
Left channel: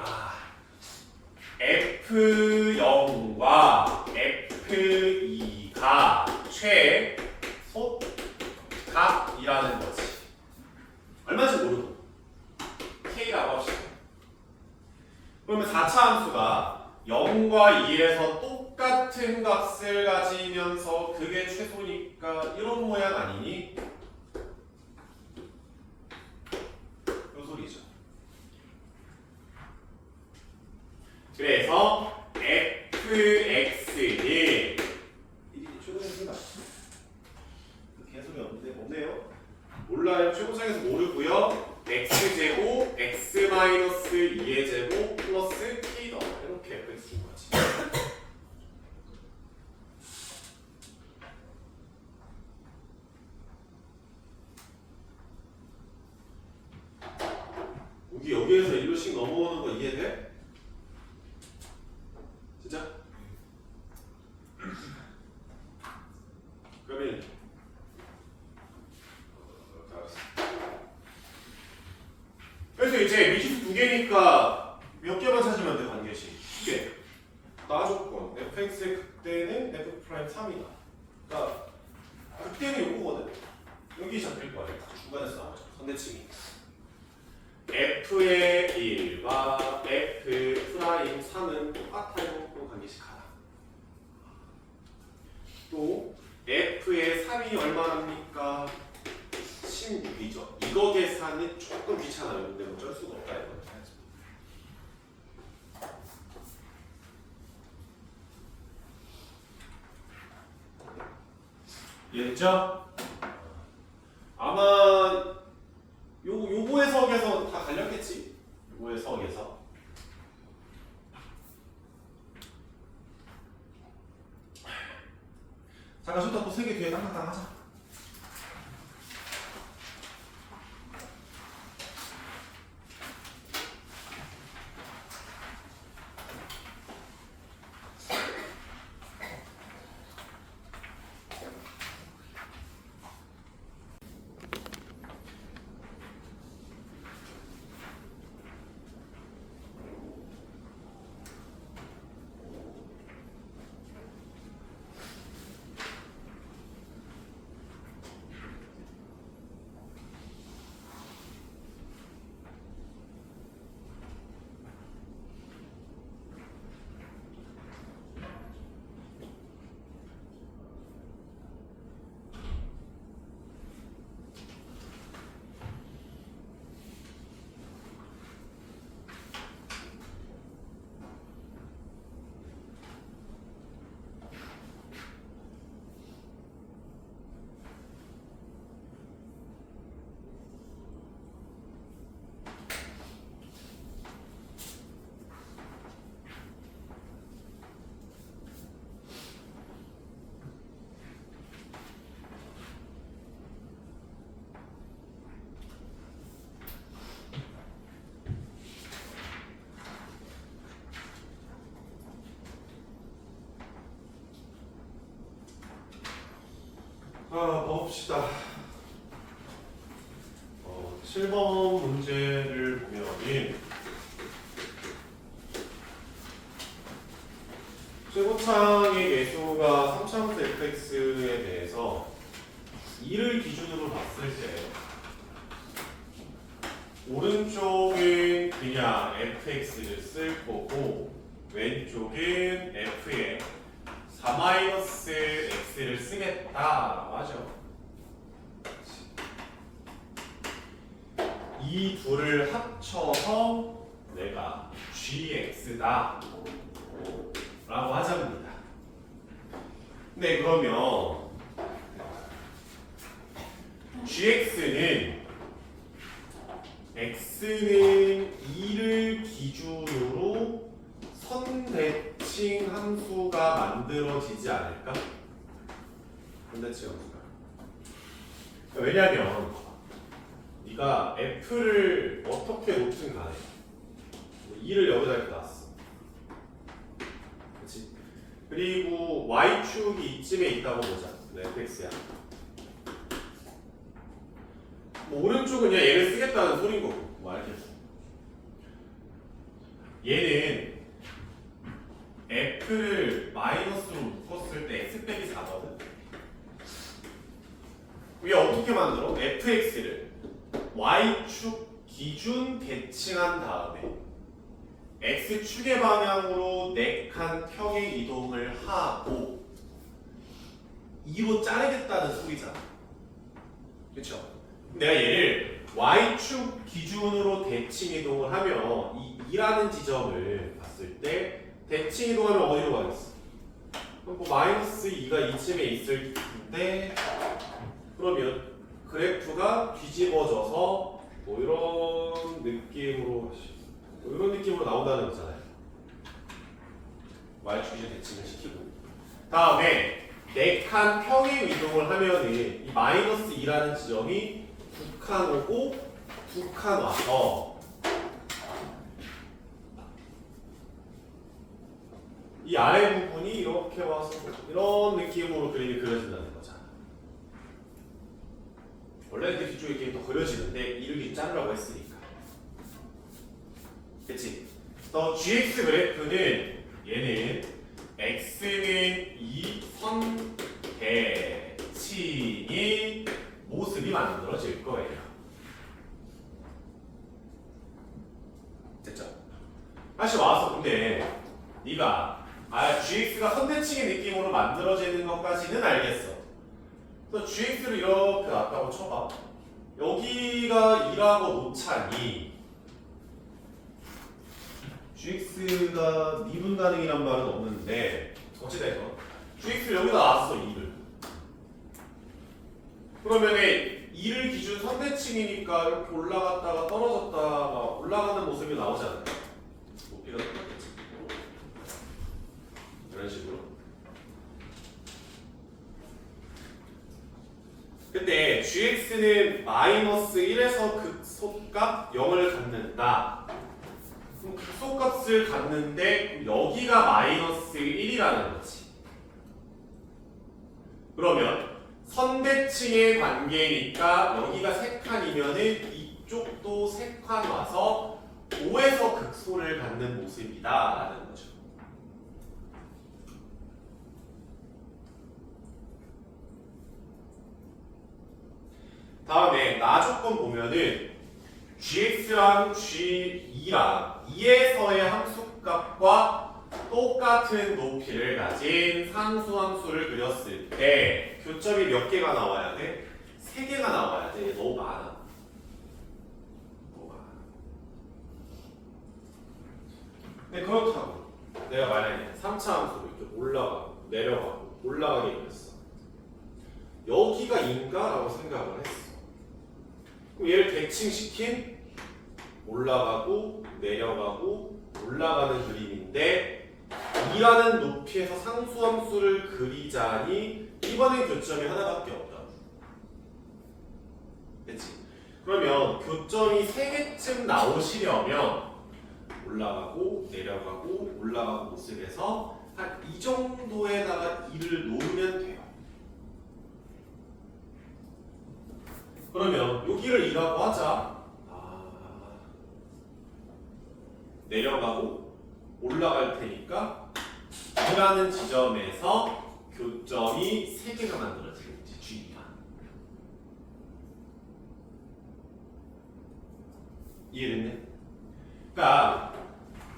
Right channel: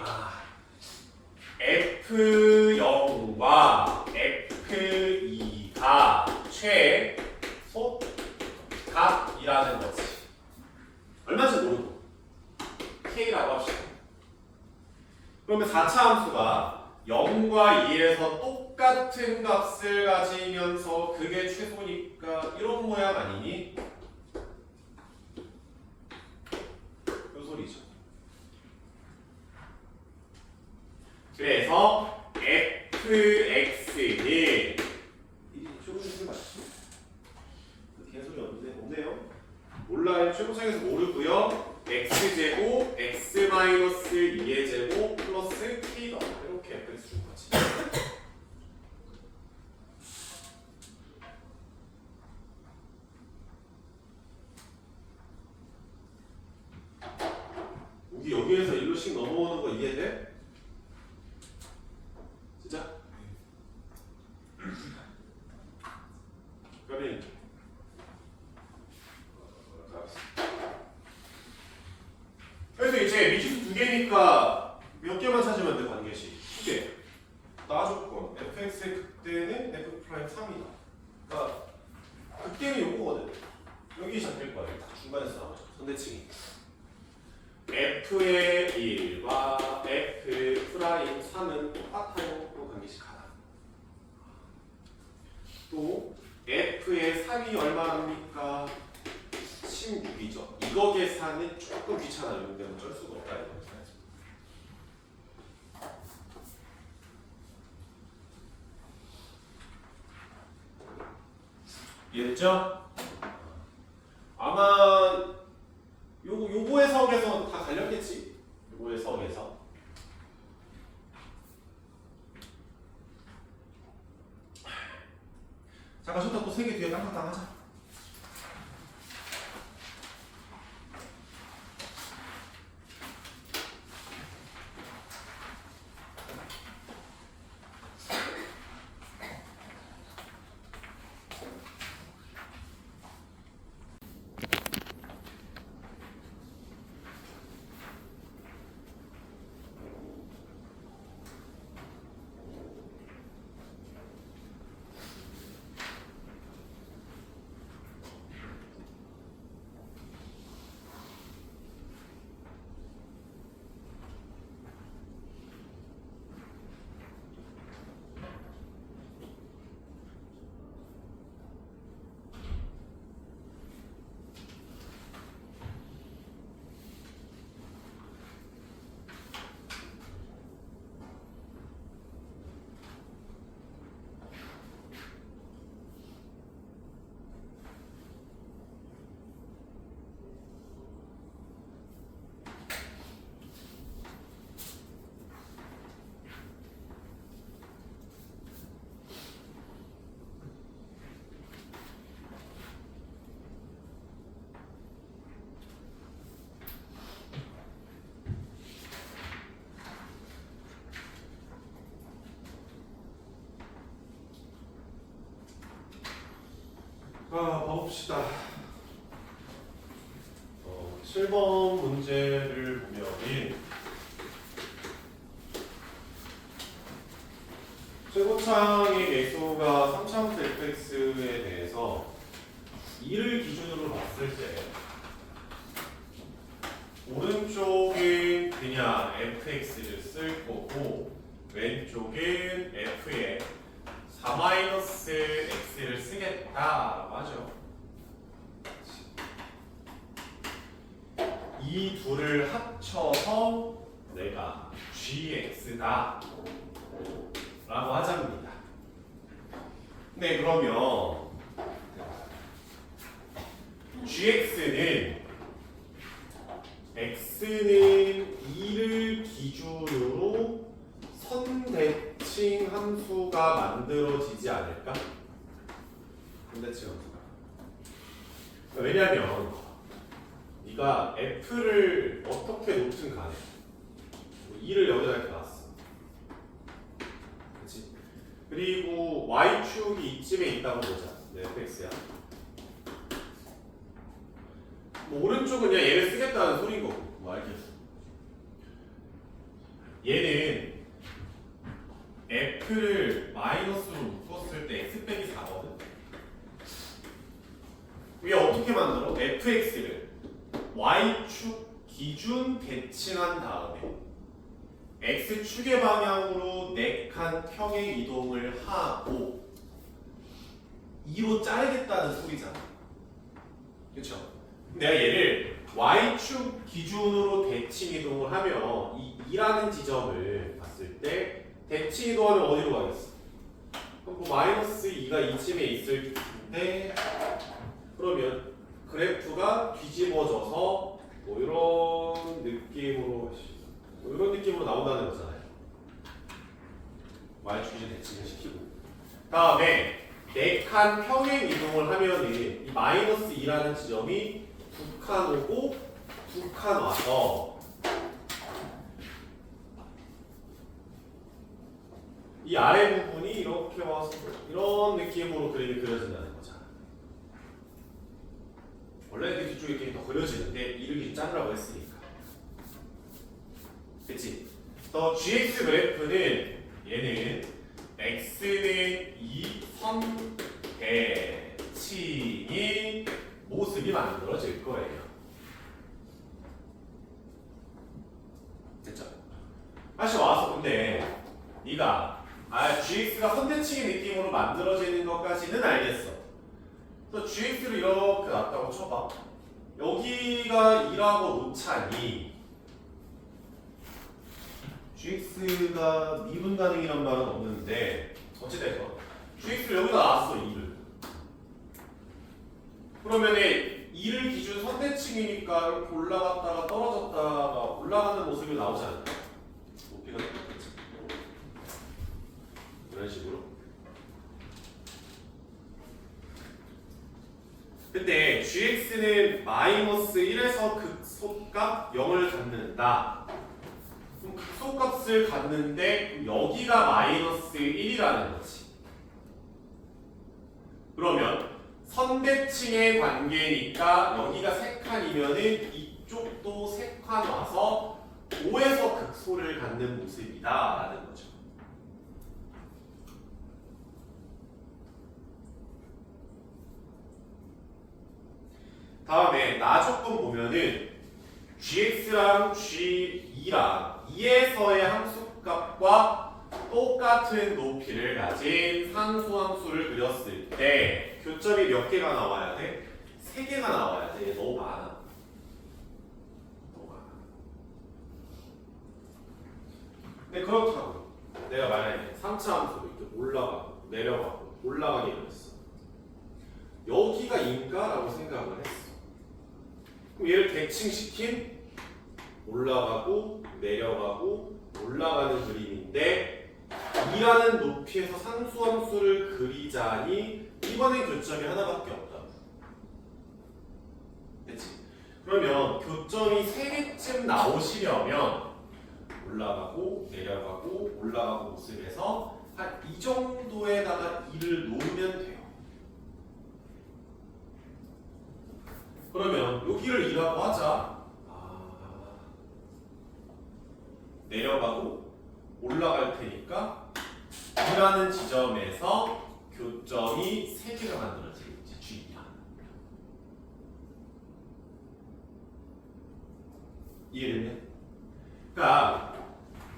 f0과 f2가 최소값이라는 거지. 얼마인지 모르고 k라고 합시다. 그러면 4차 함수가 0과 2에서 똑같은 값을 가지면서 그게 최소니까 이런 모양 아니니? 그 소리죠. 그래서 fx는 최고창에서 맞지? 개소리 없네요. 몰라요. 최고창에서 모르고요. x제곱 x-2의 제곱 플러스 k 더 이렇게 fx 준 거지. 여기에서 1로씩 넘어오는 거 이해돼? 진짜? 그러면 그래서 이제 미지수 2개니까 몇 개만 찾으면 돼? 반개씩 2개. 나 조건 fx의 극대는 f 프라임 3이다. 그러니까 극대는 요거거든. 여기 잡힐 거야. 중간에서 나오죠. 선대칭이. f의 1과 f 프라임 3은 똑같아요. 또 관계식하다. 또 f의 3이 얼마입니까? 16이죠. 이거 계산은 조금 귀찮아요. 근데 어쩔 수가 없다 이거. 이해됐죠? 아마 요거의 석에서 다 갈렸겠지? 요거의 석에서. 잠깐 좋다. 또 3개 뒤에 땅땅땅 하자. 봐봅시다. 7번 문제를 보면 최고창의 개수가 3차원수 fx에 대해서 2를 기준으로 봤을 때 오른쪽은 그냥 fx를 쓸 거고 왼쪽은 f에 4-x를 쓰겠다라고 하죠. 이 둘을 합쳐서 내가 gx다 라고 하자입니다. 네, 그러면 gx는 x는 2를 기준으로 선대칭 함수가 만들어지지 않을까? 선대칭 함수가. 왜냐면 네가 f를 어떻게 놓든 간에 2를 여기다 이렇게 놨어. 그치? 그리고 y축이 이쯤에 있다고 보자. fx야. 뭐 오른쪽은 그냥 얘를 쓰겠다는 소린 거고. 뭐 알겠어. 얘는 f를 마이너스로 묶었을 때 x 빼기 4거든. 우리 어떻게 만들어? fx를 y축 기준 대칭한 다음에 x축의 방향으로 4칸 평행 이동을 하고 2로 자르겠다는 소리잖아. 그쵸? 내가 얘를 y축 기준으로 대칭 이동을 하면 이 2라는 지점을 봤을 때 대칭 이동하면 어디로 가겠어? 그럼 뭐 마이너스 2가 이쯤에 있을 텐데 그러면 그래프가 뒤집어져서 뭐 이런 느낌으로 나온다는 거잖아요. y축 기준 대칭을 시키고 다음에 4칸 평행 이동을 하면은 이 마이너스 2라는 지점이 2칸 오고 2칸 와서 이 아래 부분이 이렇게 와서 이런 느낌으로 그림이 그려진다는 거잖아. 원래 그 뒤쪽에 이렇게 더 그려지는데 이렇게 자르라고 했으니까. 그치? 더 gx 그래프는 얘는 x는 이 선대칭이 모습이 만들어질 거예요. 됐죠? 다시 와서 근데 네가 gx가 선대칭의 느낌으로 만들어지는 것까지는 알겠어. 그래서 gx를 이렇게 놨다고 쳐봐. 여기가 2라고 놓자니 gx가 미분 가능이란 말은 없는데 어찌됐건 gx를 여기다 놨어 2를. 그러면은 2를 기준 선대칭이니까 이렇게 올라갔다가 떨어졌다가 올라가는 모습이 나오잖아. 높이가 똑같겠지. 이런 식으로. 근데 gx는 마이너스 1에서 극소값 0을 갖는다. 그럼 극소값을 갖는데 여기가 마이너스 1이라는 거지. 그러면 선대칭의 관계니까 여기가 3칸이면은 이쪽도 3칸 와서 5에서 극소를 갖는 모습이다 라는 거죠. 다음에 나 조건 보면은 gx랑 g2랑 2에서의 함수값과 똑같은 높이를 가진 상수함수를 그렸을 때 교점이 몇 개가 나와야 돼? 3개가 나와야 돼. 너무 많아. 너무 많아. 근데 그렇다고 내가 만약에 3차 함수로 이렇게 올라가고 내려가고 올라가게 그랬어. 여기가 인가라고 생각을 했어. 그럼 얘를 대칭시킨 올라가고 내려가고 올라가는 그림인데 2라는 높이에서 상수함수를 그리자니 이번엔 교점이 하나밖에 없다. 됐지? 그러면 교점이 3개쯤 나오시려면 올라가고 내려가고 올라가고 모습에서 한 이 정도에다가 2를 놓으면 돼요. 그러면 여기를 2라고 하자. 내려가고 올라갈 테니까 2라는 지점에서 교점이 3개가 만들어지겠지. G가. 이해됐네? 그러니까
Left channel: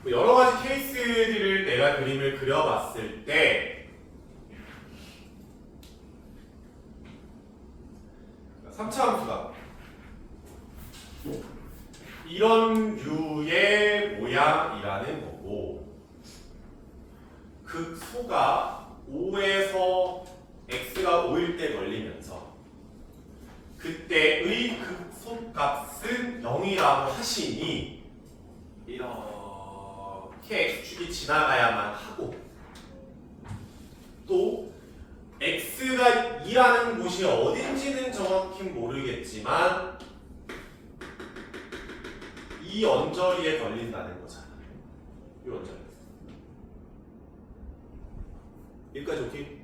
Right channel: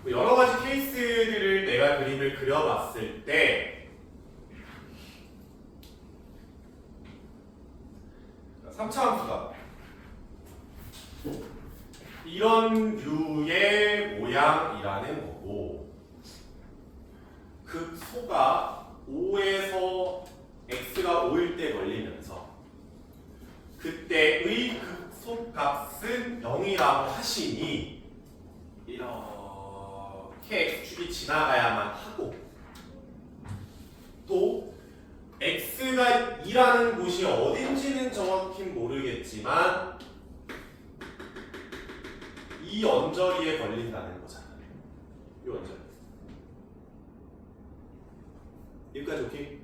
여러 가지 케이스들을 내가 그림을 그려봤을 때 3차 함수가 이런 류의 모양이라는 거고 극소가 5에서 x가 5일 때 걸리면서 그때의 극소값은 0이라고 하시니 이렇게 x축이 지나가야만 하고 또 x가 2라는 곳이 어딘지는 정확히 모르겠지만 이 언저리에 걸린다는 거잖아. 이 언저리. 여기까지 오케이?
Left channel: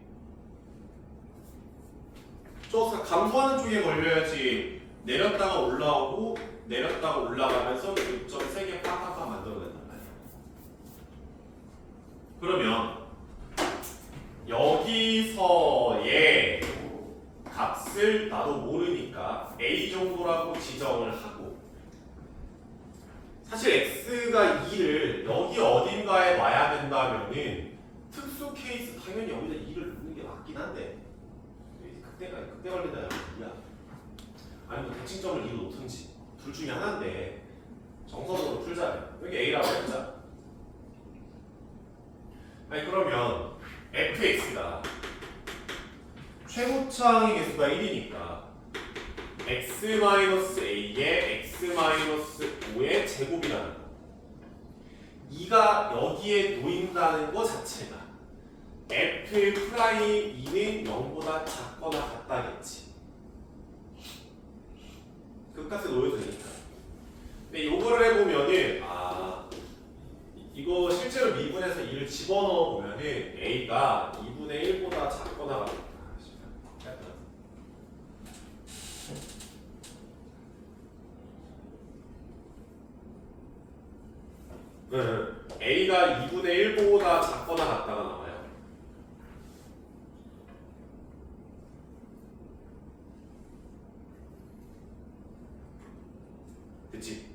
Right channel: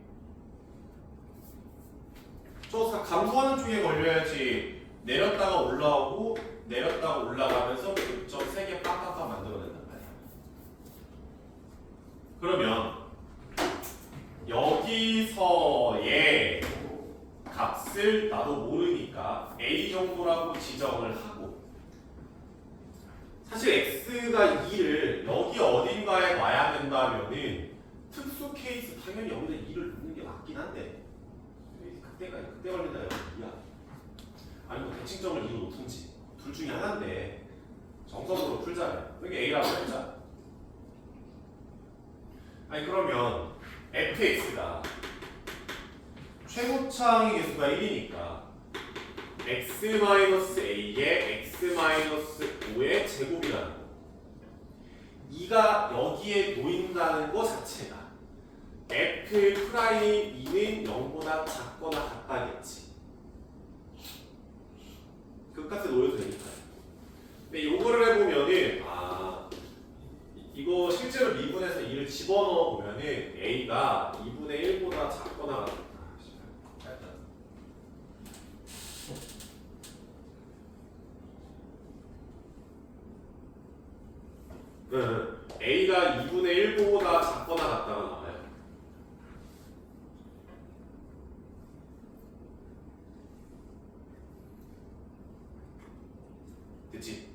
저 감소하는 쪽에 걸려야지 내렸다가 올라오고 내렸다가 올라가면서 교점 3개 빡빡빡 만들어낸단 말이야. 그러면 여기서의 값을 나도 모르니까 a 정도라고 지정을 하고 사실 x가 2를 여기 어딘가에 놔야 된다면은 특수 케이스 당연히 여기다 2를 넣는 게 맞긴 한데 그때 걸린다 여기 2야. 아니면 대칭점을 2로 놓든지 둘 중에 하나인데 정석으로 풀자면 여기 a라고 해보자. 아니 그러면 fx가 최고차항의 개수가 1이니까 x-a에 x-5의 제곱이라는 거. 2가 여기에 놓인다는 거 자체가 f'2는 0보다 작거나 같다겠지. 극값에 놓여도 되니까. 근데 이거를 해보면은 이거 실제로 미분해서 2를 집어넣어 보면은 a가 2분의 1보다 작거나 같다. a가 2분의 1보다 작거나 같다가 나와요. 그치?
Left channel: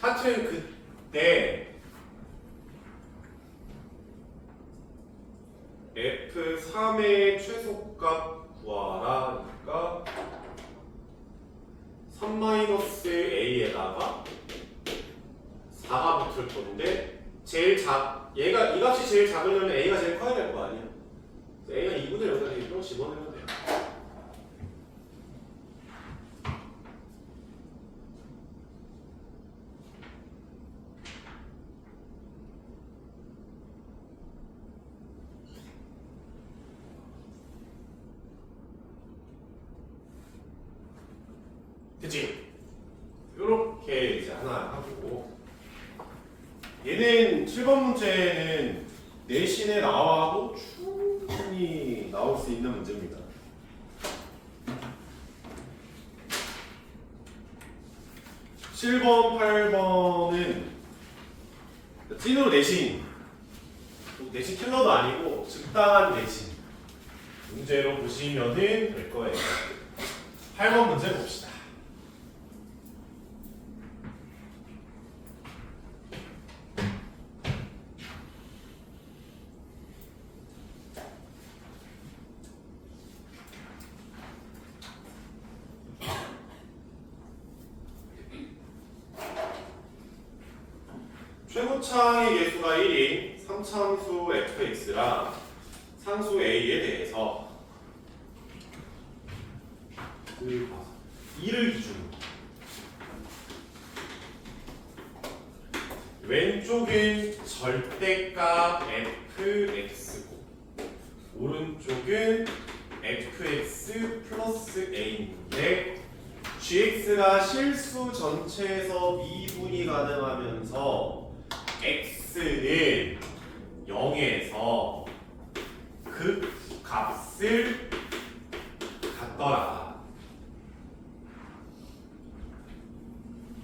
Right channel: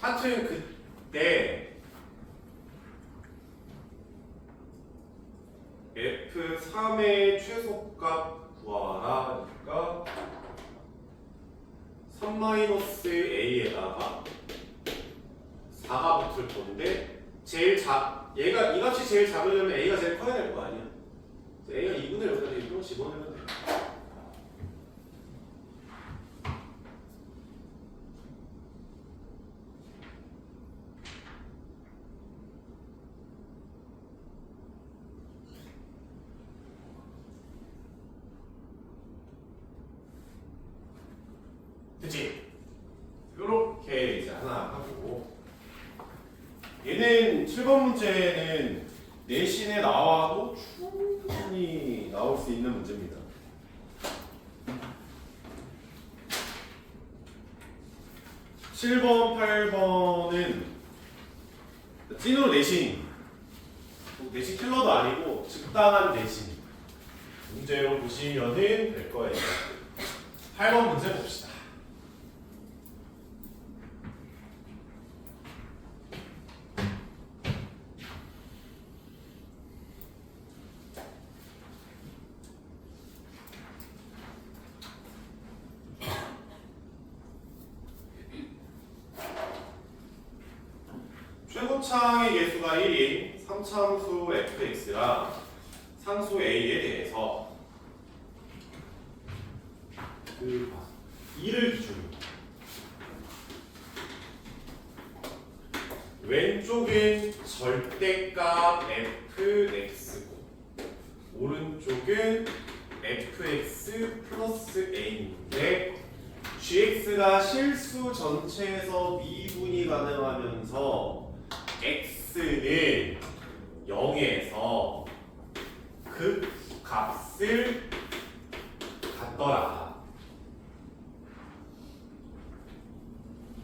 하여튼 그때 F3의 최소값 구하라 그러니까 3-A에다가 4가 붙을 건데 얘가 이 값이 제일 작으려면 A가 제일 커야 될 거 아니야? A가 2분의 1까지 이런 거 집어넣으면 돼. 그치? 요렇게 이제 하나 하고 얘는 7번 문제는 내신에 나와도 충분히 나올 수 있는 문제입니다. (7번) (8번은) 찐으로 내신 킬러도 아니고 적당한 내신 문제로 보시면은 될 거예요. 8번 문제 봅시다. 최고차의 개수가 1인 3차함수 fx랑 상수 a에 대해서 2를 기준으로 왼쪽은 절대값 fx고 오른쪽은 fx 플러스 a인데 gx가 실수 전체에서 미분이 가능하면서 x는 0에서 극값을 갖더라.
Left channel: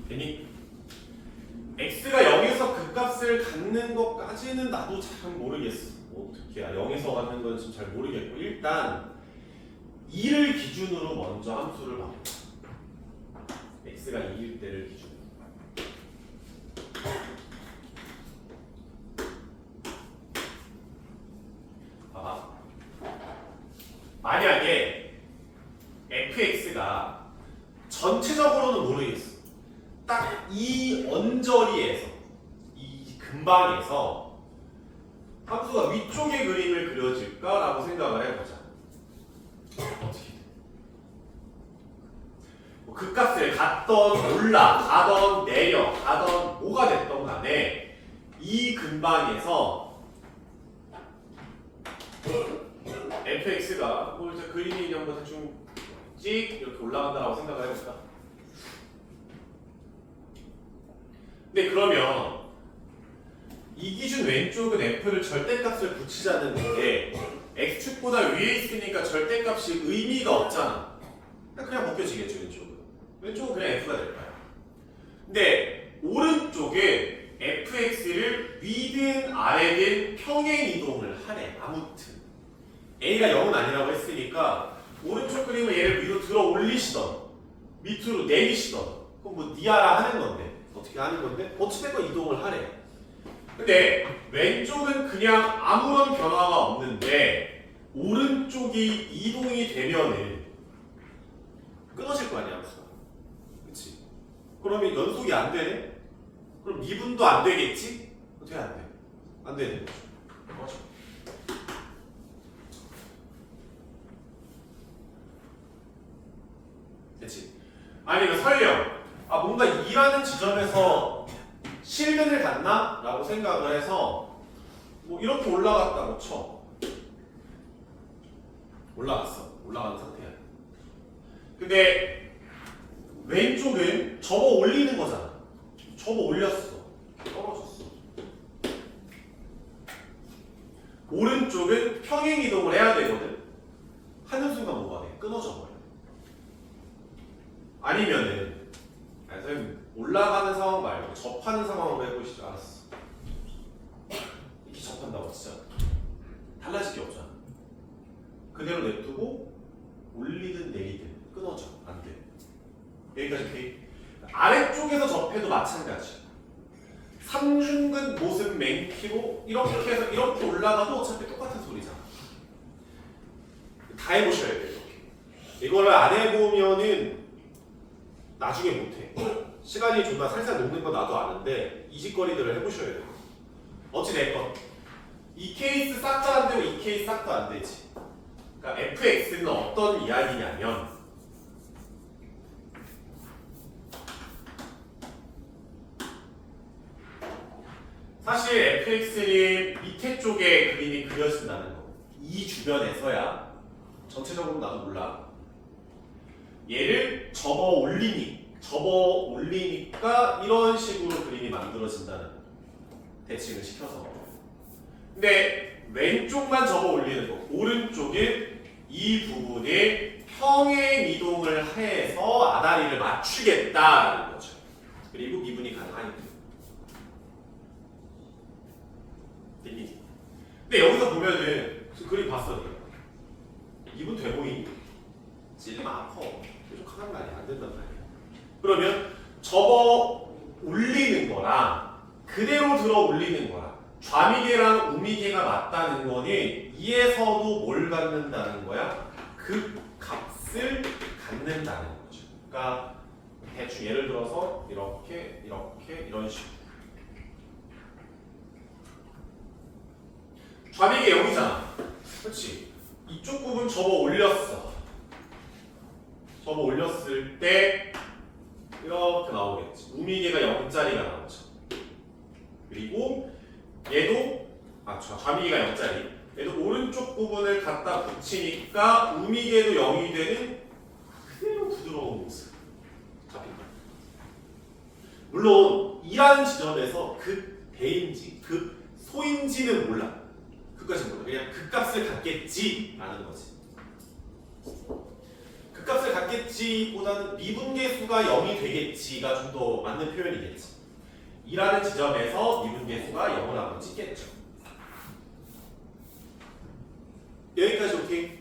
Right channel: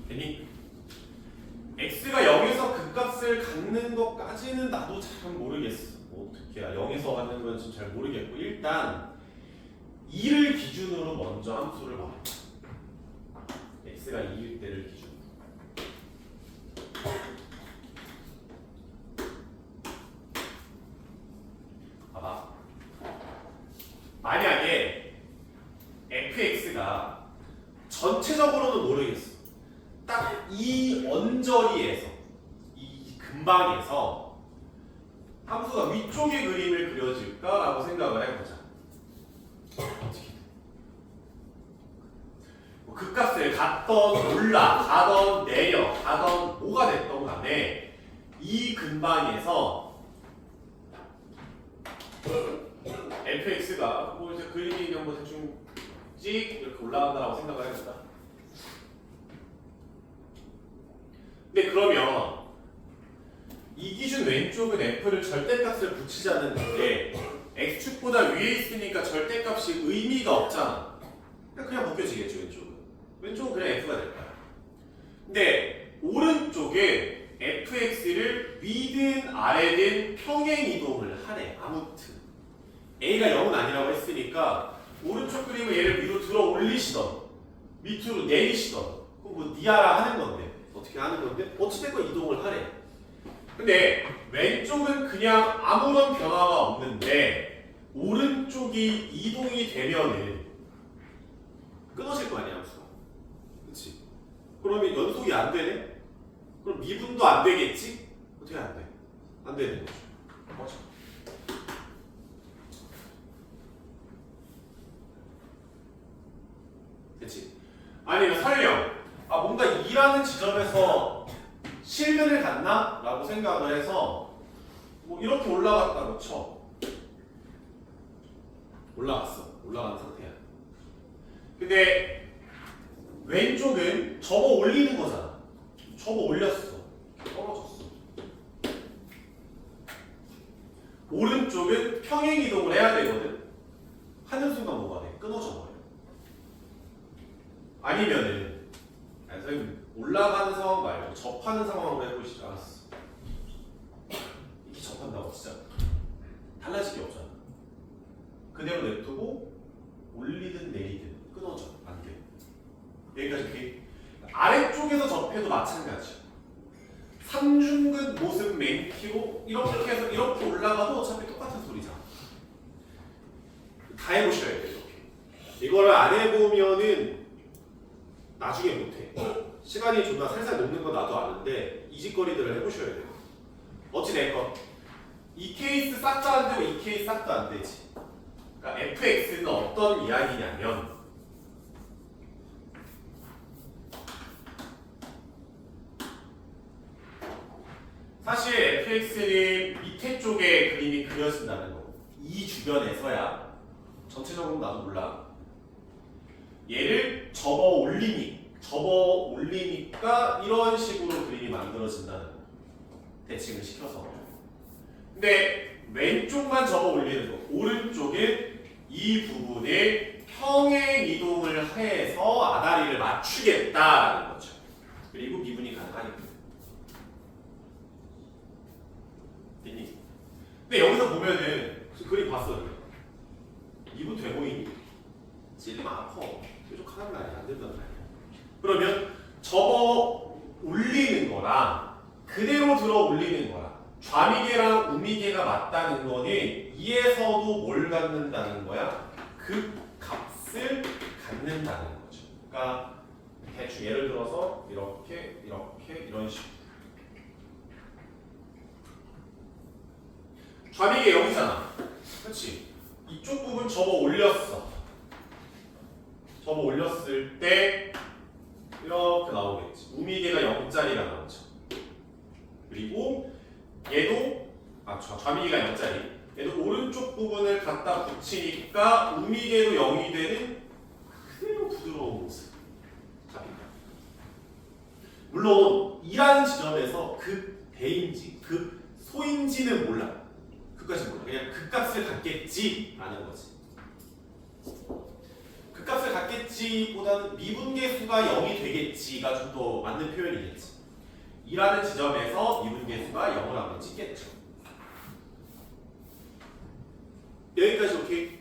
됐니? x가 0에서 극값을 갖는 것까지는 나도 잘 모르겠어. 어떻게 0에서 갖는 건 잘 모르겠고 일단 2를 기준으로 먼저 함수를 봐봐. x가 2일 때를 기준으로. 봐봐. 만약에 fx가 전체적으로는 모르겠어. 딱 이 언저리에서 이 근방에서 함수가 위쪽의 그림을 그려질까라고 생각을 해보자. 어떻게? 극값을 갖던 올라가던 내려가던 뭐가 됐던 간에 이 근방에서 fx가 뭐 이제 그림이 그냥 뭐 대충 찍 이렇게 올라간다라고 생각을 해볼까? 근데 그러면 이 기준 왼쪽은 f를 절대값을 붙이자는데 x축보다 위에 있으니까 절대값이 의미가 없잖아. 그냥 벗겨지겠죠 왼쪽은. 왼쪽은 그냥 f가 될 거야. 근데 오른쪽에 fx를 위든 아래든 평행 이동을 하래. 아무튼 a가 0은 아니라고 했으니까 오른쪽 그림을 얘를 위로 들어 올리시던 밑으로 내리시던 그건 뭐 니아라 하는 건데 어떻게 하는 건데 어찌됐건 이동을 하래. 근데 왼쪽은 그냥 아무런 변화가 없는데 오른쪽이 이동이 되면은 끊어질 거 아니야 함수가. 그치? 그러면 연속이 안 되네? 그럼 미분도 안 되겠지? 어떻게 안 돼? 안 되는 거죠. 맞아. 그치? 아니면 설령 뭔가 2라는 지점에서 실면을 갖나? 라고 생각을 해서 뭐 이렇게 올라갔다고 쳐. 올라가는 상태야. 근데 왼쪽은 접어 올리는 거잖아. 접어 올렸어. 떨어졌어. 오른쪽은 평행 이동을 해야 되거든. 하는 순간 뭐가 돼? 끊어져 버려. 아니면은 선생님 올라가는 상황 말고 접하는 상황으로 해보시죠. 알았어. 이렇게 접한다고 진짜 달라질 게 없잖아. 그대로 냅두고 올리든 내리든 끊어져. 안 돼. 여기까지 오케이? 아래쪽에서 접해도 마찬가지야. 삼중근 모습 맨키로 이렇게 해서 이렇게 올라가도 어차피 똑같은 소리잖아. 다 해보셔야 돼. 이렇게. 이거를 안 해보면은 나중에 못해. 시간이 존나 살살 녹는 건 나도 아는데 이 짓거리들을 해보셔야 돼요. 어찌됐건 이 케이스 싹 다 안 되고 이 케이스 싹 다 안 되지. 그러니까 fx는 어떤 이야기냐면 사실 fx는 밑에 쪽에 그림이 그려진다는 거. 이 주변에서야 전체적으로 나도 몰라. 얘를 접어 올리니까 이런 식으로 그림이 만들어진다는 거. 대칭을 시켜서. 근데 왼쪽만 접어 올리는 거. 오른쪽에 이 부분에 평행 이동을 해서 아다리를 맞추겠다는 거죠. 그리고 미분이 가능하니까. 근데 여기서 보면은 그림 봤어 네가. 미분 돼 보이니? 찔리면 아파. 계속 하는 말이 안 된단 말이야. 그러면 접어 올리는 거랑 그대로 들어 올리는 거랑 좌미계랑 우미계가 맞다는 거는 이에서도 뭘 갖는다는 거야? 그 값을 갖는다는 거죠. 그러니까 대충 예를 들어서 이렇게 이런 식으로 좌미계 0이잖아. 그렇지? 이쪽 부분 접어 올렸어. 접어 올렸을 때 이렇게 나오겠지. 우미계가 0짜리가 나오죠. 그리고 얘도 좌미계가 0짜리. 얘도 오른쪽 부분을 갖다 붙이니까 우미계도 0이 되는 그대로 부드러운 모습 잡힌다. 물론 이라는 지점에서 극대인지 극소인지는 몰라. 그까지 몰라. 그냥 그 값을 갖겠지라는 거지. 그 값을 갖겠지보다는 미분계수가 0이 되겠지가 좀 더 맞는 표현이겠지. 이라는 지점에서 미분계수가 0을 한번 찍겠죠. 여기까지 오케이?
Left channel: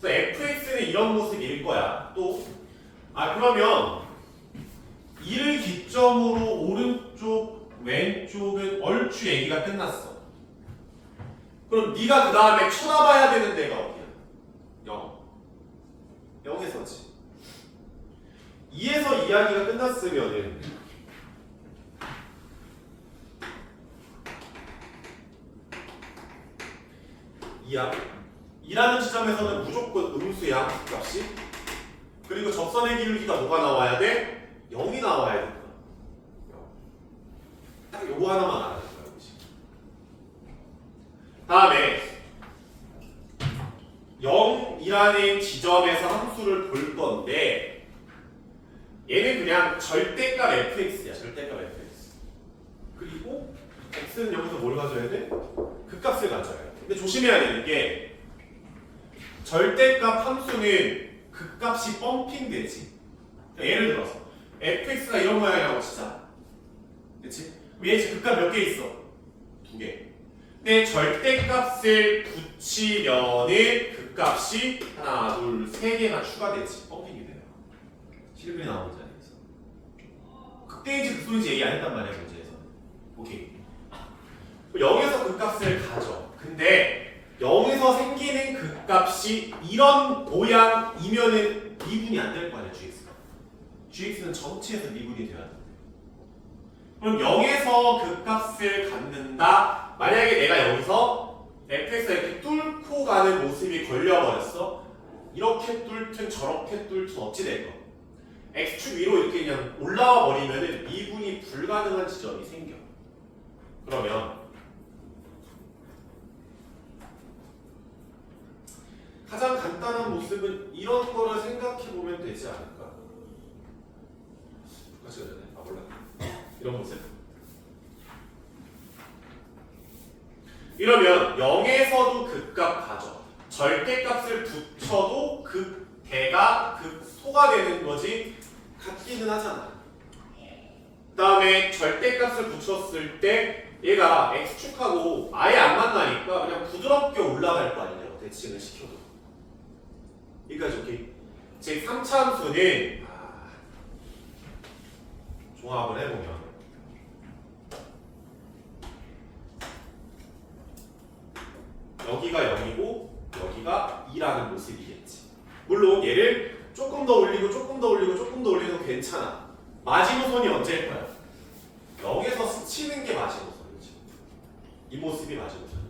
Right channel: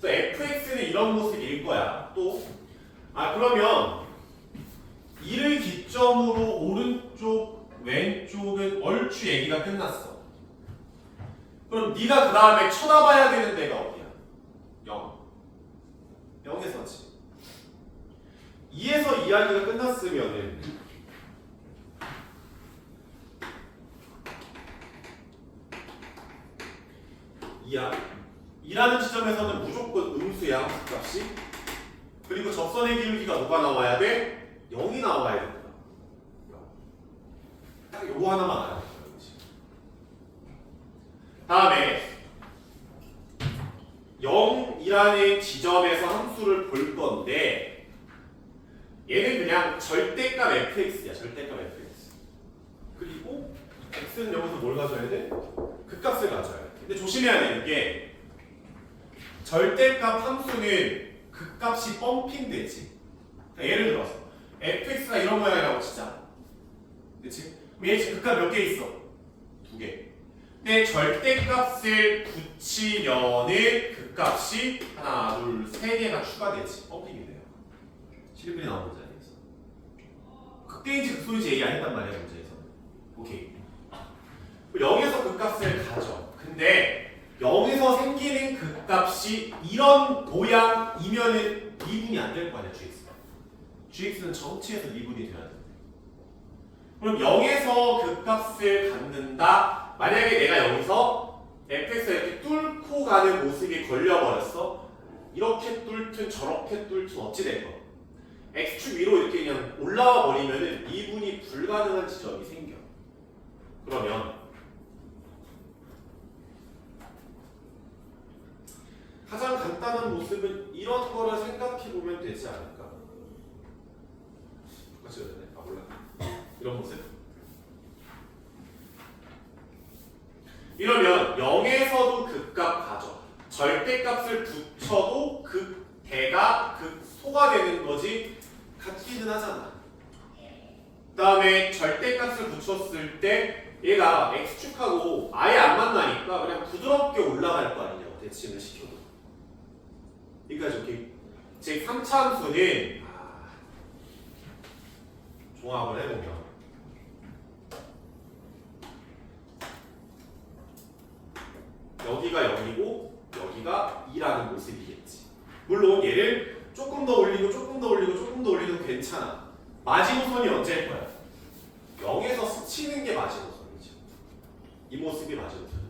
그래서 fx는 이런 모습일 거야. 또 그러면 이를 기점으로 오른쪽 왼쪽은 얼추 얘기가 끝났어. 그럼 네가 그 다음에 쳐다봐야 되는 데가 어디야? 0. 0에서지. 2에서 이야기가 끝났으면은 이야. 2라는 지점에서는 무조건 음수야, 값이. 그리고 접선의 기울기가 뭐가 나와야 돼? 0이 나와야 된다. 0. 딱 요거 하나만 알아야 돼. 다음에 0이라는 지점에서 함수를 볼 건데 얘는 그냥 절대값 fx야. 절대값 fx. 그리고 x는 여기서 뭘 가져야 돼? 그 값을 가져야 돼. 근데 조심해야 되는 게 절대값 함수는 그 값이 펌핑되지. 그러니까 예를 들어서 fx가 이런 모양이라고 치자. 그치? 얘 지금 그 값 몇 개 있어? 2개. 근데 절대값을 붙이면은 그 값이 하나, 둘, 세 개가 추가되지. 펌핑이 돼요. 실물이 나온 문제 아니겠어? 극대인지 극소인지 얘기 안 했단 말이야, 문제에서는. 오케이. 0에서 그 값을 가져. 근데 0에서 생기는 그 값이 이런 모양이면은 미분이 안 될 거 아니야, gx가. gx는 전체에서 미분이 돼야 돼. 그럼 0에서 그 값을 갖는다. 만약에 내가 여기서 fx가 이렇게 뚫고 가는 모습이 걸려버렸어. 이렇게 뚫든 저렇게 뚫든 어찌 될 거. x축 위로 이렇게 그냥 올라와 버리면은 미분이 불가능한 지점이 생겨. 그러면 가장 간단한 모습은 이런 거를 생각해 보면 되지 않을까? 똑같이 그러네. 몰라. 이런 모습. 이러면 0에서도 극값 가져. 절대값을 붙여도 극대가 극소가 되는 거지 같기는 하잖아. 그 다음에 절대값을 붙였을 때 얘가 x축하고 아예 안 만나니까 그냥 부드럽게 올라갈 거 아니냐고, 대칭을 시켜도. 여기까지 오케이? 제 3차 함수는 종합을 해보면 여기가 0이고 여기가 2라는 모습이겠지. 물론 얘를 조금 더 올리고 조금 더 올리고 조금 더 올리도 괜찮아. 마지노선이 언제일 거야? 0에서 스치는 게 마지노선이지. 이 모습이 마지노선.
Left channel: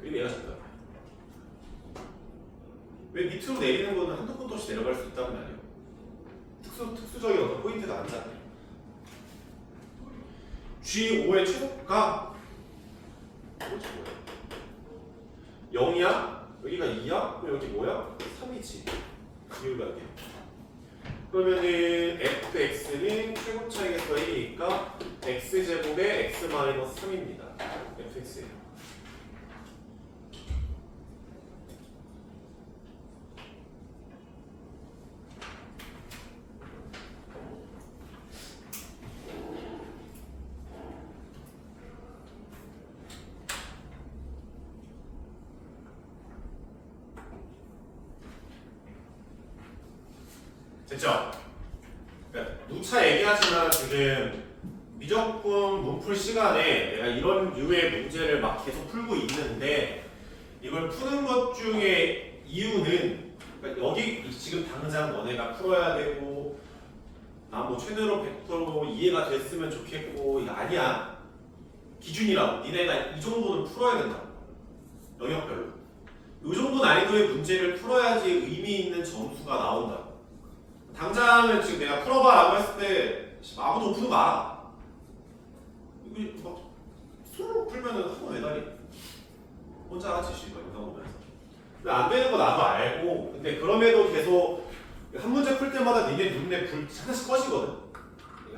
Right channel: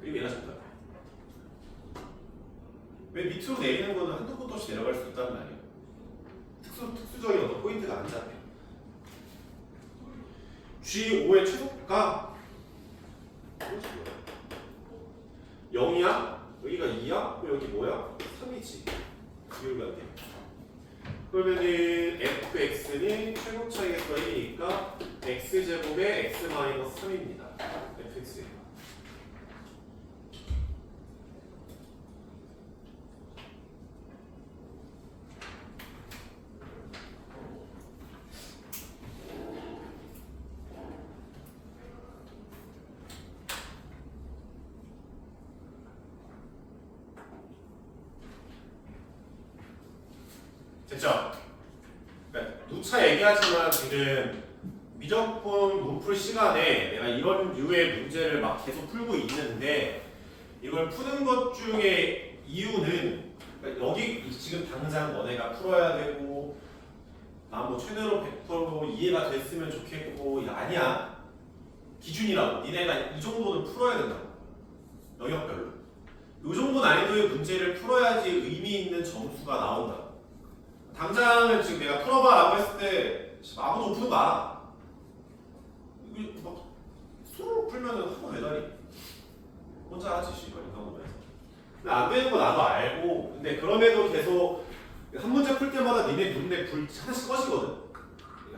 그리고 얘가 정답이야. 왜 밑으로 내리는 거는 한두 번 없이 내려갈 수 있다는 말이에요. 특수적인 어떤 포인트가 아니잖아요. G5의 최소가 뭐지 뭐야? 0이야? 여기가 2야? 그럼 여기 뭐야? 3이지. 비율관계. 그러면은 fx는 최고 차이에서 1이니까 x제곱의 x-3입니다. fx예요. 됐죠? 그러니까 누차 얘기하지만 지금 미적분 문풀 시간에 내가 이런 류의 문제를 막 계속 풀고 있는데 이걸 푸는 것 중에 이유는 그러니까 여기 지금 당장 너네가 풀어야 되고 나 뭐 최대로 벡터로 이해가 됐으면 좋겠고 이거 아니야. 기준이라고 니네가 이 정도는 풀어야 된다고. 영역별로. 이 정도 난이도의 문제를 풀어야지 의미 있는 점수가 나온다고. 당장은 지금 내가 풀어봐라고 했을 때 아무도 푸는 거 알아. 이거 막 수로 풀면은 한번 매달리. 혼자 하지 씨발 이거 보면서. 근데 안 되는 거 나도 알고. 근데 그럼에도 계속 한 문제 풀 때마다 니네 눈에 불 하나씩 꺼지거든.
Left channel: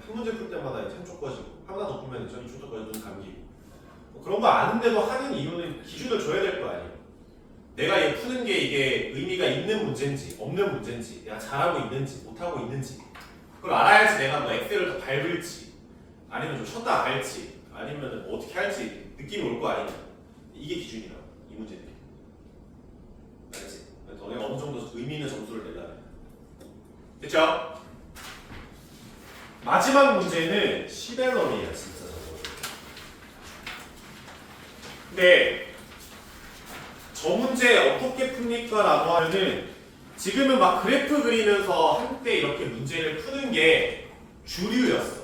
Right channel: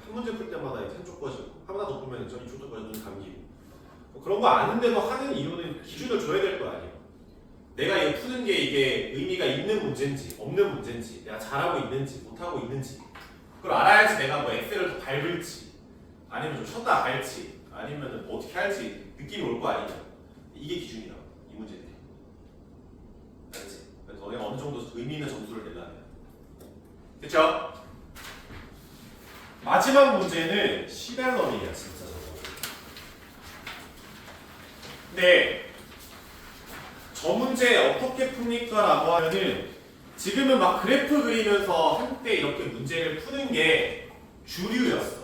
한 문제 풀 때마다 한쪽 꺼지고 하나 더 풀면 전 이쪽도 꺼져 눈 감기고. 뭐 그런 거 아는데도 하는 이유는 기준을 줘야 될 거 아니에요. 내가 이거 푸는 게 이게 의미가 있는 문제인지 없는 문제인지 내가 잘하고 있는지 못하고 있는지 그걸 알아야지 내가 뭐 엑셀을 더 밟을지 아니면 좀 쉬었다 갈지 아니면 뭐 어떻게 할지 느낌이 올 거 아니냐. 이게 기준이라고 이 문제는. 알지? 너네가 어느 정도 의미 있는 점수를 내려야 돼. 됐죠? 마지막 문제는 시벨럼이에요 진짜 저거. 근데 저 문제 어떻게 풉니까? 라고 하면은 지금은 막 그래프 그리면서 한때 이렇게 문제를 푸는 게 주류였어.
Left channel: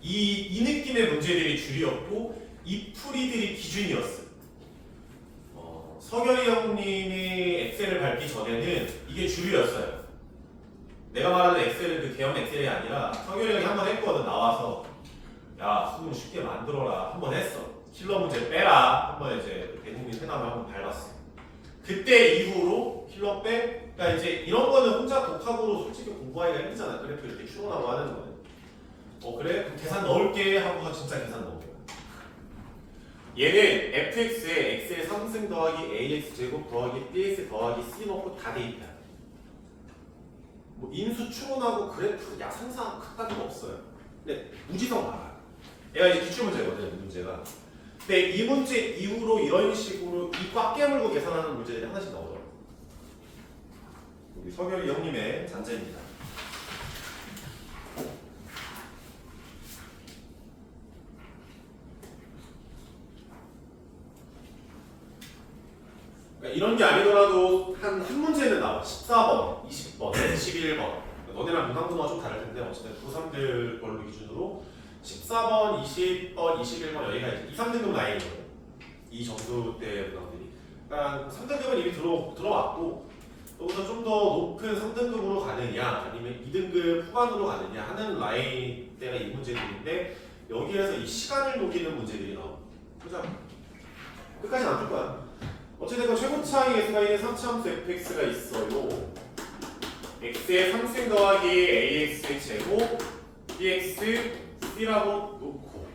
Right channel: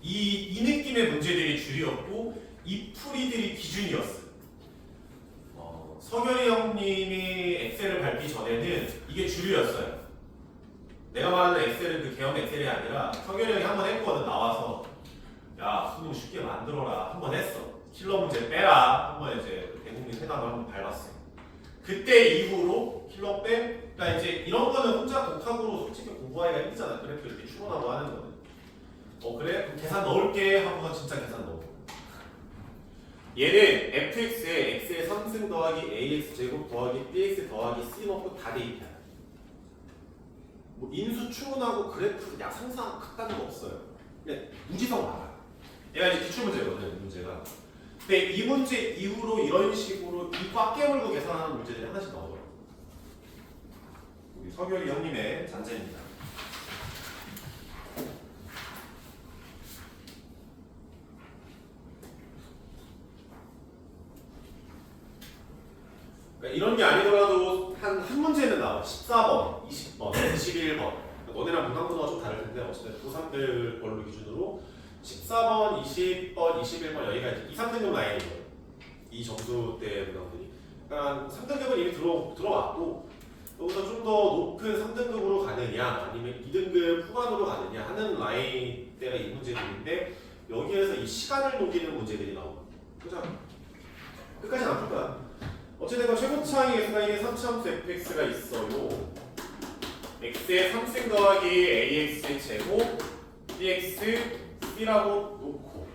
이 느낌의 문제들이 주류였고 이 풀이들이 기준이었어. 서결이 형님이 엑셀을 밟기 전에는 이게 주류였어요. 내가 말하는 엑셀은 그 개형 엑셀이 아니라 서결이 형이 한번 했거든. 나와서 야 수능 쉽게 만들어라 한번 했어. 킬러 문제 빼라 한번 이제 대국민 회담을 한번 밟았어. 그때 이후로 킬러 빼. 그러니까 이제 이런 거는 혼자 독학으로 솔직히 공부하기가 힘들잖아. 그래프 이렇게 추론하고 하는 거는. 그래? 그럼 계산 넣을게 하고서 진짜 계산 넣은 거야. 얘는 fx에 x의 3승 더하기 ax 제곱 더하기 bx 더하기 c 넣고 다 대입해요. 뭐 인수 추론하고 그래프 상상 같다는 거 없어요. 근데 무지성 많아요. 얘가 이제 기출문제거든요. 문제가. 근데 이 문제 이후로 이런 식으로 이 꽉 깨물고 계산하는 문제들이 하나씩 나오더라고요. 우리 서결이 형님의 잔재입니다. 그러니까 이런 게 아니더라도 한 문제는 나와. 14번, 20번, 21번. 너네랑 문항문화가 좀 다를 텐데 어쨌든 고3들 걸로 기준으로 14번, 20번, 21번 여기가 이제 2, 3등급 라인이에요. 이 점수대 문항들이. 그러니까 3등급은 이미 들어왔고 여기서 좀 더 높은 3등급으로 가느냐 아니면 2등급 후반으로 가느냐 하는 라인대가 이 문제들인데 여기에서 이 시간을 녹이는 문제들이 나옵니다. 그죠? 끝까지는 안 줄 거야. 어찌됐건 최고차항의 x가 3차함수 fx가 있어요. x의 3승 더하기 ax의 제곱 bx c라고 놓고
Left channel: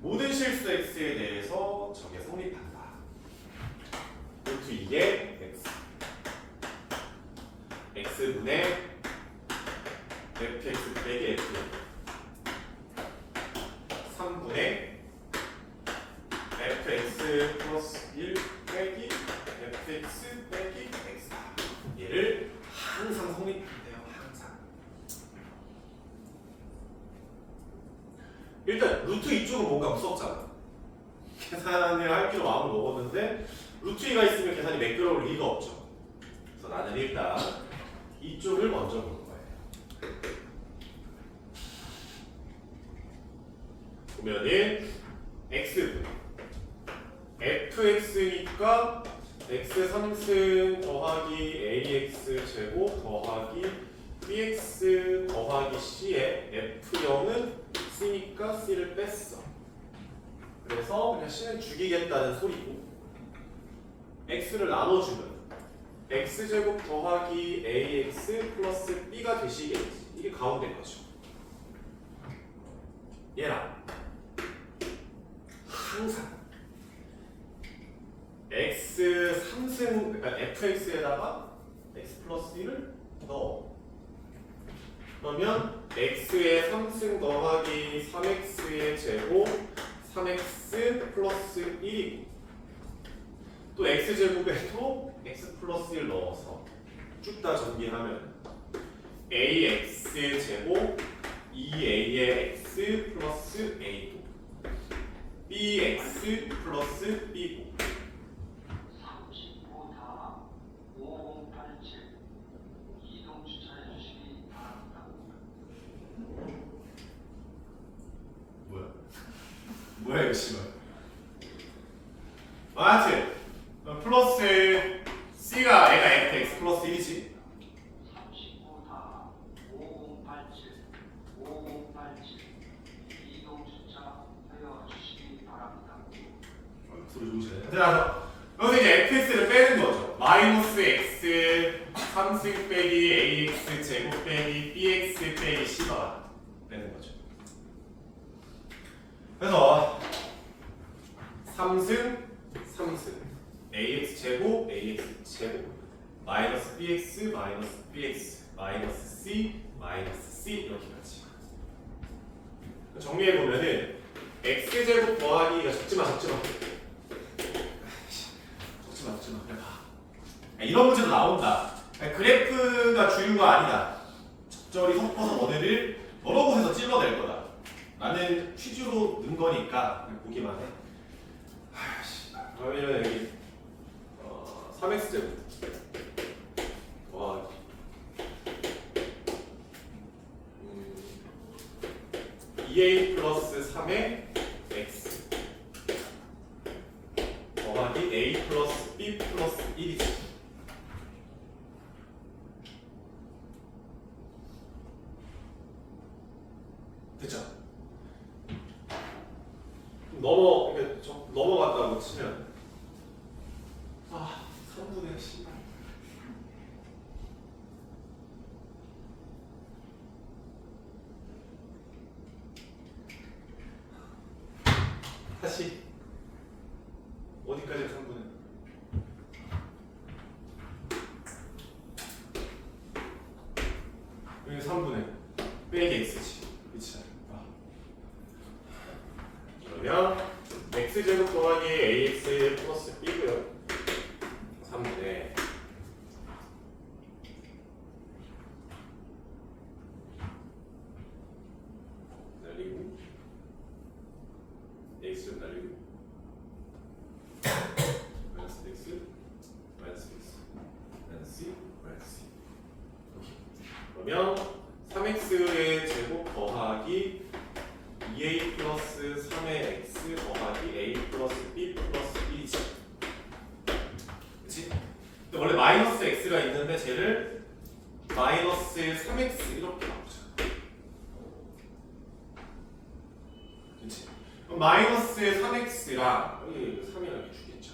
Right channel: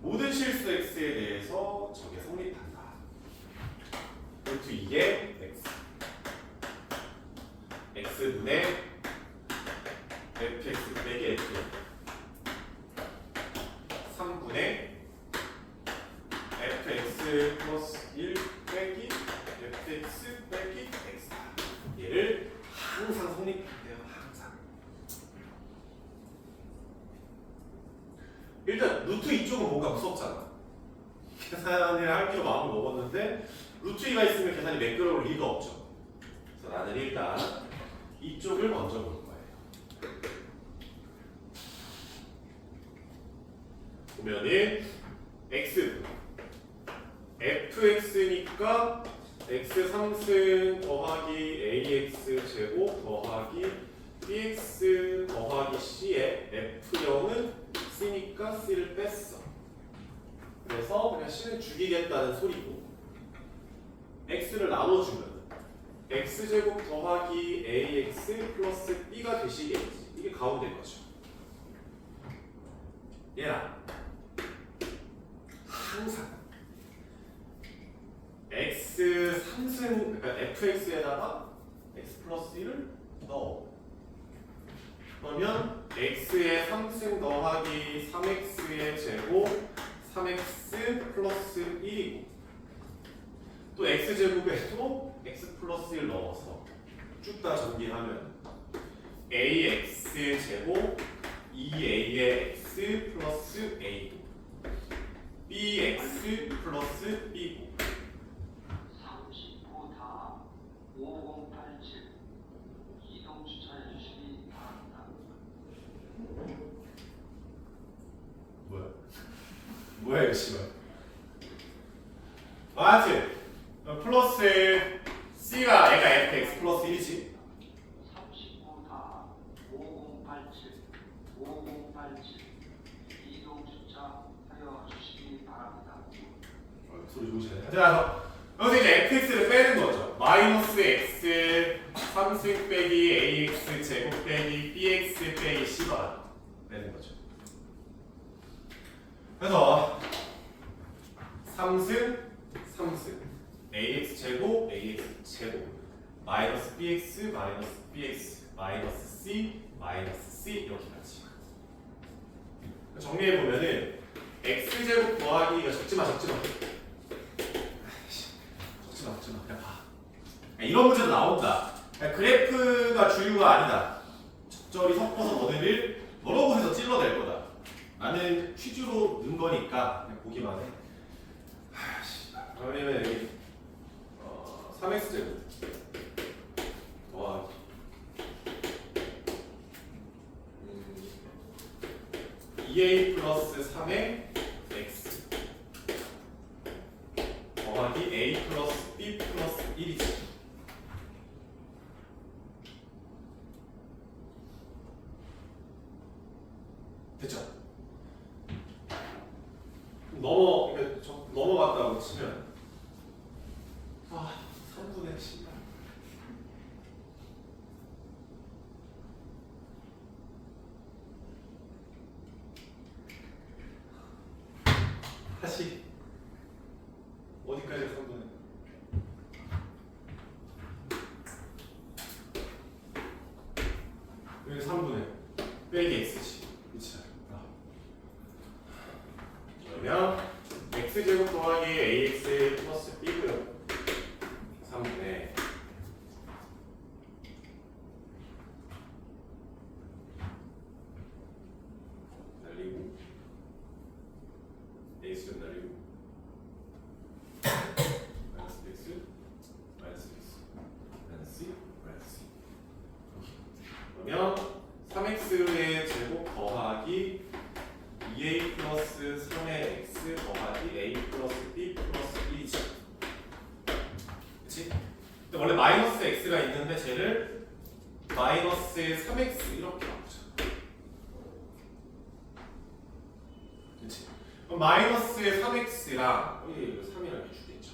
모든 실수 x에 대해서 적에 성립한다. 루트 2의 x x분의 fx 빼기 f 3분의 fx 플러스 1 빼기 fx 빼기 x다. 얘를 항상 성립한대요. 항상. 일단 루트 2쪽은 뭔가 무섭잖아. 계산을 할 필요 마음을 먹었는데 루트 2가 있으면 계산이 매끄러울 리가 없죠. 그래서 나는 일단 이쪽을 먼저 볼 거예요. 보면은 x fx니까 x 3승 더하기 ax 제곱 더하기 bx 더하기 c에 f0은 c니까 c를 뺐어. 그래서 그냥 c는 죽이겠다는 소리고 x를 나눠주면 x제곱 더하기 ax 플러스 b가 되시겠지. 이게 가운데 거죠. 얘랑 항상 x 3승 그러니까 fx에다가 x 플러스 1을 넣어. 그러면 x의 3승 더하기 3x의 제곱 3x 플러스 1이고 또 x제곱에도 x 플러스 1 넣어서 쭉 다 전개하면 ax 제곱 2a의 x 플러스 a고 bx 플러스 b고 35다 5087 이동 추천해 주시기 바랍니다. 뭐야 이거 씨발. 하여튼 플러스 c가 애가 fx 플러스 1이지. 35다 5087 이동 주차하여 주시기 바랍니다. 소리 좋으시네. 자, 여기서 이제 fx를 빼는 거죠. 마이너스 x 3승 빼기 ax 제곱 빼기 bx 빼기 c가 빼는 거죠. 그래서 3승 ax 제곱 마이너스 bx 마이너스 c 이렇게 가지. 정리해 보면은 x 제곱 더하기가 적지마 그냥 봐. 이런 문제도 나온다. 그래프가 주류가 아니다. 적절히 섞어서 너네를 여러 곳에서 찔러낼 거다. 나는 퀴즈로 넣은 거니까 그냥 보기만 해. 그러면 여기 3x 제곱 더하기 2a 플러스 3의 x 더하기 a 플러스 b 플러스 1이지. 됐죠? 넘어갔다고 치면 3분의 10. 다시 어디까지 3분의 여기 3분의 빼기 x지. 그치? 그러면 x제곱 더하기 ax 플러스 b고요. 3분의 날리고 x를 날리고 마이너스 x 마이너스 c 그러면 3x의 제곱 더하기 2a 플러스 3의 x 더하기 a 플러스 b 플러스 1이지. 그치? 근데 원래 마이너스 x가 있는데 쟤를 마이너스 3x 이렇게 바꾸자. 그치? 그럼 마이너스 3x랑 여기 3이랑 이렇게 주겠죠.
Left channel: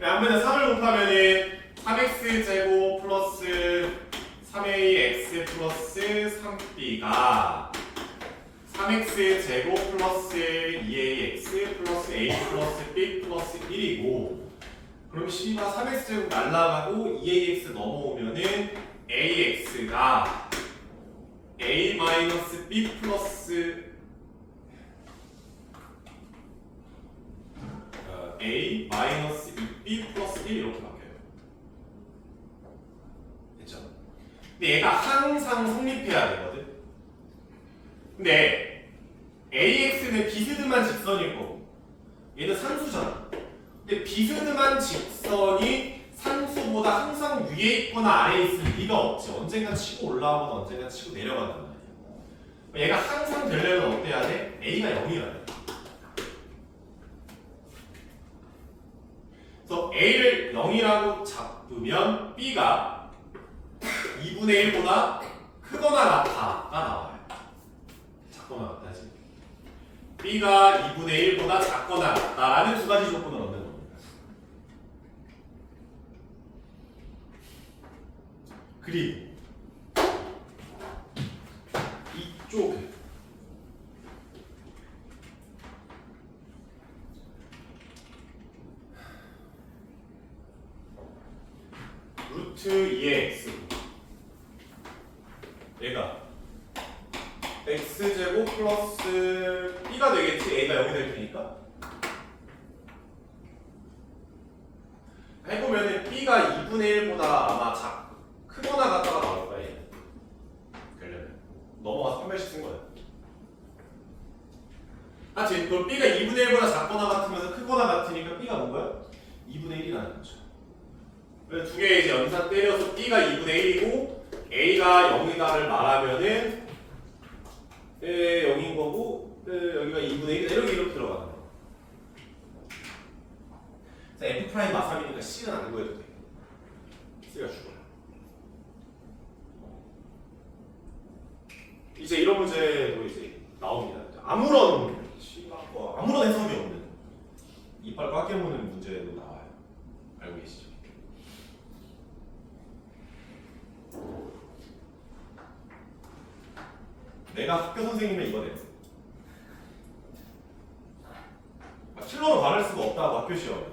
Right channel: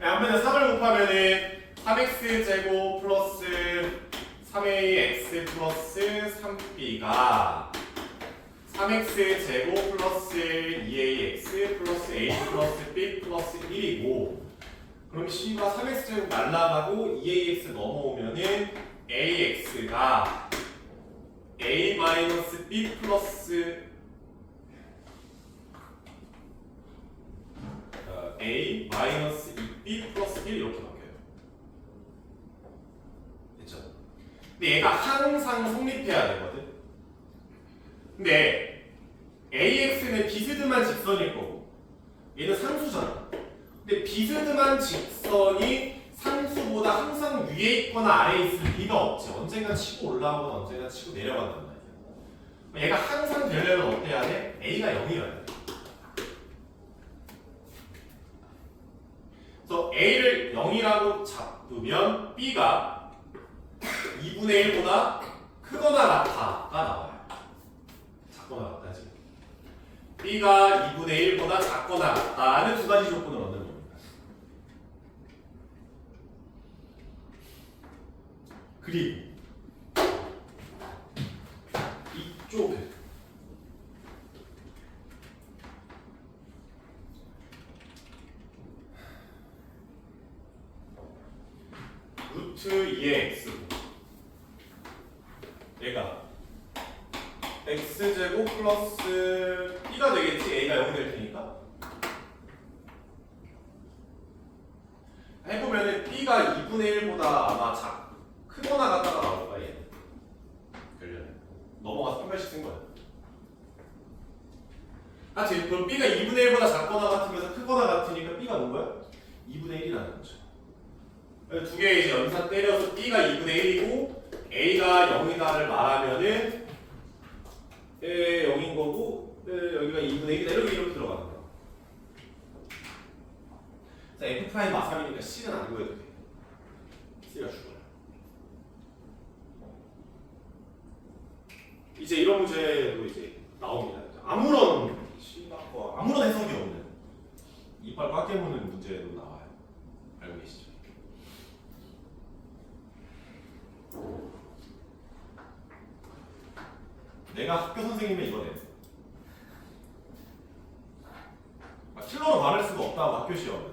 앞면에 3을 곱하면은 3x 제곱 플러스 3ax 플러스 3b가 3x 제곱 플러스 2ax 플러스 a 플러스 b 플러스 1이고 그럼 c가 3x 제곱 날라가고 2ax 넘어오면은 ax가 a 마이너스 b 플러스 a 마이너스 2b 플러스 1 이렇게 바뀌어요. 근데 얘가 항상 성립해야 되거든. 근데 AX는 비스듬한 직선일 거고 얘는 산수잖아. 근데 비스듬한 직선이 산수보다 항상 위에 있거나 아래에 있을 리가 없지. 언젠가 치고 올라가거나 언젠가 치고 내려간단 말이야. 얘가 항상 되려면 어때야 돼? A가 0이어야 돼. 그래서 A를 0이라고 잡으면 B가 2분의 1보다 크거나 같다가 나와요. 작거나 같다지. B가 2분의 1보다 작거나 같다라는 두 가지 조건을 얻는 겁니다. 그리고 이쪽에 루트 2x 얘가 x제곱 플러스 b가 되겠지. a가 0이 될 테니까 해보면은 b가 2분의 1보다 아마 크거나 같다가 나올 거야. 얘 넘어가서 한 발씩 쓴 거야. 하여튼 그럼 b가 2분의 1보다 작거나 같으면서 크거나 같으니까 b가 뭔 거야? 2분의 1이라는 거죠. 두 개 이제 연산 때려서 b가 2분의 1이고 a가 0이다를 말하면은 0인 거고 여기가 2분의 1이다 이렇게 들어가는 거야. f 프라임 마삼이니까 c는 안 구해도 돼. c가 죽어요. 이제 이런 문제도 이제 나옵니다. 아무런 해석이 없는 이빨 꽉 깨무는 문제도 나와요. 알고 계시죠? 내가 학교 선생님은 이거 내. 킬러로 말할 수가 없다고 학교 시험에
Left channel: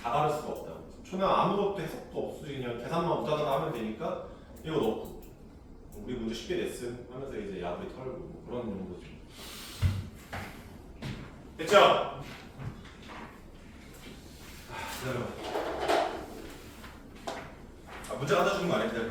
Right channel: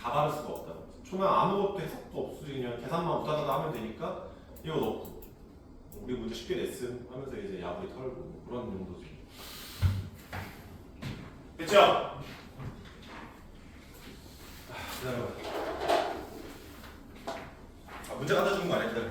다 다를 수가 없다. 초나 아무것도 해석도 없이 그냥 계산만 우다다다 하면 되니까 이거 넣고 우리 문제 쉽게 냈음 하면서 이제 야구리 털고 뭐 그런 정도죠. 됐죠? 기다려. 문제 갖다 주는 거 아니야? 기다려.